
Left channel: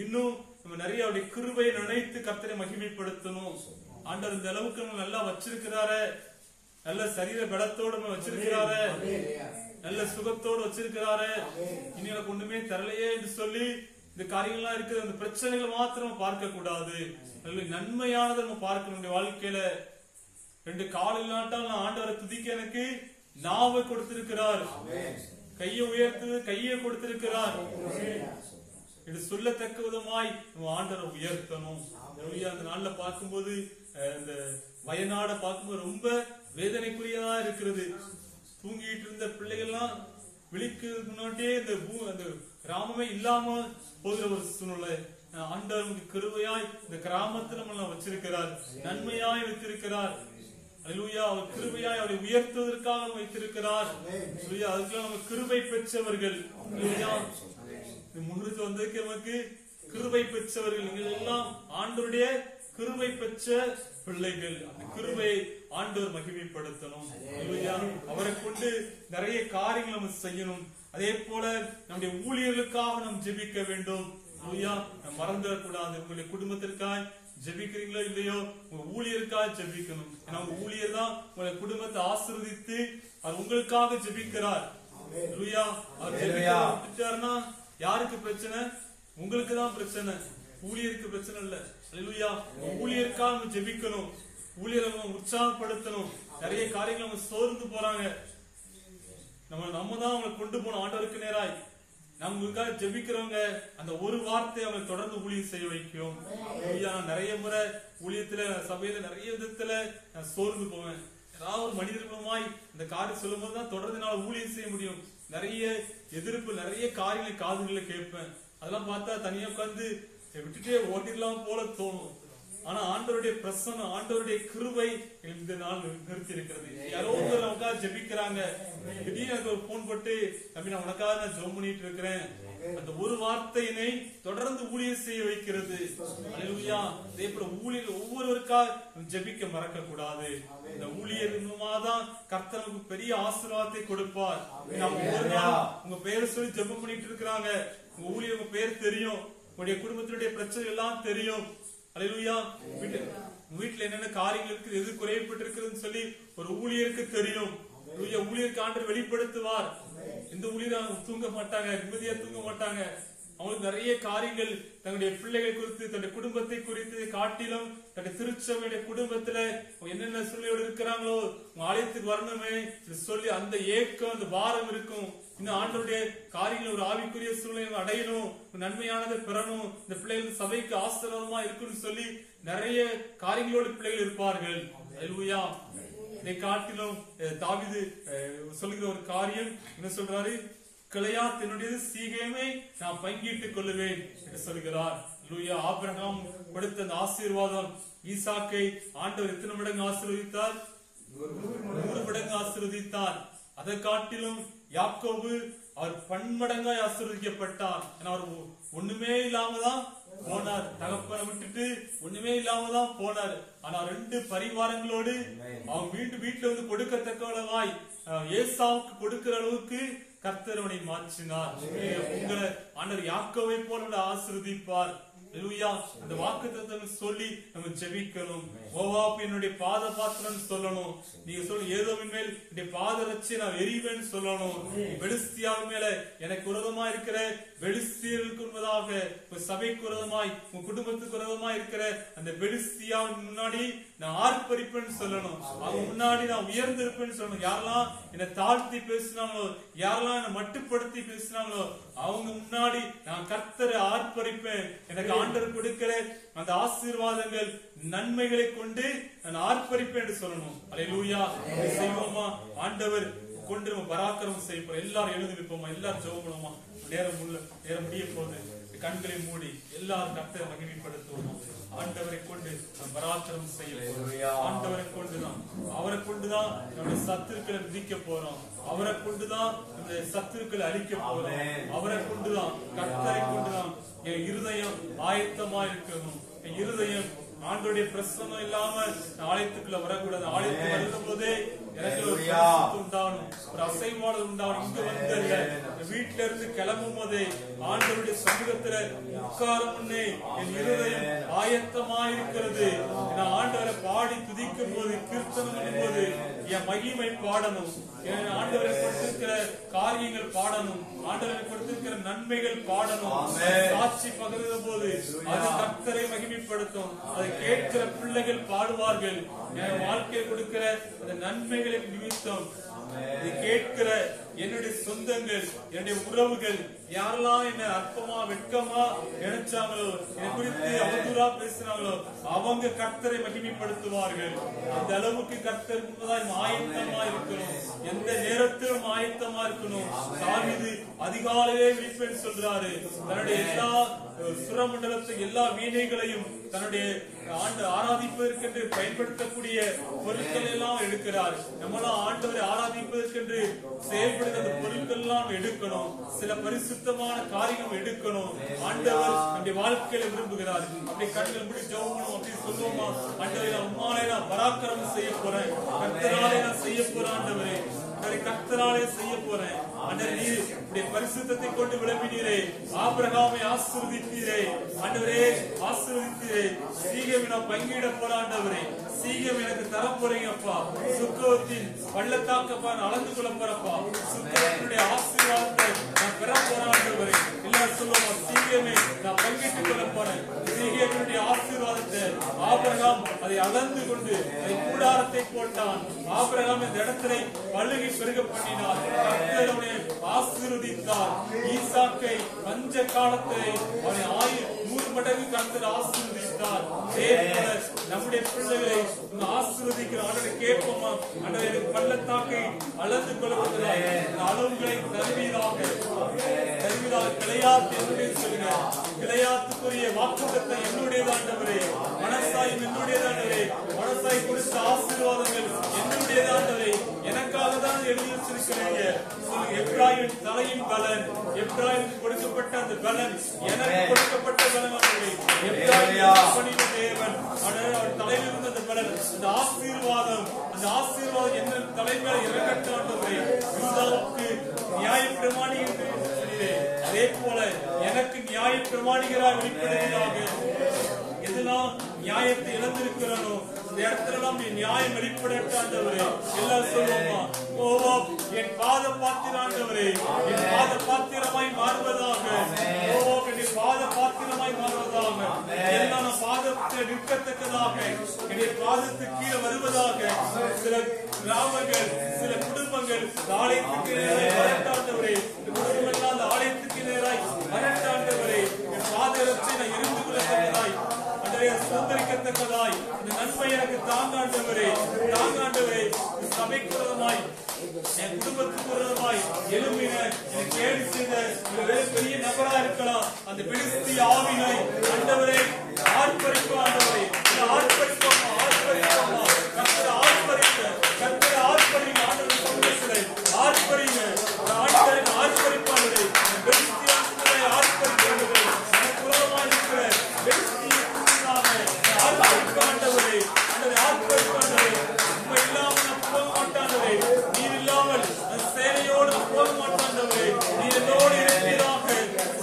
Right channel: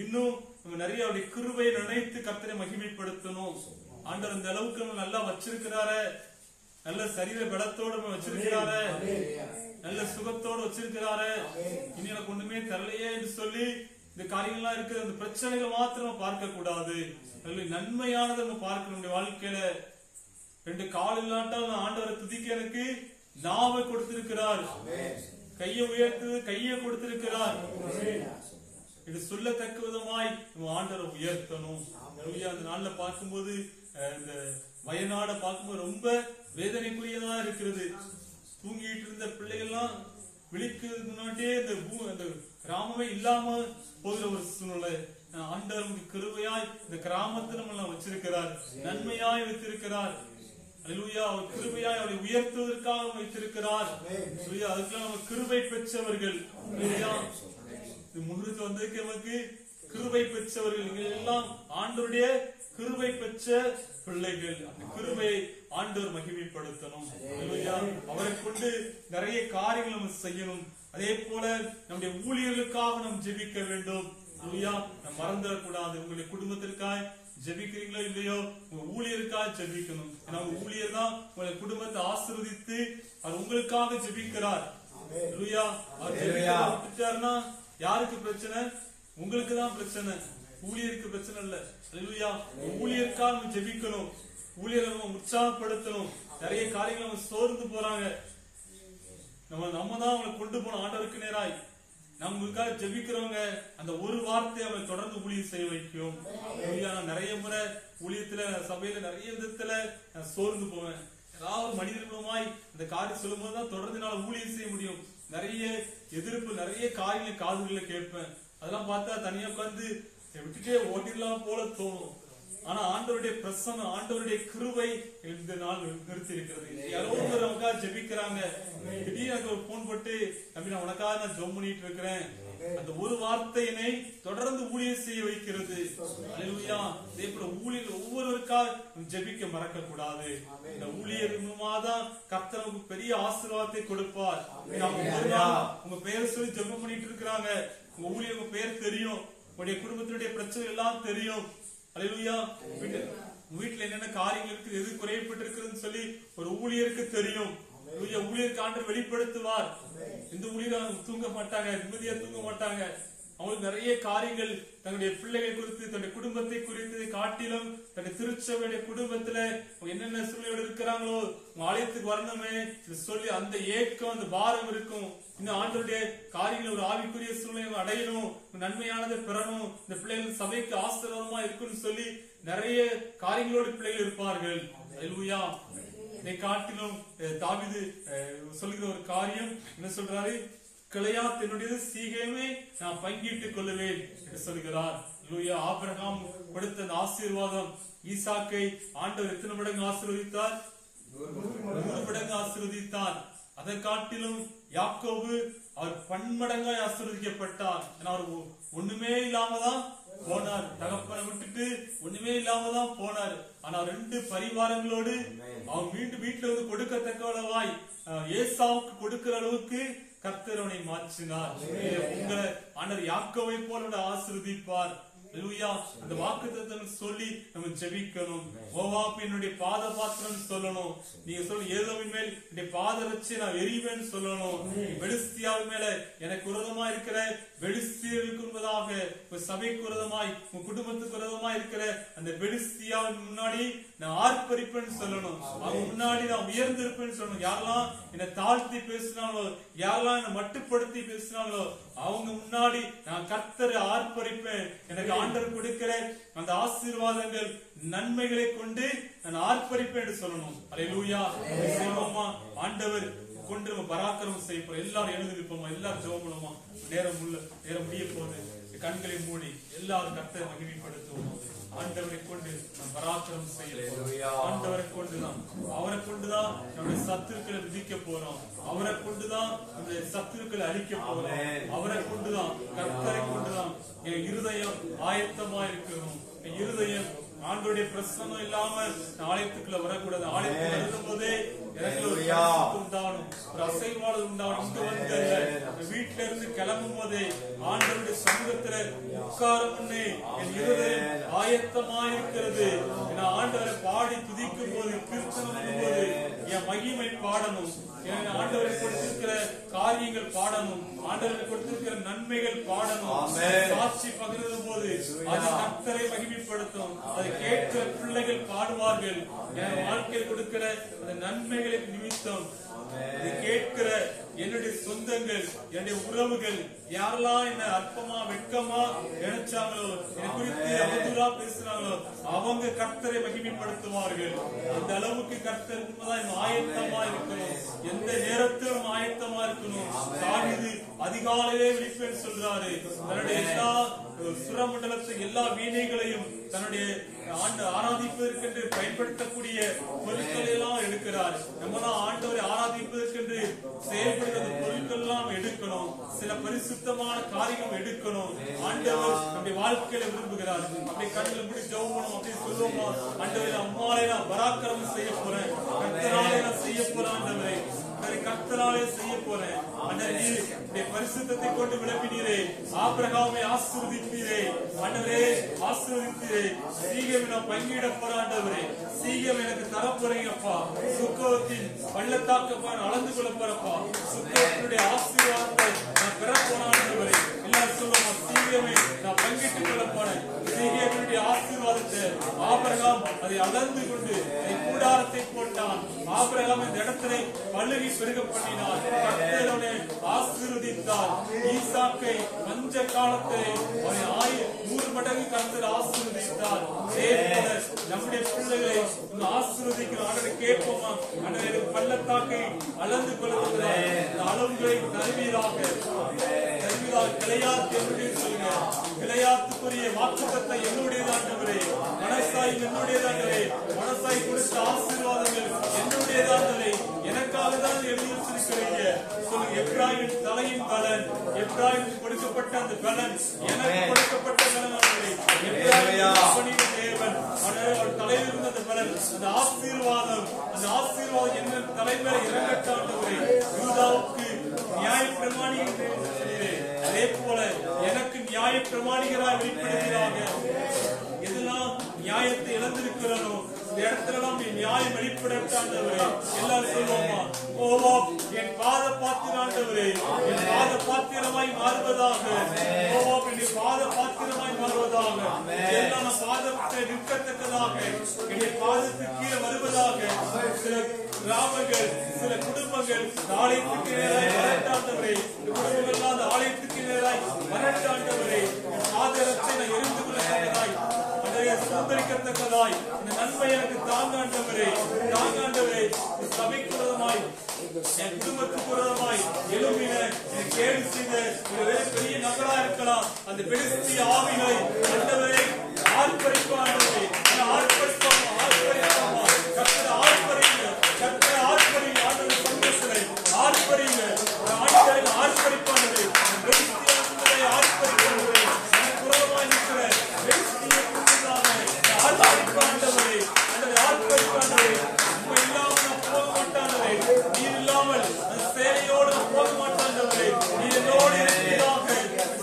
இன்னும் நம்ம நிறைய அவருடைய கிருபையை நினைத்து கர்த்தரை மகிமைப்படுத்தணும். ஆண்டவர் இந்த அளவுக்கு நம்ம நல்லா வச்சிருக்கிறாரு, நல்ல சரீர பலத்தோடு நம்ம வச்சிருக்கிறாரு, நல்ல சுகத்தோடு வச்சிருக்கிறாரு. இனி எனக்கு ஒண்ணுமே தரலையே என்று சொல்லி இந்த காரியங்கள்லாம் இருக்கிற அந்த பிரச்சனைகள் மாத்திரம் பார்க்க கூடாது. நன்மையானதை நம்ம பார்க்கணும். வாழ்க்கையில 2 கால் இல்லாட்டால் நான் ஆண்டவரை துதிக்க எனக்கு நாவை கொடுத்திருக்கிறார், கையை உயர்த்து கையை கொடுத்திருக்கிறார். இது சொல்லத்தக்க விதமாய் நம்ம ஆண்டவரை உயர்த்தணும். அந்த நாள்ல பார்க்கும்போது இந்த வயநாட பார்க்கும்போது ரொம்ப வேதனைக்குரியதா இருக்கிறது. தூங்கிட்டு இருந்த பிள்ளைகள்லாம் விழிக்கிறதுக்கு முன்னாடியே இந்த கிராமமே இல்லாம போகிற ஒரு சூழ்நிலை. ஆண்டவர் நமக்கு கிருபையாய் இந்த கிராமத்தை நம்ம வச்சிருக்கிறார், நன்மையாய் வைத்திருக்கிறார். அல்லேலூயா. அவர் கிருபையாய் அவரை உயர்த்துவதற்காக வைத்திருக்கிறார். அதுக்கெல்லாம் நம்ம கிருபை பெற்றவர்கள். முன்னுக்கு வந்ததுக்கு நமக்கு கிருபை பெற்றவர்கள். நீங்கள் எல்லாம் ஆண்டவருடைய கிருபை பெற்ற பிள்ளைகள். அந்த கிருபையை ஆண்டவர் மகிமைப்படுத்தணும். அவரை கொண்டு நிறைய காரியங்கள் நம்ம செய்யணும். அதே போல நம்முடைய ஊழியர்களுக்காக நாம் ஜெபிக்க வேண்டும். மறந்துடக்கூடாது. உங்களுடைய குடும்பத்திற்காக ஜெபிக்கிறீங்களோ இல்லையோ, உங்க ஊழியருக்காக ஜெபிக்கணும். ஏன்னா உங்க ஊழியர் தான் உங்களுடைய குடும்பத்தை ஆசீர்வதித்து அவர் உங்களுக்காக ஜெபிக்கிறார். அவர் விட்டுட்டாருன்னா யாருக்கு பிரச்சனை? உங்களுக்கு தான் பிரச்சனை, ஊழியருக்கு பிரச்சனை இல்ல. அல்லேலூயா. ஊழியருக்காக நம்ம ஜெபிக்கணும். ஊழியர்கள் உற்சாகப்படுத்தணும். நிறைய காரியங்கள் அவங்க சோர்ந்து போறாங்க. நம்ம தான் அவங்களை கொண்டு போன ஆண்டவருக்கு நேராய் நமக்காக ஜெபிக்கிறவங்க அந்த ஒரு வார்த்தை அவங்களை தொடர்ந்து ஊழியம் செய்ய வைக்கும். நிறைய முறை ஊழியத்துல சபையில நிறைய விதத்துல நான் சோர்ந்து போவேன். ஏதாவது ஒரு மனிதர் மூலமாய் அந்த காரியம் சொல்லும் போதுதான் தொடர்ந்து என்னால ஊழியம் செய்ய முடியும். நிறைய எதிர்ப்பு, நிறைய காரியங்களை காதுகளை கேட்பேன். அதெல்லாம் பார்த்தா தனியா உட்கார்ந்து விட்டுட்டே ஓட்டிடலாம் போல தோணும். ஆனா ஆண்டவருடைய பிரசன்னம், ஆண்டவருடைய கிருபை இந்த நாள் நிறுத்தி இருக்கிறது. யாரோ ஒருத்தர் நமக்காக ஜெபிக்கிறாங்க. திடீர்னு எனக்கு ஒரு போன் போட்டு, தம்பி நான் உனக்காக நான் ஜெபம் பண்ணிட்டு இருக்கிறேன். அந்த ஒரு வார்த்தையினை தொடர்ந்து ஊழியம் செய்ய வைக்கிறது. அல்லேலூயா. அதே போல ஊழியர் ஒவ்வொருவருக்காக ஜெபிக்க மறக்க கூடாது. இந்த ஊழியர் மூலமாதான் கர்த்தர் நமக்கு பெரிய ஆசீர்வாதத்தை கொடுப்பார். ஒரு நாள் உங்க பெயரை சொல்லி ஜெபம் பண்ணிட்டு இருக்கிறாங்க. உங்க ஊழியர் உங்க பெயர் தெரியும், உங்களுடைய குடும்பத்தினுடைய பிரச்சனை எல்லாம் தெரியும். அல்லேலூயா. வீட்டுல என்னென்ன காரியங்கள் இருக்குது, எது குறையப்பட்டு இருக்குதுன்னு சொல்லி ஒரு ஊழியருக்கு தெரியும். ஊழியருக்கு ஆண்டவர் வெளிப்படுத்துவார். இந்த ஊழியர் தூங்க மாட்டாங்க, நிம்மதியா தூங்க மாட்டாங்க. அவங்களுக்கு நிறைய காரியங்கள் தங்களுடைய பிள்ளைகள் குறித்து, தன்னுடைய குடும்பத்தை குறித்து காட்டிலும் தன்னுடைய திருச்சபையுடைய குடும்பத்துல என்னென்ன சூழ்நிலையோடு இருக்கிறாங்களோ ஆலயத்துக்கு வரணுமே சொல்லி அந்த ஏக்கம், அந்த பாரம் இருக்கும். இன்னும் ஆண்டவருடைய காரியங்கள் ஒரு ஆவிக்குரிய சூழ்நிலை அடையணும், நன்மையானதை பெறணும், இந்த பிள்ளைகள் சபைக்கு ஆசீர்வாதமா இருக்குன்னு சொல்லி நிறைய காரியங்களோடு பிள்ளைகள் இருப்பார்கள். அல்லேலூயா. இதை காட்டிலும் தாவீது சொல்லுகிற ஒரு காரியம் என்ன சொல்றாரு? கிளையாத் என்னுடையது, சீகேமை நான் பங்கிட்டுக் கொள்ளுவேன் என்று சொல்கிறார். அல்லேலூயா. ஆபிரகாம் கொடுத்த அந்த ஆசீர்வாதம், ஈசாக்கை ஆண்டவர் எத்தனை மடங்கு ஆசீர்வதித்தார்? 100 மடங்கு ஆசீர்வதித்தார். அதை காட்டிலும் யாக்கோபு அவர் பன்மடங்காய் ஆசீர்வதிக்கப்பட்டார். அவர் ஒண்ணுமே இல்லாம தான் போனார். தகப்பனை விட்டுட்டு ஒண்ணுமே இல்லாம தான் போனார். ஆனா 2 பரிவாரங்களோடு அவன் மீண்டும் வீட்டுல வந்து கொடுக்கத்தக்கவாய் ஏசாவுக்கு கொடுக்கிற அளவுக்கு கர்த்தர் அவனை மாற்றினார். உங்களை ஆண்டவர் யாக்கோவை போல ஆசீர்வதிப்பார். அந்த வாக்குத்தத்தங்கள் சொல்லி நம்ம ஜெபிக்கணும். மோவாப் என்னுடைய பாத பாத்திரம் சொல்லணும். நீங்க சொல்ல ஏதோவின் மேல் என்னுடைய பாதரட்சை நான் எரிவேன்னு சொல்லணும். பெலிஸ்தியாவின் மேல எனக்கு விரோதமா இருக்கிற பெலிஸ்தியருக்கு முன்பதாக சபைக்கு விரோதமாய், உங்க குடும்பத்துக்கு விரோதமா இருக்கிற அந்த பெலிஸ்தியாவின் முன்னாடி நான் ஆர்ப்பரிப்பேன்னு சொல்லணும். அவங்க முன்னாடி நான் உயர்ந்து இருப்பேன்னு சொல்லணும். யாரெல்லாம் என்னை தாழ்த்தி பேசினாங்களோ, யாரெல்லாம் என்னை மட்டுப்படுத்தி பேசினாங்களோ அவங்க முன்னாடி நான் கர்த்தரை ஆர்ப்பரிப்பேன். எனக்கு ஆண்டவர் கொடுக்கிற அந்த ஆசீர்வாதங்கள், நன்மைகளை கொண்டு நான் ஆர்ப்பரிப்பேன் என்று சொல்லணும். அல்லேலூயா. செய்வோமா? ஆண்டவர் கொண்டு நம்ம பராக்கிரமம் செய்யப்போம். எல்லாரும் எழுந்து நிற்போமா? எல்லாரும் ஜெபம் பண்ணுவோமா? நேரம் முடிய போது கண்களை மூடி எல்லாரும் கர்த்தரை மகிமைப்படுத்துவோம். ஆண்டவரை கொண்டு நாம் பராக்கிரமம் செய்ய போறோம். ஆண்டவரை கொண்டுதான், அவரை கொண்டுதான் நம்முடைய சத்துருக்களை விதிக்க போறோம். அவரை கொண்டுதான் நம்முடைய சத்துருக்களை அழிக்க போறோம். அவரை கொண்டுதான், கர்த்தரை கொண்டுதான் என் இருதயம் ஆயத்தமா இருக்கணும். என் இருதயம் ஆண்டவருடைய பிரசன்னம் இல்லாம ஆலயத்துக்குள்ள வரக்கூடாது. ஆலயத்துக்கு வருகிற போதே எனக்கு ஒரு உண்டாகணும், ஒரு அசைவாடு உண்டாகணும். இங்க வந்து வீட்டுல இருந்து கிளம்பும் போதே ஆண்டவருடைய சமூகத்துல உட்காரும் முன்னே என் இருதயம் ஆயத்தமா இருக்கிறது. நான் ஆண்டவரை பாடி துதிக்கும் போது, கீர்த்தனம் பண்ணும் போது என் மகிமை பாடணும். என் ஆண்டவரை கொடுத்திருக்கிற காரியங்கள் பாடணும். ஆண்டவரை கொடுத்திருக்கிற நன்மைகள் பாடணும். சாட்சி பகிர்ந்த போது அது கர்த்தரை மகிமைப்படுத்தும். அதை கேட்கிற பிள்ளைகள் பாடுவார்கள். என் வாழ்க்கையில் கொடுக்கிற அந்த நன்மைகளை நிமித்தம் இது கேட்கிற என்னுடைய சொந்தங்கள், என்னுடைய உறவுகள் யாரெல்லாம் என்ன அற்பமா வெட்கமா நினைச்சாங்களோ, என்னை குறித்து அவதூறா பேசினாங்களோ அவங்க கர்த்தரை மகிமைப்படுத்துவார்கள். அந்த அளவுக்கு கர்த்தர் முன்பதாய் ஆயத்தமா இருக்கணும். எந்த நேரத்திலும் ஆயத்தமா இருக்கணும். தாவீது அதிகாலையிலே விழிப்பேன் சொல்றாரு. தன்னுடைய எல்லா சுரமண்டலத்தை, எல்லா வீணைகளையும் தன்னுடைய ஆராதிப்பதற்கென்று பயன்படுத்தக்கூடிய பொருட்கள் எல்லாம் எடுக்கிறார். நம்மளாம் ஆண்டவரை ஆராதிப்பதற்கென்று செயல்படுகிற பொருட்கள் எல்லாம் எடுக்கணும். சில பரிசுத்தமான காரியம் எடுக்கணும். ஆண்டவர் நம்முடைய வாழ்க்கையில விரும்புகிறார். அப்படி கண்ணில் முடி ஜெபம் அப்படி சொல்லுவோமா? ஆண்டவரை நான் உம்மாலே நான் பராக்கிரமம் செய்ய போறேன். கர்த்தராலே நான் செய்ய போறேன். ஆண்டவரே கர்த்தராலே செய்ய போறேன். ஆண்டவரே பரிசுத்தத்தை கொண்டு விளம்பினீரே. ஆபிரகாமை ஆசீர்வதித்தீரே. ஆண்டவரே ஆசீர்வதித்தீரே. சீகேமை நான் பங்கிட போற ஆண்டவரே. சீக்கிரம் எனக்கு தர போறீங்கப்பா. சுக்கோத்தின் பள்ளத்தாக்கப்பா அளந்து கொள்ள போறப்பா. சுக்கோத்தினுடைய ஆசீர்வாதத்தை நான் பெற போறான்றவரே எல்லாரும் சொல்லுவோம். சீக்கிரமே நான் பங்கிட்டுக் கொள்ள போறேன். சீக்கிரனுடைய ஆசீர்வாதத்தை ஆபிரகாம் அதை அளந்து கொண்டு அதை கூடாரத்தை போட்டான். ஆபிரகாம் இந்த இடத்திலே பழுகி பெருக பண்ணினார். கர்த்தர் அவனை ஆசீர்வதித்தார். ஈசாக்கை பஞ்ச காலத்தை அவனை 100 மடங்கு கர்த்தர் ஆசீர்வதித்தார். அதே போல நம்முடைய பிள்ளைகளை ஆசீர்வதிக்கிற ஆண்டவரை கேட்போமா? ஆண்டவரே எனக்கு பள்ளத்தாக்கை அளந்து கொள்ளத்தக்கதாய் இந்த அளவுகளை தருவீராக. கிளையாத் என்னுடைய சொல்லுங்க. கிளையாத்துக்குரிய வாக்குத்தத்தம் என்னுடையதாண்டவரே. மனசாய் என்னுடையதாண்டவரே. மனசாய் கொடுத்த ஆசீர்வாதங்கள் என்னுடையதாண்டவரே. எனக்காக தான் எழுதி வச்சிருக்கிறீங்க சொல்லுங்க. எப்ராயிமின் தலையின் பலன், எப்ராயிமுக்கு கொடுக்கப்பட்ட அந்த பலன் எனக்கு கொடுக்கப்பட்ட பலன் ஆண்டவரே. எப்ராயிம் தேவன் அவர் தலையில் இருந்த அந்த பலன், அந்த ஆசீர்வாதம், அந்த ஆசீர்வாதம் என்ன தலைமையில இறங்கட்டாண்டவரே. யூதாவுக்கு நியாய பிரமாணி என்று சொன்னீரே, அதே போல எனக்கு நியாய பிரமாணிகராய் வெளிப்படுகிறாங்க. எதெல்லாம் நியாயத்தை இழந்திருக்கிறனோ இந்த இடத்துல நீ நியாயம் வெளிப்படாண்டவரே. எல்லாரும் சொல்லுவோமா? ஓவா என் பாத பாத்திராண்டவரே, என் பாத பாத்திரமாய் மாறுவதாக. ஓவா என்னுடைய பாத பாத்திரமாய் மாறுவதாக. எல்லாம் நான் பாதத்தை நிற்கத்தக்கதாக, என்னுடைய பாதத்துக்கு கீழே வருவதாக. சில கிராமங்கள், சில குடும்பங்கள் ஆலயத்துக்கு நேராய் வரட்டாண்டவரே. இந்த குடும்பங்கள் அந்த ஆலயத்துக்கு நேராய் வரட்டாண்டவரே. என் பாதத்தை நான் எரிந்து கொள்ளத்தக்கதாய், சுதந்திரிக்கத்தக்கதாய் இந்த நன்மை எனக்கு தாங்காண்டவரே, தாங்காண்டவரே. சபைக்கு விரோதமாய், என் குடும்பத்துக்கு விரோதமாய் எழுப்பின எனக்கு கேடு செய்த பெரிய நபரா இருக்கலாம். அந்த பெருசி ஆவிகளை ஆண்டவரே ஆர்ப்பரிப்பா. ஆண்டவரே ஆர்ப்பரிப்போமா, ஆர்ப்பரிப்போமா. கர்த்தரை ஆர்ப்பரிங்க, கர்த்தரை ஆர்ப்பரிங்க. ஆண்டவர் சமூகத்திலே ஆர்ப்பரிங்க. ஆண்டவரின் ஆர்ப்பரிப்பானவரே, பெருசி ஆர்ப்பரிப்பானவரே. எனக்கு விரோதமாய் இருக்கிற பெருசியை ஆண்டவரே, ஆண்டவரே ஆர்ப்பரிப்பாண்டவரே. உண்மை இல்லாமல் நான் போக மாட்டாண்டவரே. நீர் இல்லாமல் அந்த சேனையோடு நான் போக மாட்டாண்டவரே. நீர் என்னோடு இருக்கிறீராக.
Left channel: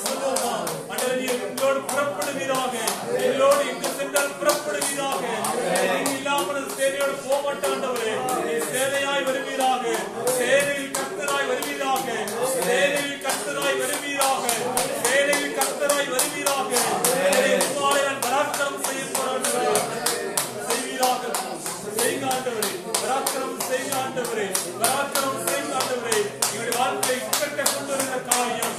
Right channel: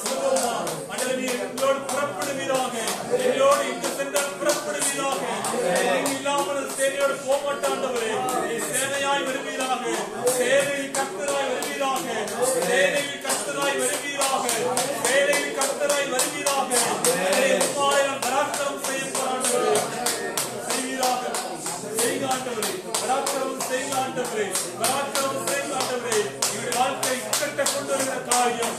சொல்லுவோமா? ஆண்டவரே நீர் எங்களோடு புறப்படுவீராக. எங்களோடு எங்கு சென்றால் புறப்படுவீராக. நீங்க இல்லாமல் அந்த சேனையோடு போக மாட்டாண்டவரே. நீர் சேனையாய் வருவீராக. சேனையில் கர்த்தராய் வருவீராக. சேனையில் கர்த்தராய் வருவீராக. சேனையில் கர்த்தராய் வருவீராக. உம்மாலே நான் பராக்கிரமம் செய்ய போறாண்டவரே. செய்காண்டவரே, பராக்கிரமம் செய்காண்டவரே, பராக்கிரமம் செய்காண்டவரே. எங்களுடைய வாழ்க்கை இக்கட்ட கொண்டு வருகிற காரியம்,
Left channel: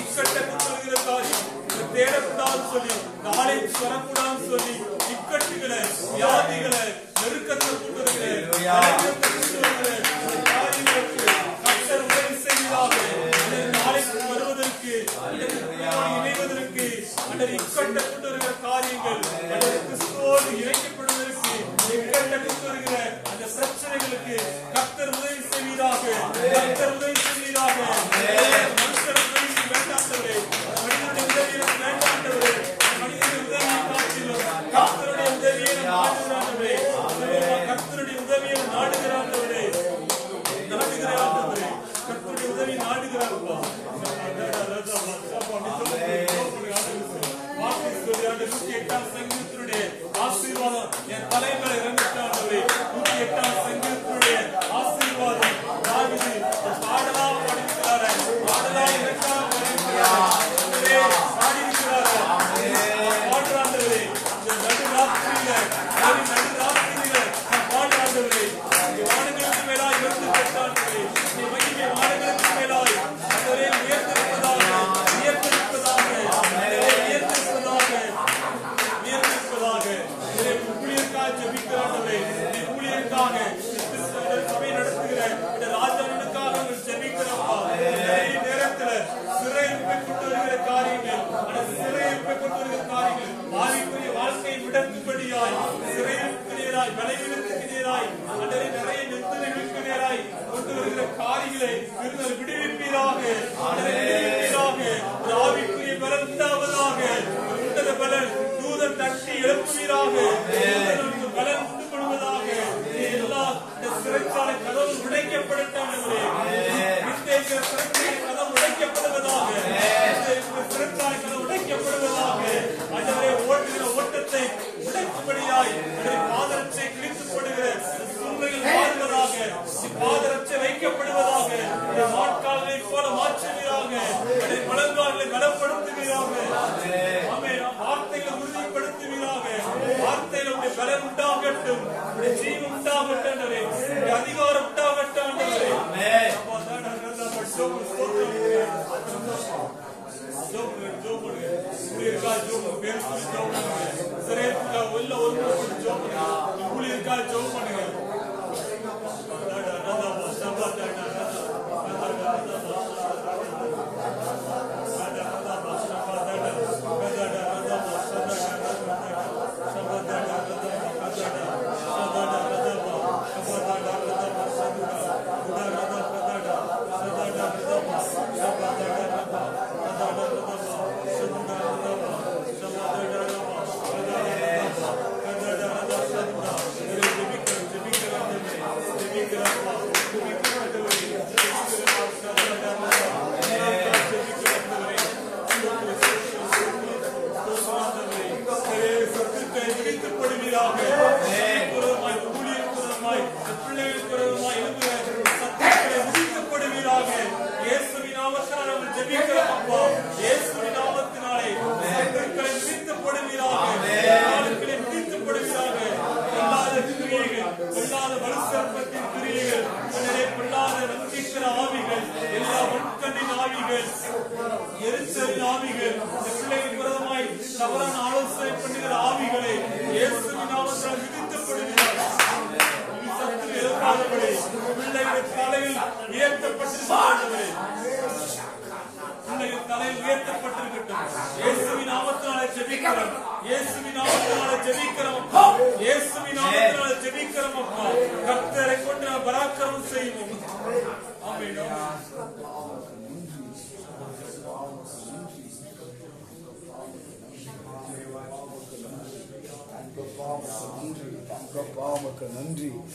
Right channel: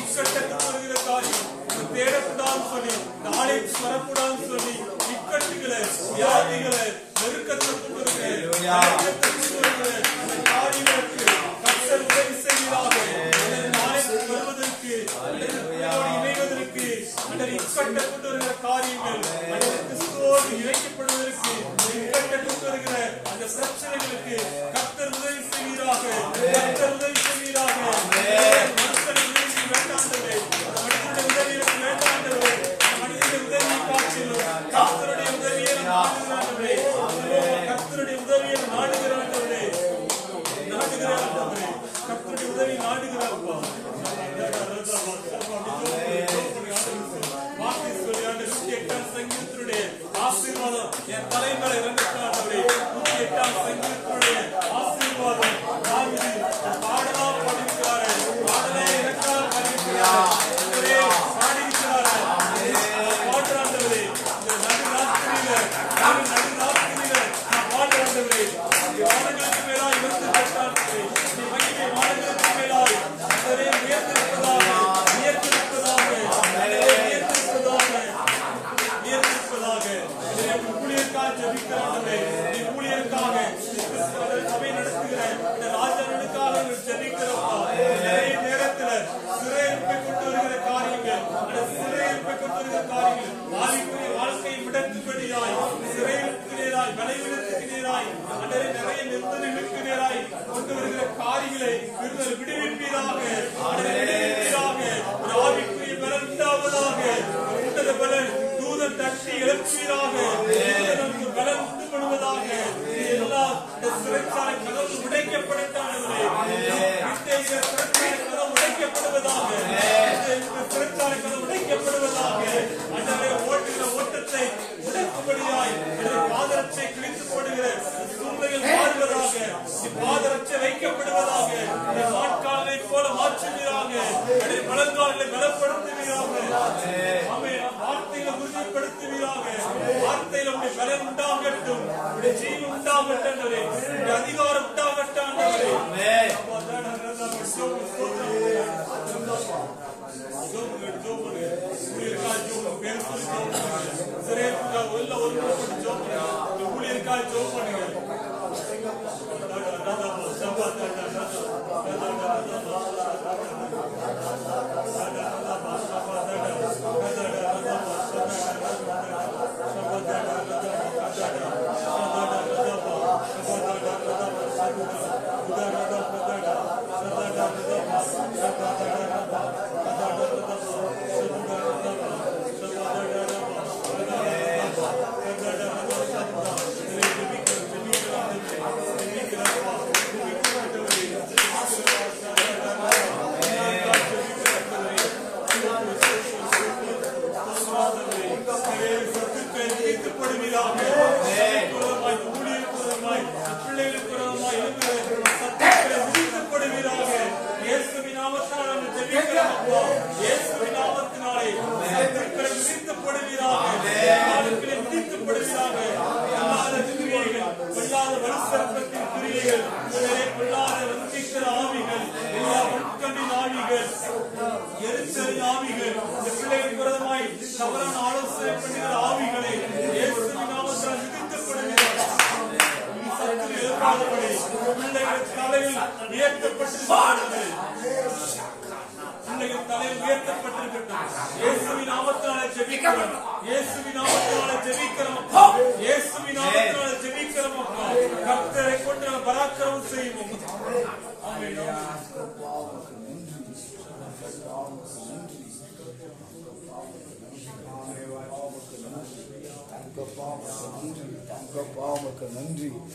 இக்கட்ட கொண்டு வருகிற காரியம் தேடக்கூடாதுன்னு சொல்லி, இந்த ஆலயத்துக்கு வரக்கூடாதுன்னு சொல்லி, இக்கட்டுகளை, வியாதிகளை, நெருக்கத்தை கொண்டு வருகிற காரியங்களுக்கு கர்த்தர் உதவி செய்வீராக. ஆலயத்துக்கு வருவதற்கு, இணைவதற்கு, இக்கட்ட கொண்டு வருகிற காரியங்கள், கிறிஸ்துவோடு இணைக்கப்படுவதற்கு இக்கட்ட கொண்டு வருகிற அந்த பிரச்சனைகளுக்கு கர்த்தர் உதவி செய்வீராக. கர்த்தர் உதவி செய்வீராக. மனுஷன் உதவி வேண்டாண்டவரே, மனிதனுடைய உதவி எனக்கு வேண்டாண்டவரே. மனிதனுடைய உதவியை காட்டிலும் கர்த்தருடைய உதவியை நாடுகிறாண்டவரே. கர்த்தருடைய உதவியை நாடுகிறாண்டவரே, நாடுகிறாண்டவரே. கர்த்தருடைய உதவி நாடுகிறாப்பா. சங்கீதத்தினுடைய ஆசீர்வாதம் என் தலைவர் இறங்கினாண்டவரே. 108ஆம் சங்கீதத்தினுடைய ஆசீர்வாதம் தாவீது பாடலா பாடியிருக்கிறாரு, பாடலா இலக்காக பாடியிருக்கிறாரு, பாடியிருக்கிறாரு. பாடுறாண்டவரே நடு ராத்திரியில நான் பாடுறாண்டவரே. வானங்கள் பச்சை வைக்கப்படுவதாக. மாட்காலை போல மாற்றுவீராக. பழங்காலை பலப்படுத்துவீராக. ஆமென். வார்த்தைகளை உறுதிப்படுத்துவீராக. வார்த்தையில உடைய பலன் உண்டாகட்டும், உடைய ஜீவன் உண்டாகட்டும், உடைய அதிகாரம் உண்டாகட்டும். எரிச்சல் ஆவிகள், பிள்ளைகள் விரோதமாய் தவறான ஆலோசனை பண்ணுகிற ஆவிகளை இயேசுவின் நாமத்தால் விதிக்கப்படுகிறார்கள். எழுப்பாதபடி பிள்ளைகளின் தலையில் உயர்த்தப்பட்டிருக்கிறது. பிள்ளைகள் தலையில் உயர்த்தப்பட்டிருக்கட்டும். இயேசுவின் நாமத்தினாலே ஜெபிக்கிறோம். இயேசுவின் நாமத்தினாலே ஜெபிக்கிறோம் அப்பா. இயேசுவின் நாமத்தினாலே ஜெபிக்கிறோம் அப்பா. கர்த்தரை கொண்டு நாம் பராக்கிரமம் செய்வோம். ஆமென். நன்றி.